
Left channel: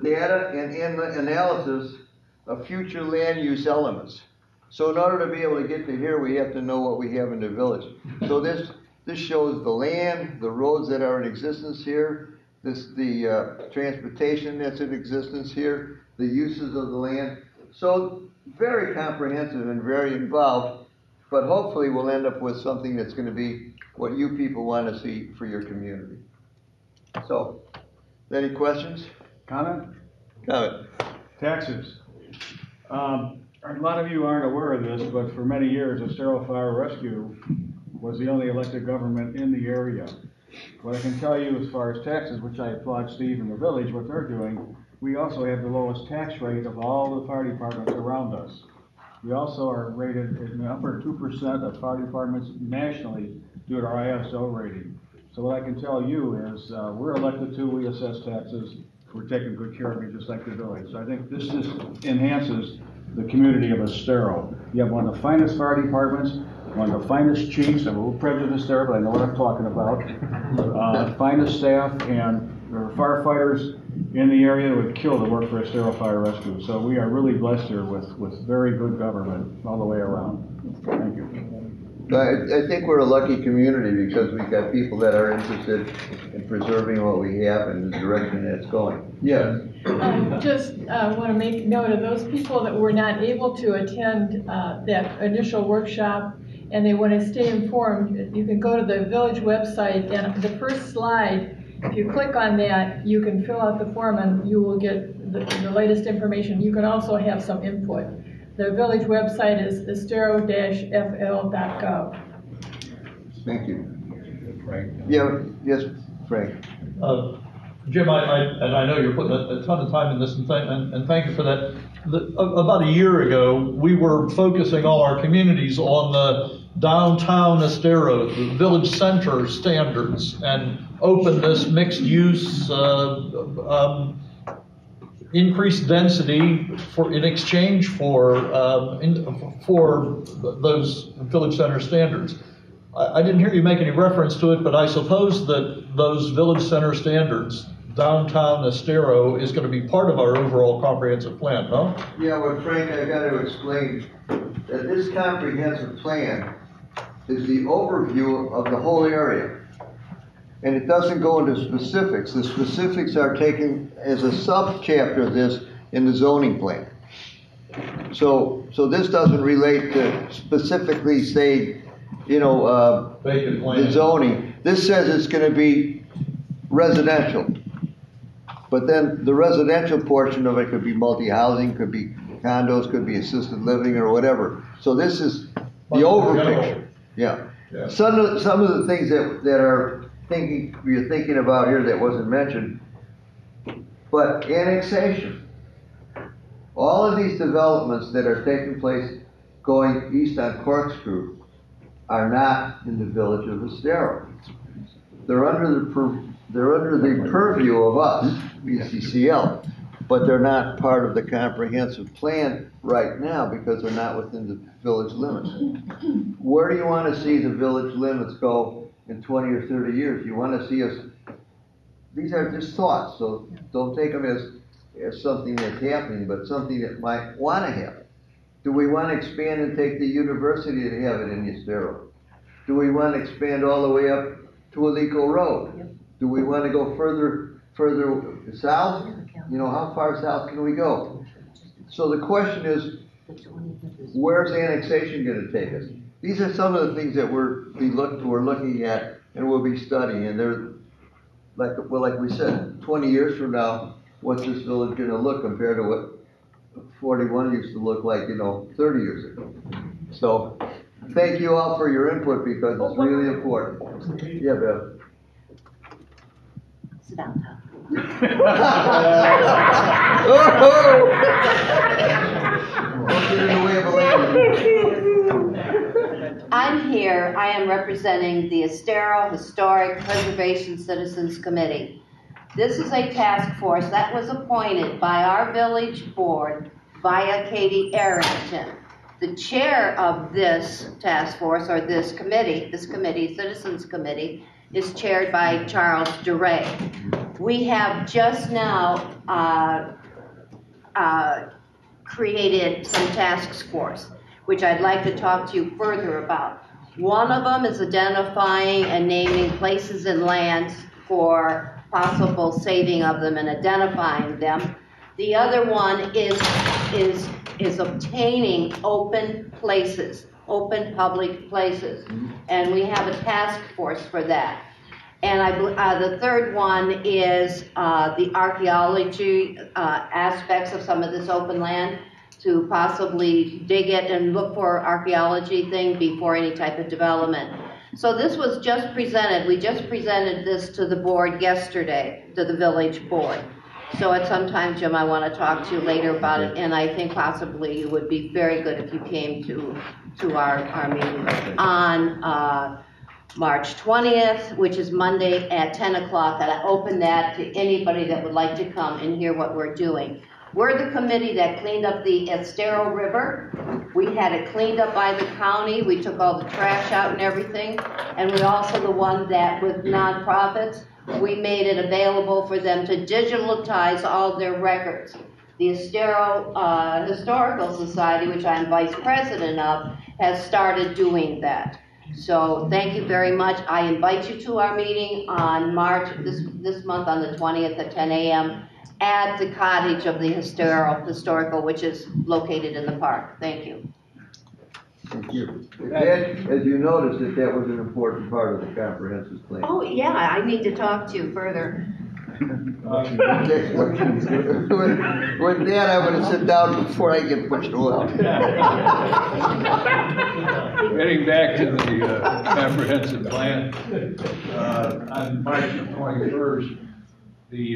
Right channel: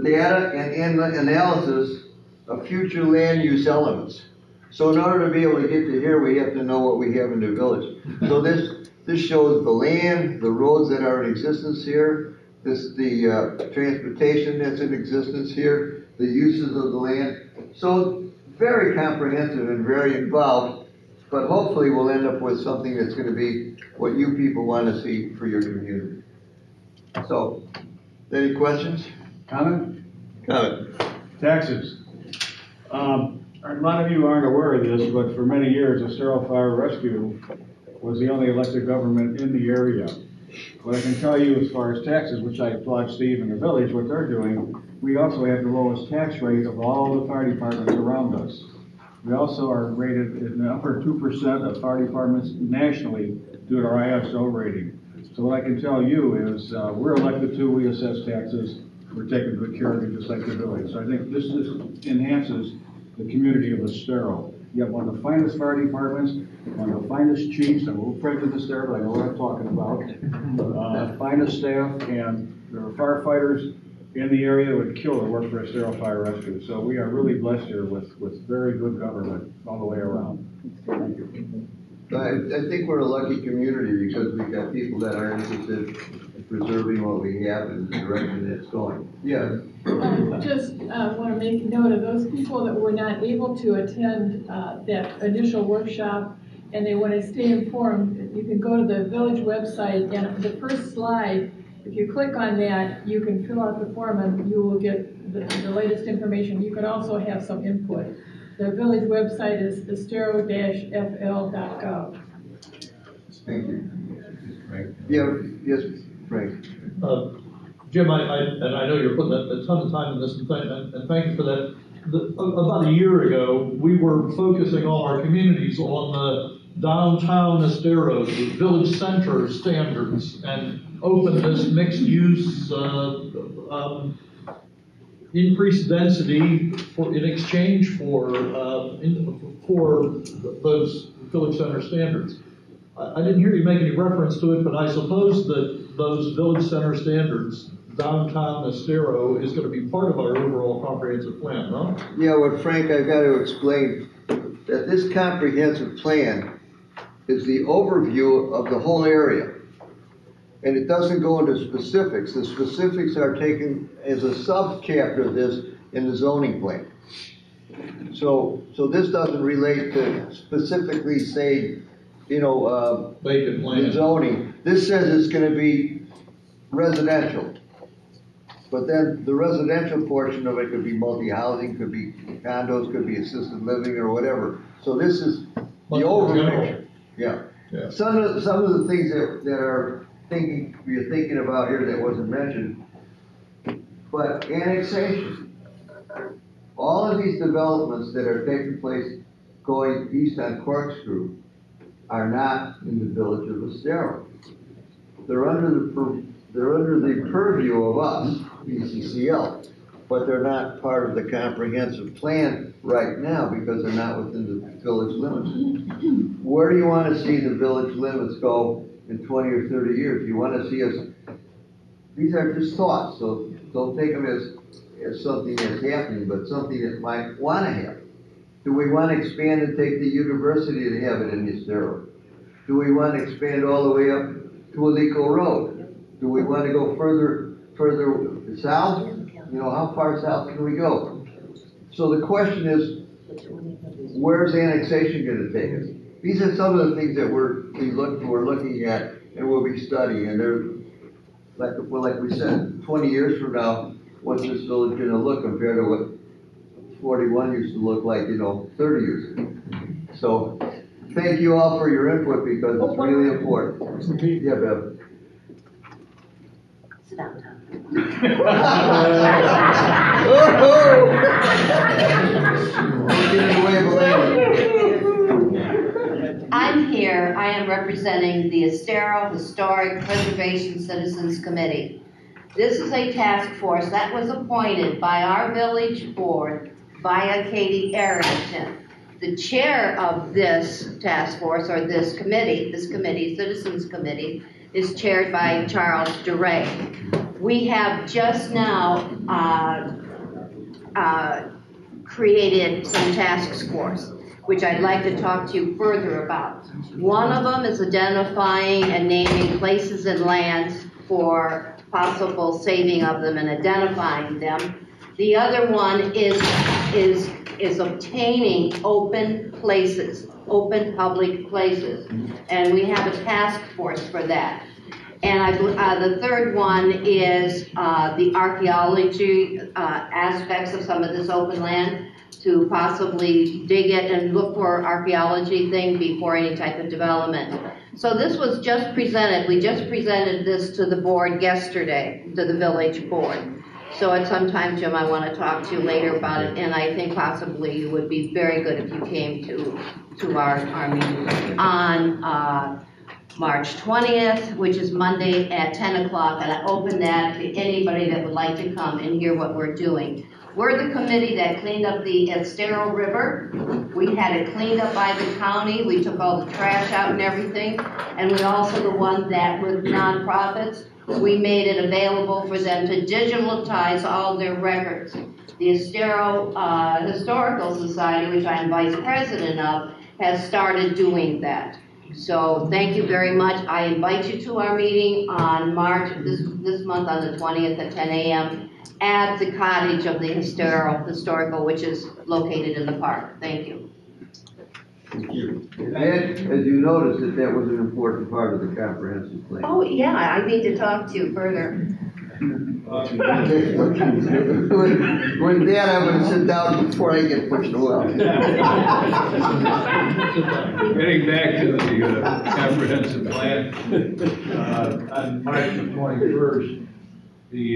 data and analysis of future land use elements. So in order to be able to get to here, we have to know what we have in the village. So this shows the land, the roads that are in existence here, the transportation that's in existence here, the uses of the land. So very comprehensive and very involved, but hopefully we'll end up with something that's going to be what you people want to see for your community. So, any questions? Comment? Comment. Taxes. A lot of you aren't aware of this, but for many years, Estero Fire Rescue was the only elected government in the area. What I can tell you as far as taxes, which I applaud Steve and the village, what they're doing, we also have the lowest tax rate of all the fire departments around us. We also are rated in the upper 2% of fire departments nationally due to our ISO rating. So what I can tell you is we're elected to, we assess taxes, we're taking good care of it just like the village. So I think this just enhances the community of Estero. You have one of the finest fire departments, one of the finest chiefs. I'm a little prejudiced there, but I know what I'm talking about. Finest staff, and there are firefighters in the area that would kill to work for Estero Fire Rescue. So we are really blessed here with very good government all the way around. Thank you. I think we're a lucky community because we've got people that are interested in preserving what we have and the direction that it's going. Yeah. Just want to make note of those people that were not able to attend that initial workshop and they want to stay informed. You can go to the village website, and the first slide, if you click on that, you can fill out the form and you will get the latest information. You can also have some input. The village website is estero-fl.gov. Thank you. Frank. Yeah, yes, Frank. Jim, I know you're putting a ton of time in this, and thank you for that. About a year ago, we were focusing all our communities on the downtown Estero, the village center standards, and openness, mixed use, increased density in exchange for those village center standards. I didn't hear you make any reference to it, but I suppose that those village center standards, downtown Estero, is going to be part of our overall comprehensive plan, no? Yeah, well, Frank, I've got to explain that this comprehensive plan is the overview of the whole area. and it doesn't go into specifics. The specifics are taken as a sub-chapter of this in the zoning plan. So this doesn't relate to specifically say, Vacant land. the zoning. This says it's gonna be residential. But then the residential portion of it could be multi-housing, could be condos, could be assisted living or whatever. So this is the over picture. Yeah. Yeah. Some of the things that you're thinking about here that wasn't mentioned, but annexation. All of these developments that are taking place going east on Corkscrew are not in the village of Estero. They're under the purview of us, ECCL, but they're not part of the comprehensive plan right now because they're not within the village limits. Where do you want to see the village limits go in 20 or 30 years? You want to see us, these are just thoughts, so don't take them as something that's happening, but something that might want to happen. Do we want to expand and take the university and have it in Estero? Do we want to expand all the way up to Alico Road? Do we want to go further south? How far south can we go? So the question is, where's annexation going to take us? These are some of the things that we're looking at and we'll be studying. And they're, like we said, 20 years from now, what's this village going to look compared to what 41 used to look like, 30 years ago? So thank you all for your input because it's really important. Yeah, Bev. Sit down, Tom. I'm here, I am representing the Estero Historic Preservation Citizens Committee. This is a task force that was appointed by our village board via Katie Arrington. The chair of this task force, or this committee, Citizens Committee, is chaired by Charles DeRay. We have just now created some task force, which I'd like to talk to you further about. One of them is identifying and naming places and lands for possible saving of them and identifying them. The other one is obtaining open places, open public places. And we have a task force for that. And the third one is the archaeology aspects of some of this open land, to possibly dig it and look for archaeology thing before any type of development. So this was just presented. We just presented this to the board yesterday, to the village board. So at some time, Jim, I want to talk to you later about it, and I think possibly it would be very good if you came to our meeting on March 20th, which is Monday at 10 o'clock, and I open that to anybody that would like to come and hear what we're doing. We're the committee that cleaned up the Estero River. We had it cleaned up by the county. We took all the trash out and everything. And we also the one that, with nonprofits, we made it available for them to digitalize all their records. The Estero Historical Society, which I'm vice president of, has started doing that. So thank you very much. I invite you to our meeting on March, this month on the 20th at 10 a.m. at the cottage of the Historical, which is located in the park. Thank you. Thank you. As you noticed, that was an important part of the comprehensive plan. Oh, yeah, I need to talk to you further. With that, I'm going to sit down before I get pushed away. Getting back to the comprehensive plan, on March 21st, the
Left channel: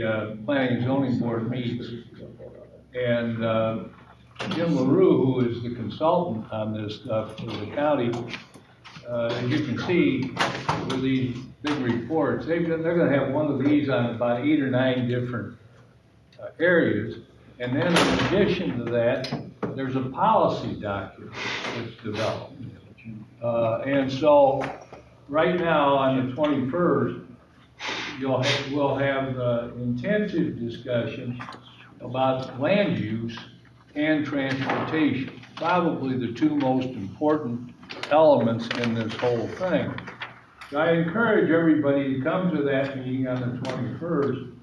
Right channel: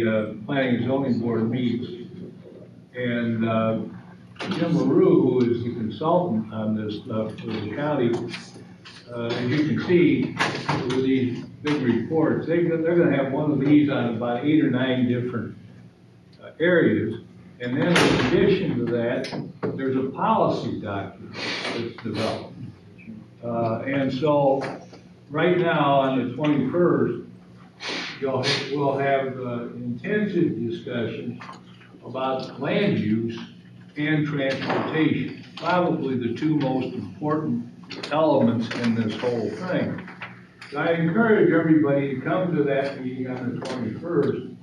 Planning and Zoning Board meets, and Jim LaRue, who is the consultant on this stuff for the county, as you can see with these big reports, they're going to have one of these on about 8 or 9 different areas. And then in addition to that, there's a policy document that's developed. And so right now on the 21st, we'll have intensive discussions about land use and So I encourage everybody to come to that meeting on the 21st.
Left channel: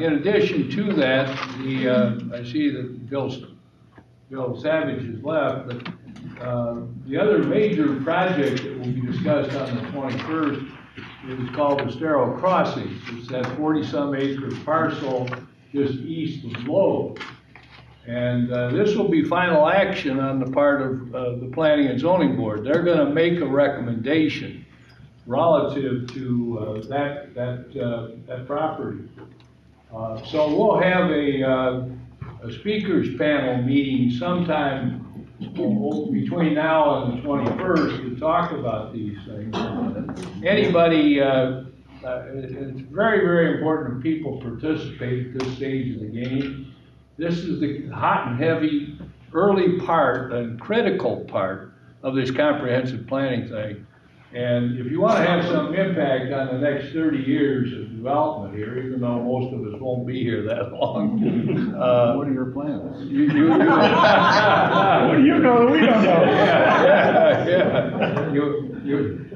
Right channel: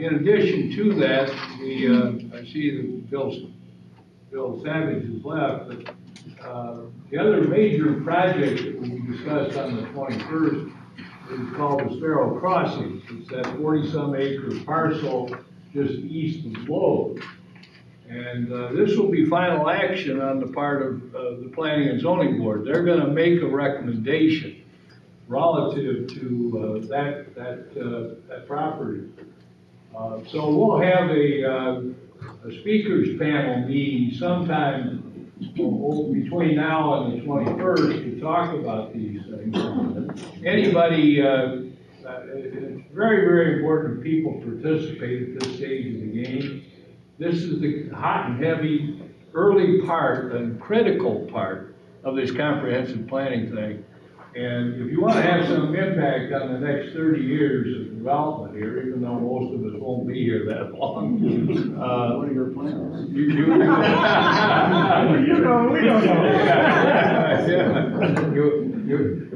In addition to that, I see that Bill Savage has left, but the other major project that will be discussed on the 21st is called Estero Crossings. It's that 40-some acre parcel just east of Lowe. And this will be final action on the part of the Planning and Zoning Board. They're going to make a recommendation relative to that property. So we'll have a speakers panel meeting sometime between now and the 21st to talk about these things. Anybody, it's very, very important that people participate at this stage of the game. This is the hot and heavy early part and critical part of this comprehensive planning thing. And if you want to have some impact on the next 30 years of development here, even though most of us won't be here that long. What are your plans? You You know, we don't know.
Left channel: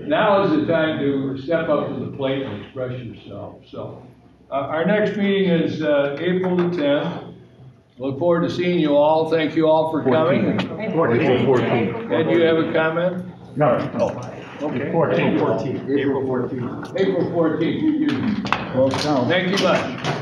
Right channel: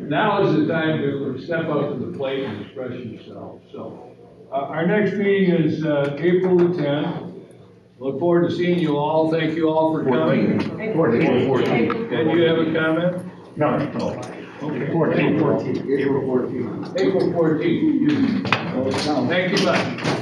Now is the time to step up to the plate and express yourself. So, our next meeting is April the 10th. Look forward to seeing you all. Thank you all for coming. 14. And you have a comment? No. Okay. 14. April 14th. April 14th. Excuse me. Thank you much.